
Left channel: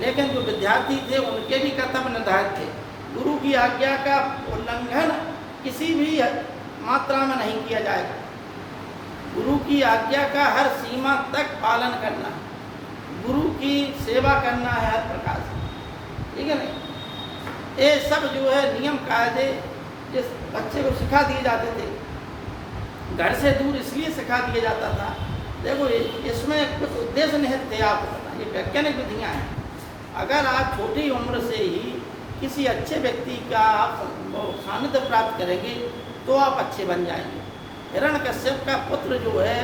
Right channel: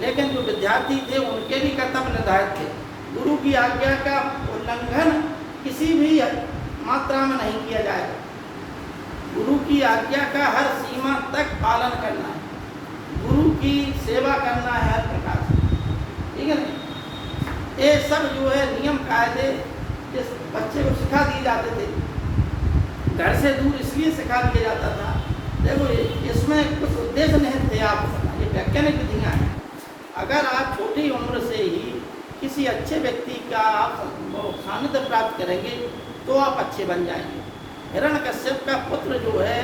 लेकिन जो विद्यार्थी थे उनके भी कर्तव्य निर्धारित थे। गुरु की आज्ञा का उल्लंघन किसी भी मात्रा में नहीं किया जाएगा। गुरु की आज्ञा का हर सीमा तक पालन करना है, गुरु की सेवा करना है हर प्रकार से, ठीक है ना। ये सब जो है नियम कायदे जिस बच्चे को सिखा दिए जाते थे, घर से दूर इसलिए सिखा दिया जाता था। देखो इसमें कुछ उद्देश्य निहित थे, आप ये वैज्ञानिक विधियाँ हैं। अगर आप छोटी उम्र से ही किसी अच्छे व्यक्ति का आप सानिध्य प्राप्त करेंगे तो आप अच्छे बन जाएंगे। हिरण्यकश्यप का पुत्र जो है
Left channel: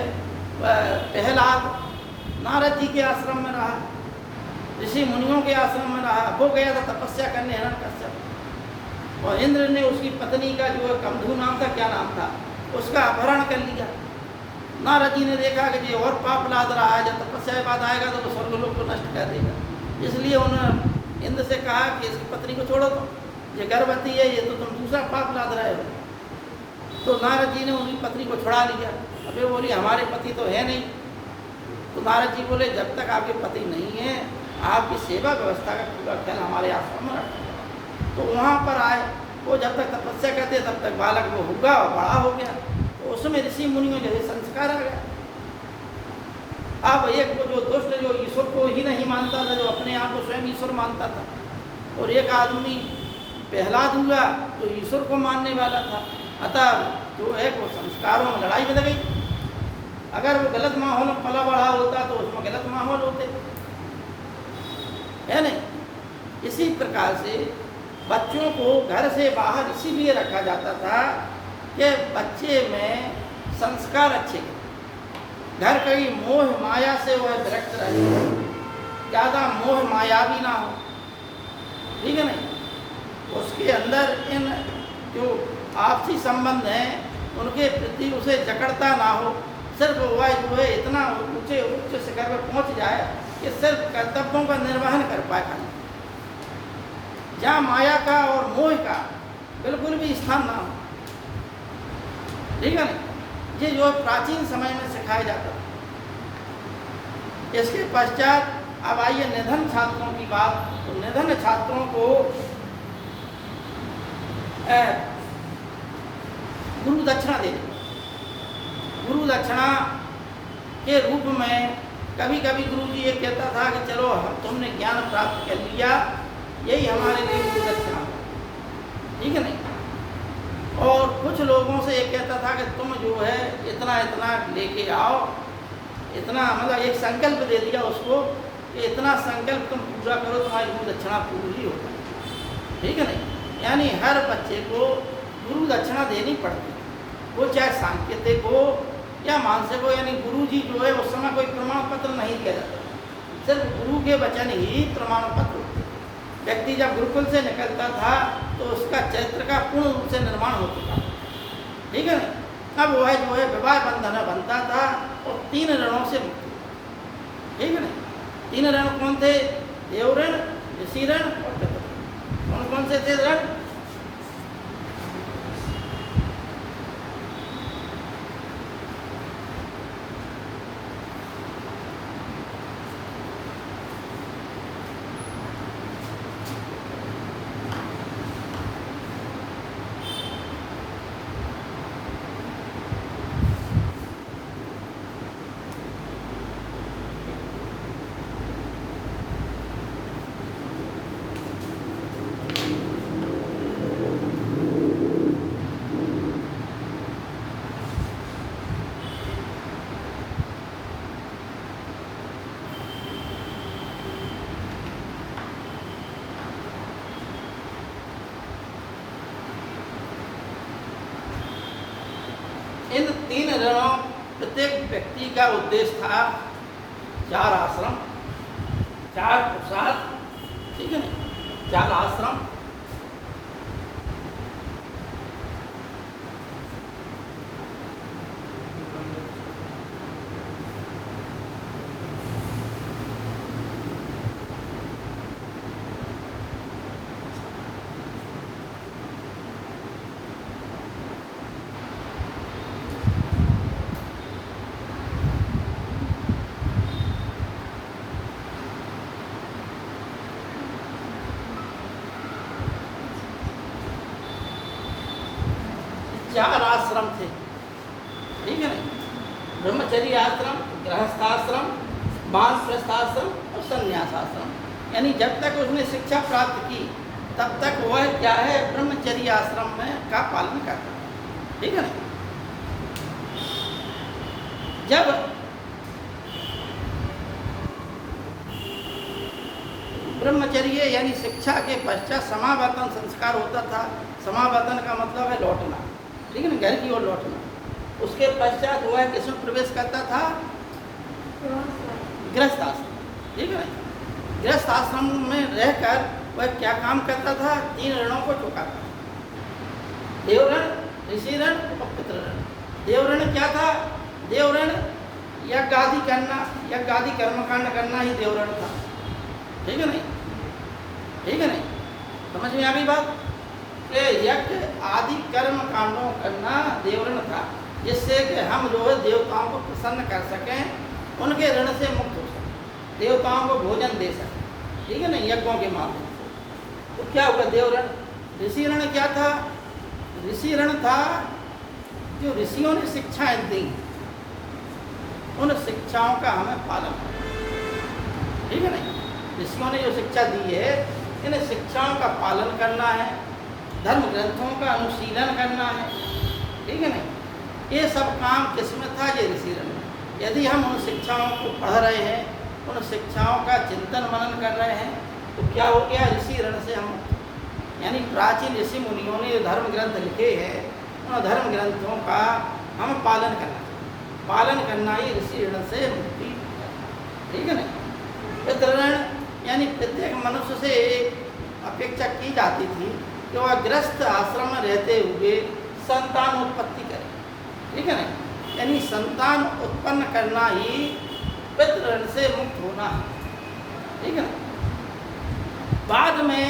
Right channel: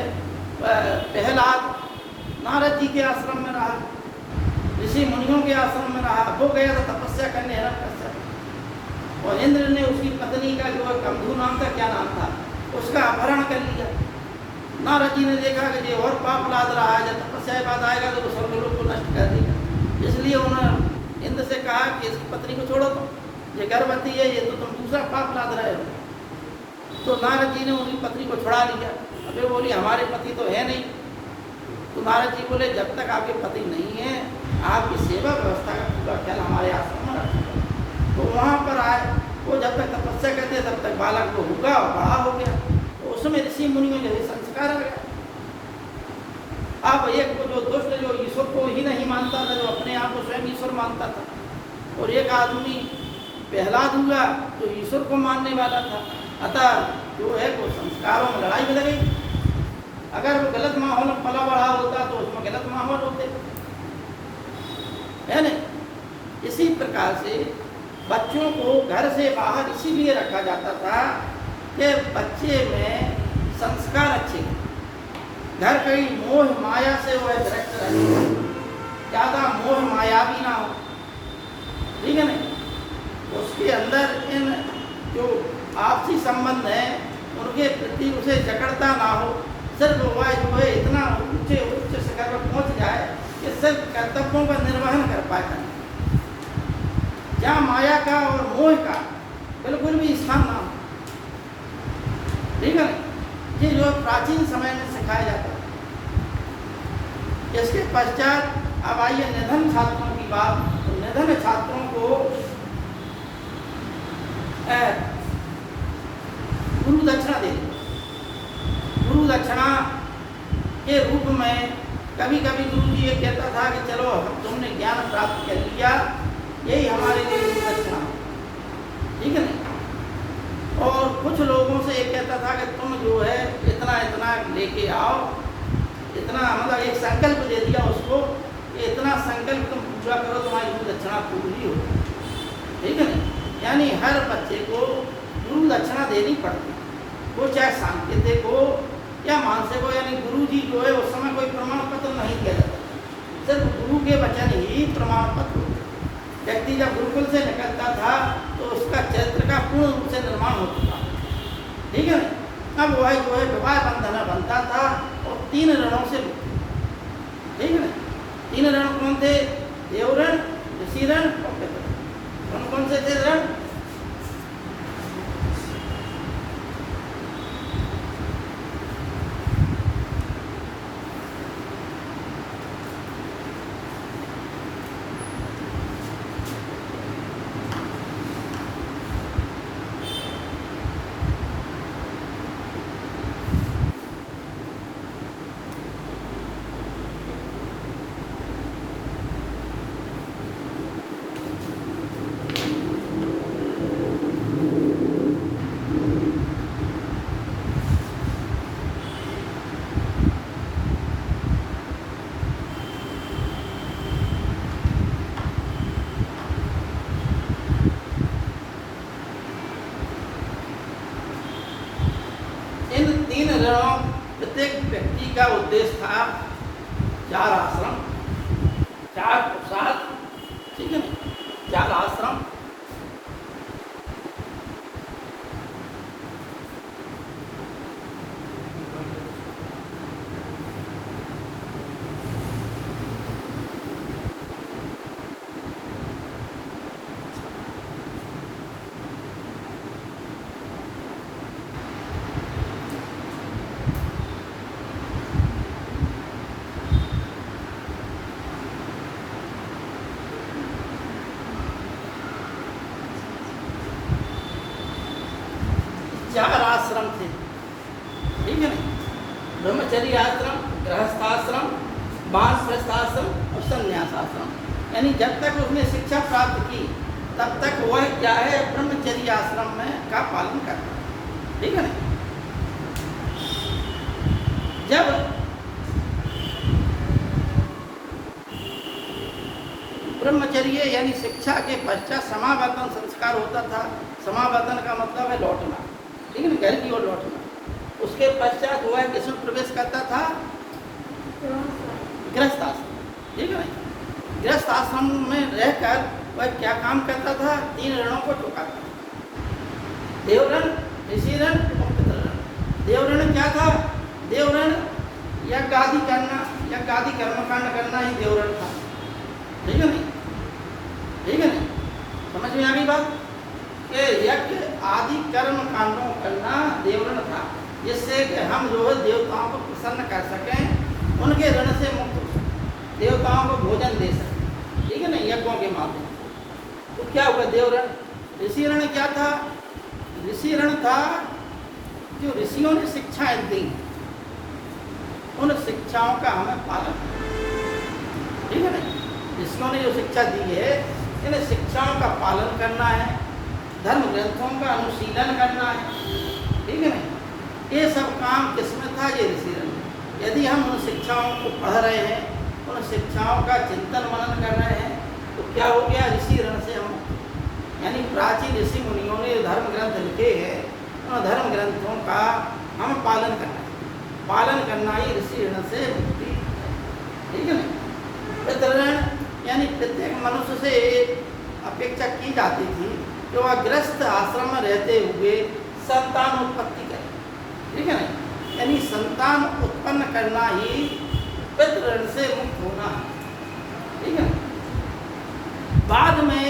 प्रहलाद नारद जी के आश्रम में रहा, ऋषि मुनियों के आश्रम में रहा, वो गया था तपस्या करने हिरण्यकश्यप, और इंद्र ने उसकी पत्नी का जो कंधु नाम था, क्या नाम था, उसका अपहरण कर लिया। नारद जी ने देखा कि ये और पाप लाद रहा है, जब तपस्या के बाद आएगा तो वो स्वर्गलोक को नष्ट कर देगा। इसलिए उन्होंने इंद्र से कहा कि इसकी पत्नी को छोड़ो, तुम ये गर्भवती है, ये तो तुम दूसरा पाप लाद रहे हो। तो नारद जी ने उनकी पत्नी को छुड़ा लिया। अब ये बोली हमारे पति तो है नहीं। तो नारद जी बोले जब तक आपके पति नहीं है आपकी सेवा व्यवस्था का पूरा ख्याल हमारे आश्रम में रखें। तो वहाँ पर आए, वो जब तक तपस्या करते तब तक बालक वो होगा, बड़ा हो गया, तो उसमें ऋषि मुनियों जैसे संस्कार आ गया। अब एक जो दुष्ट जो ईश्वर को ही नहीं मानता था, जो अपने आप को स्वयं ईश्वर मानता था, और एक आदमी प्रहलाद हुआ जो ईश्वर को मानने वाला था। अतः जो है वो संस्कारों में लड़ाई बदल गई। अगर वो गलत माहौल में पला बढ़ा होता तो उसमें गलत माहौल होते, है ना। इसी प्रकार से बच्चों को घर से बाहर इसीलिए रखा जाता था कि बच्चे में संस्कार अच्छे, घर कहीं मोह माया से वह विरक्त रहे, ज़्यादा मोह माया भी ना हो, ठीक है ना। उसके अंदर इन जो आपसी संबंध हैं उनके प्रति उसे जकड़ता ना हो। सिर्फ वह जो है इतना ऊंचे उच्च शिखर पर पहुँच जाए कि सिर्फ कर्तव्यों का निर्वहन कर पाए, जहाँ माया का और मोह का बिल्कुल भी स्थान ना हो, ठीक है ना। ये जो प्राचीन समय में सिखाया जाता है। इसके पश्चात अब आइए निधन छात्रों की बात। तो निधन छात्रों को गुरु दक्षिणा दे, गुरु दक्षिणा के रूप में कभी कभी गुरु जी ये कहता था कि चलो हम तुमने ज्ञान प्राप्त कर लिया, यही हमारे लिए गुरु दक्षिणा, ठीक है ना। और कुछ लोगों से ये कहता था कि तुम जो है इतना इतना लेके आओ, इतना मतलब एक संकल्प दे दिया उसको, इतना संकल्प तुम पूरा करो तुम्हारी गुरु दक्षिणा पूरी हो, ठीक है ना। यानी हर बच्चे को गुरु दक्षिणा देनी पड़ती, वो चाहे सांकेतिक हो या मानसिक हो। यानी गुरु जी जो है उस समय कोई प्रमाण पत्र नहीं दिया जाता, सिर्फ गुरु के वचन ही प्रमाण पत्र होते। व्यक्ति जब गुरुकुल से निकलता था तो उसका चरित्र का पूर्ण रूप से निर्माण हो चुका, ठीक है ना। अब वह जो है विवाह बंधन बनता था और 3 ऋणों से मुक्ति, ठीक है ना। तीन ऋण कौन थे? देव ऋण, ऋषि ऋण और पितृ ऋण। कौन कौन से थे ऋण? इन तीन ऋणों प्रत्येक व्यक्ति का उद्देश्य था 4 आश्रम, 4 पुरुषार्थ, ठीक है, 4 आश्रम। चार आश्रम थे, ठीक है ना? ब्रह्मचर्य आश्रम, गृहस्थाश्रम, वानप्रस्थ आश्रम और संन्यास आश्रम। यानी जब तक उसने शिक्षा प्राप्त की तब तक वह क्या है? ब्रह्मचर्य आश्रम में का पालन करता है, ठीक है ना? जब ब्रह्मचर्य यानी शिक्षा के पश्चात समावर्तन संस्कार होता था। समावर्तन का मतलब है लौटना, ठीक है ना, घर की ओर लौटना। उसके पश्चात वह किसमें प्रवेश करता था? गृहस्थ आश्रम, ठीक है। गृहस्थ आश्रम में रहकर वह क्या काम करता था? 3 ऋणों को चुकाता था, देव ऋण, ऋषि ऋण और पितृ ऋण। देव ऋण क्या था? देव ऋण यज्ञ आदि करना, यज्ञ आदि कर्मकांड करना ही देव ऋण था, ठीक है नहीं? ठीक है नहीं? समझ में आ गई बात? कि यज्ञ आदि कर्म कांडों करना देव ऋण था, जिससे कि हम जो देवताओं को प्रसन्न कर सकें, उनके ऋण से मुक्त हो सकें, देवताओं को भोजन दे सकें, ठीक है ना, यज्ञों के माध्यम से। तो क्या हुआ देव ऋण? ऋषि ऋण क्या था? ऋषि ऋण था जो ऋषियों ने शिक्षाएं दी, उन शिक्षाओं का हमें पालन करना, ठीक है ना? ऋषियों ने जो शिक्षा दी है, इन शिक्षाओं का पालन करना है, धर्म ग्रंथों का अनुशीलन करना है, ठीक है ना? ये सब काम किसमें था? ये ऋषि ऋण में। यदि हम उन शिक्षाओं को पढ़ रहे हैं, उन शिक्षाओं का चिंतन मनन कर रहे हैं, तो क्या हो गया? ऋषि ऋण से हम, यानी प्राचीन ऋषि मुनियों ने धर्म ग्रंथ लिखे हैं, उन धर्म ग्रंथों का हम पालन करना, पालन करना ही ऋषि ऋण से मुक्ति, ठीक है ना? पितृ ऋण यानी प्रत्येक मनुष्य से अपेक्षा की जाती थी कि वह गृहस्थ आश्रम में रहते हुए संतान उत्पत्ति करे, ठीक है ना? यानी संतान उत्पन्न करना ही पितृ ऋण से मुक्त होना, ठीक है ना? बाद में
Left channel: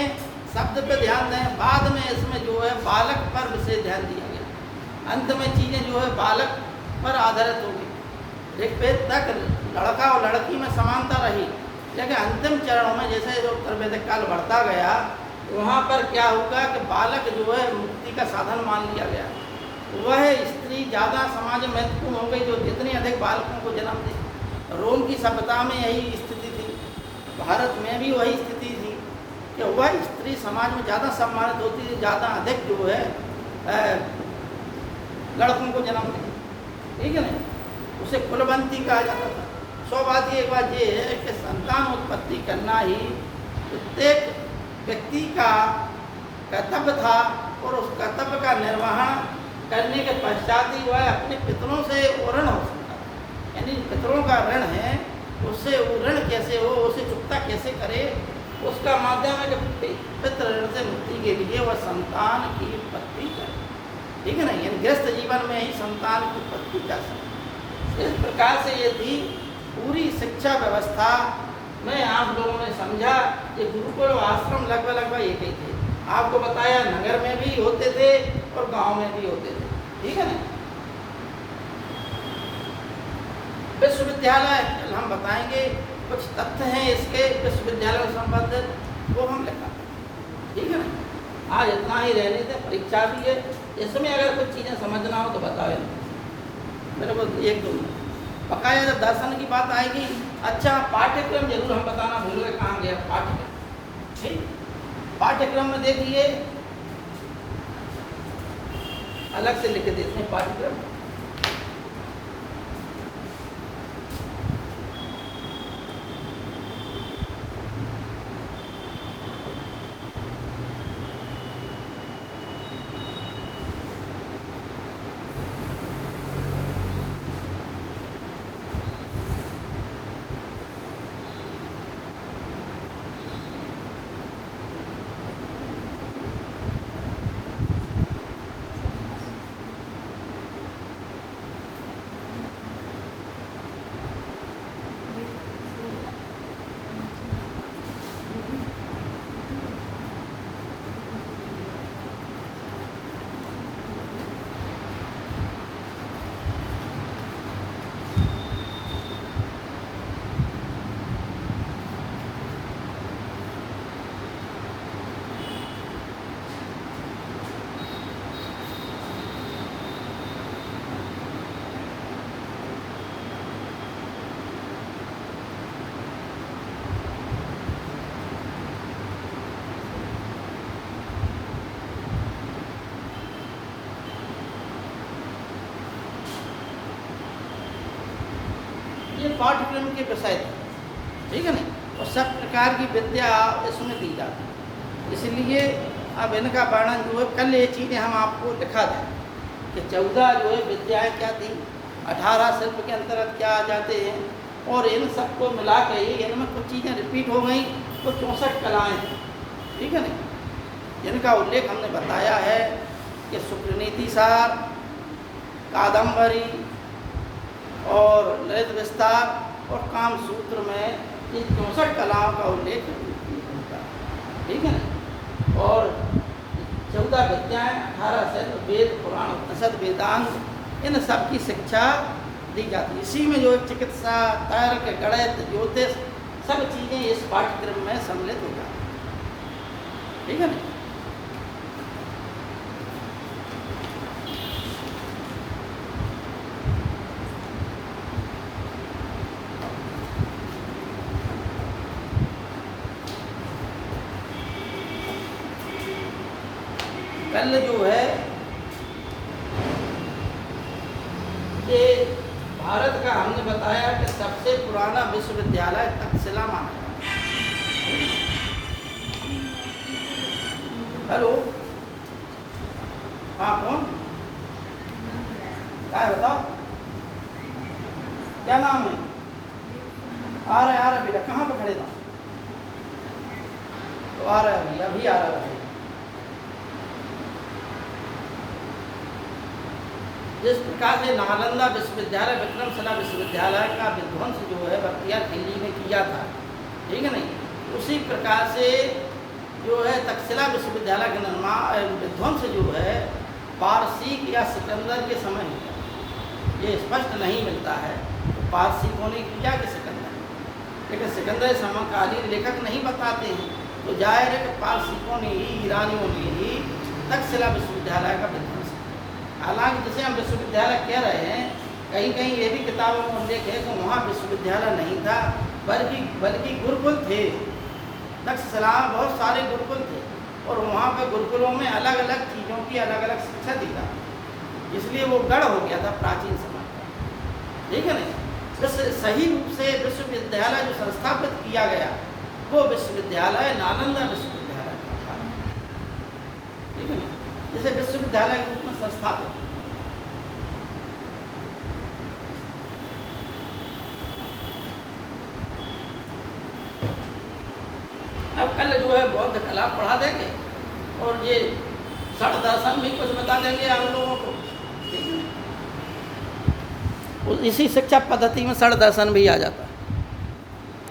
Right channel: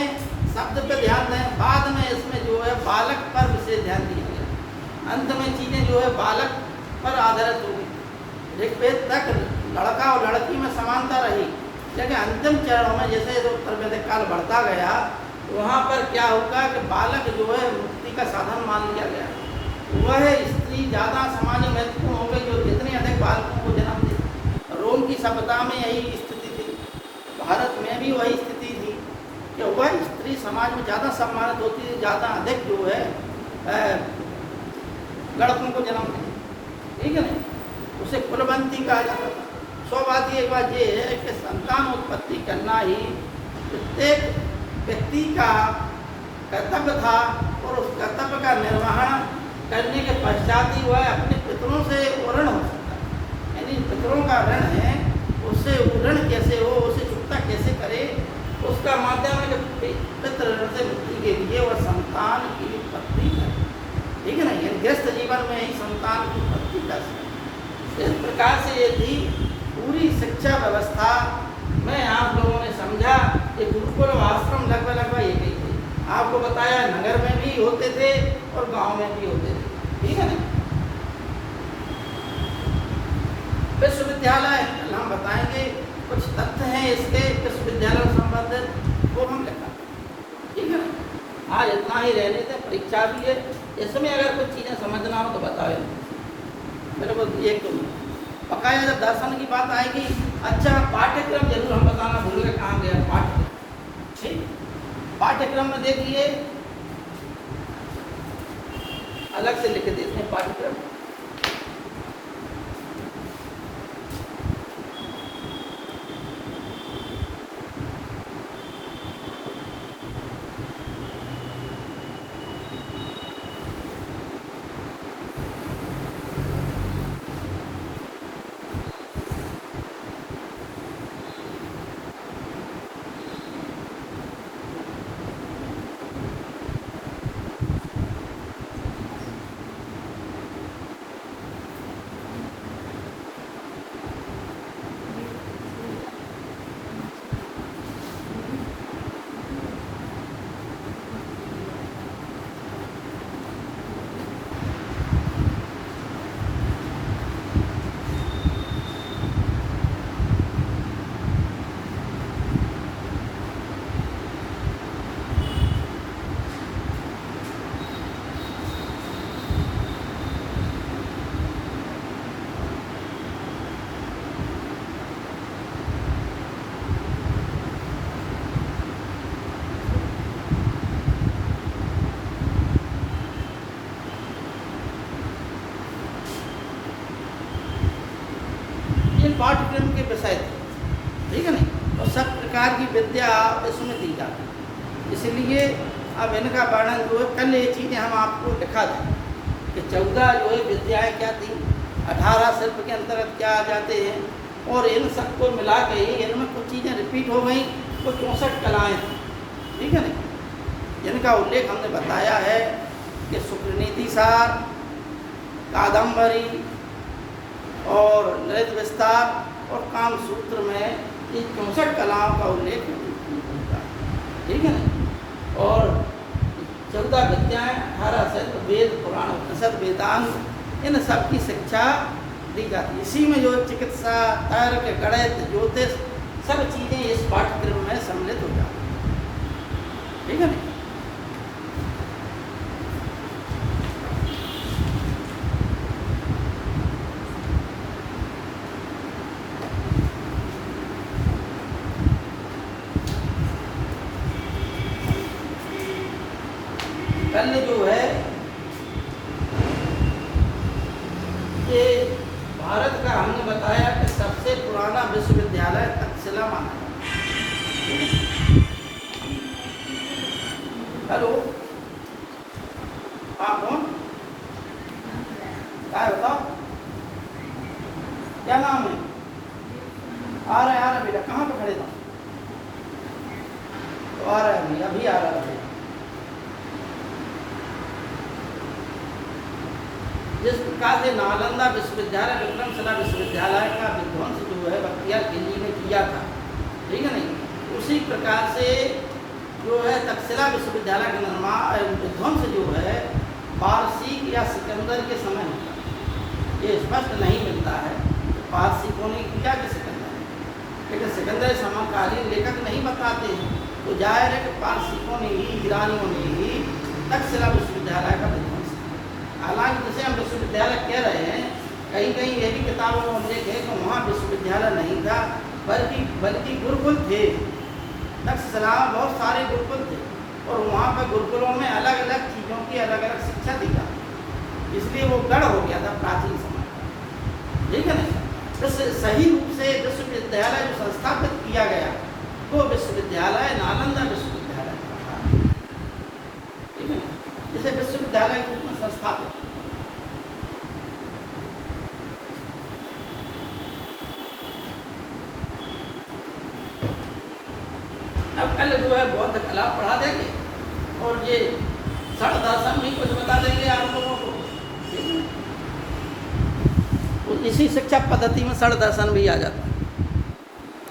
शब्द पे ध्यान दें, बाद में इसमें जो है बालक पर विशेष ध्यान दिया गया। अंत में चीज़ें जो है बालक पर आधारित हो गई। ऋग्वेद तक लड़का और लड़की में समानता रही, लेकिन अंतिम चरण में जैसे जो वैदिक काल बढ़ता गया, वहाँ पर क्या होगा कि बालक जो है मुक्ति का साधन मान लिया गया। वह स्त्री ज़्यादा समाज में महत्वपूर्ण हो गई, जो जितने अधिक बालकों को जन्म दी। रोम की सभ्यता में यही स्थिति थी, भारत में भी वही स्थिति थी कि वह स्त्री समाज में ज़्यादा सम्मानित होती थी, ज़्यादा अधिक जो है लड़कों को जन्म दी, ठीक है ना? उसे कुलवंती कहा जाता था। सौ बात ये है कि संतान उत्पत्ति करना ही प्रत्येक व्यक्ति का कर्तव्य था, और उस कर्तव्य का निर्वहन करने के पश्चात ही वह अपने पितरों से ऋण हो सकता है। यानी पितरों का ऋण है, उससे वो ऋण कैसे हो, उसे चुकता कैसे करे, उसका माध्यम है कि पितृ ऋण से मुक्ति के लिए वह संतान की उत्पत्ति करे, ठीक है ना? यानी गृहस्थ जीवन में ही संतान की उत्पत्ति कर सकते। इस प्रकार से ये थी पूरी शिक्षा व्यवस्था में आप लोगों ने समझा कि गुरुकुल और आश्रम लगभग एक ही थे। आपको बताया नगर में भी होते थे और गांव में भी होते थे, ठीक है ना। विश्वविद्यालय कल हम बताएंगे, कुछ तथ्य हैं इसके विश्वविद्यालय से संबंधित, वो हम लिखा, ठीक है ना। आज इतना ही रहने थे, परीक्षा भी है, इसमें अगर कुछ चीज़ें समझना हो तो बताए मेरे को एक दो पकाया। जब दर्शन की बात आएगी, अच्छा पाठ्यक्रम जरूर हम बताना भूल गए, कहाँ गया पाठ्यक्रम, ठीक। पाठ्यक्रम में देखिए, अलग से लिख देते हैं पाठ्यक्रम। पाठ्यक्रम के विषय थे, ठीक है ना। और सब प्रकार की विद्या इसमें दी जाती, इसलिए अब इनका वर्णन जो है, कल ये चीज़ें हम आपको दिखा दें कि 14 जो है विद्याएँ क्या थी, 18 शिल्प के अंतर्गत क्या आ जाते हैं, और इन सबको मिला के ही इनमें कुछ चीज़ें रिपीट हो गई, कुछ 64 कलाएँ थी, ठीक है ना। जिनका उल्लेख हमने बताया है कि शुक्रनीति सार, कादम्बरी और ललित विस्तार और कामसूत्र में ये 64 कलाओं का उल्लेख होता है, ठीक है ना। और 14 विद्याएँ, 18 शिल्प, वेद, पुराण, उपनिषद, वेदांत, इन सब की शिक्षा दी जाती है। इसी में जो चिकित्सा, तर्क, गणित, ज्योतिष, सब चीज़ें इस पाठ्यक्रम में सम्मिलित हो जाती हैं, ठीक है ना। कल जो है ये भारत का हमने बताया कि सबसे पुराना विश्वविद्यालय तक्षशिला माना जाता है। हेलो, आप कौन? क्या बताओ, क्या नाम है? आ रहा बेटा, कहाँ पे खड़े था? तो आ रहा है, अभी आ रहा है। जिस प्रकार से नालंदा विश्वविद्यालय, विक्रमशिला विश्वविद्यालय का विध्वंस जो है बख्तियार खिलजी ने किया था, ठीक है नहीं, उसी प्रकार से जो है तक्षशिला विश्वविद्यालय का निर्माण विध्वंस जो है पारसीक या सिकंदर के समय, ये स्पष्ट नहीं मिलता है पारसीकों ने किया कि सिकंदर, लेकिन सिकंदर समकालीन लेखक नहीं बताते हैं, तो जाहिर है कि पारसीकों ने ही, ईरानियों ने ही तक्षशिला विश्वविद्यालय का विध्वंस। हालांकि जिसे हम विश्वविद्यालय कह रहे हैं, कहीं कहीं ये भी किताबों में उल्लेख है कि वहाँ विश्वविद्यालय नहीं था, बल्कि गुरुकुल थे। तक्षशिला बहुत सारे गुरुकुल थे और वहाँ पर गुरुकुलों में अलग अलग चीज़ों की अलग अलग शिक्षा दी जाती, इसलिए वो गढ़ हो गया था प्राचीन समय, ठीक है ना। इस सही रूप से विश्वविद्यालय जो संस्थापित किया गया वो विश्वविद्यालय नालंदा विश्वविद्यालय था, ठीक है ना। जिसे विश्वविद्यालय के रूप में संस्थापित। अब कल जो है बौद्ध कला पढ़ा देंगे और ये षड दर्शन भी कुछ बता देंगे आप लोगों को, ठीक है। इसी शिक्षा पद्धति में षड दर्शन भी आ जाता है।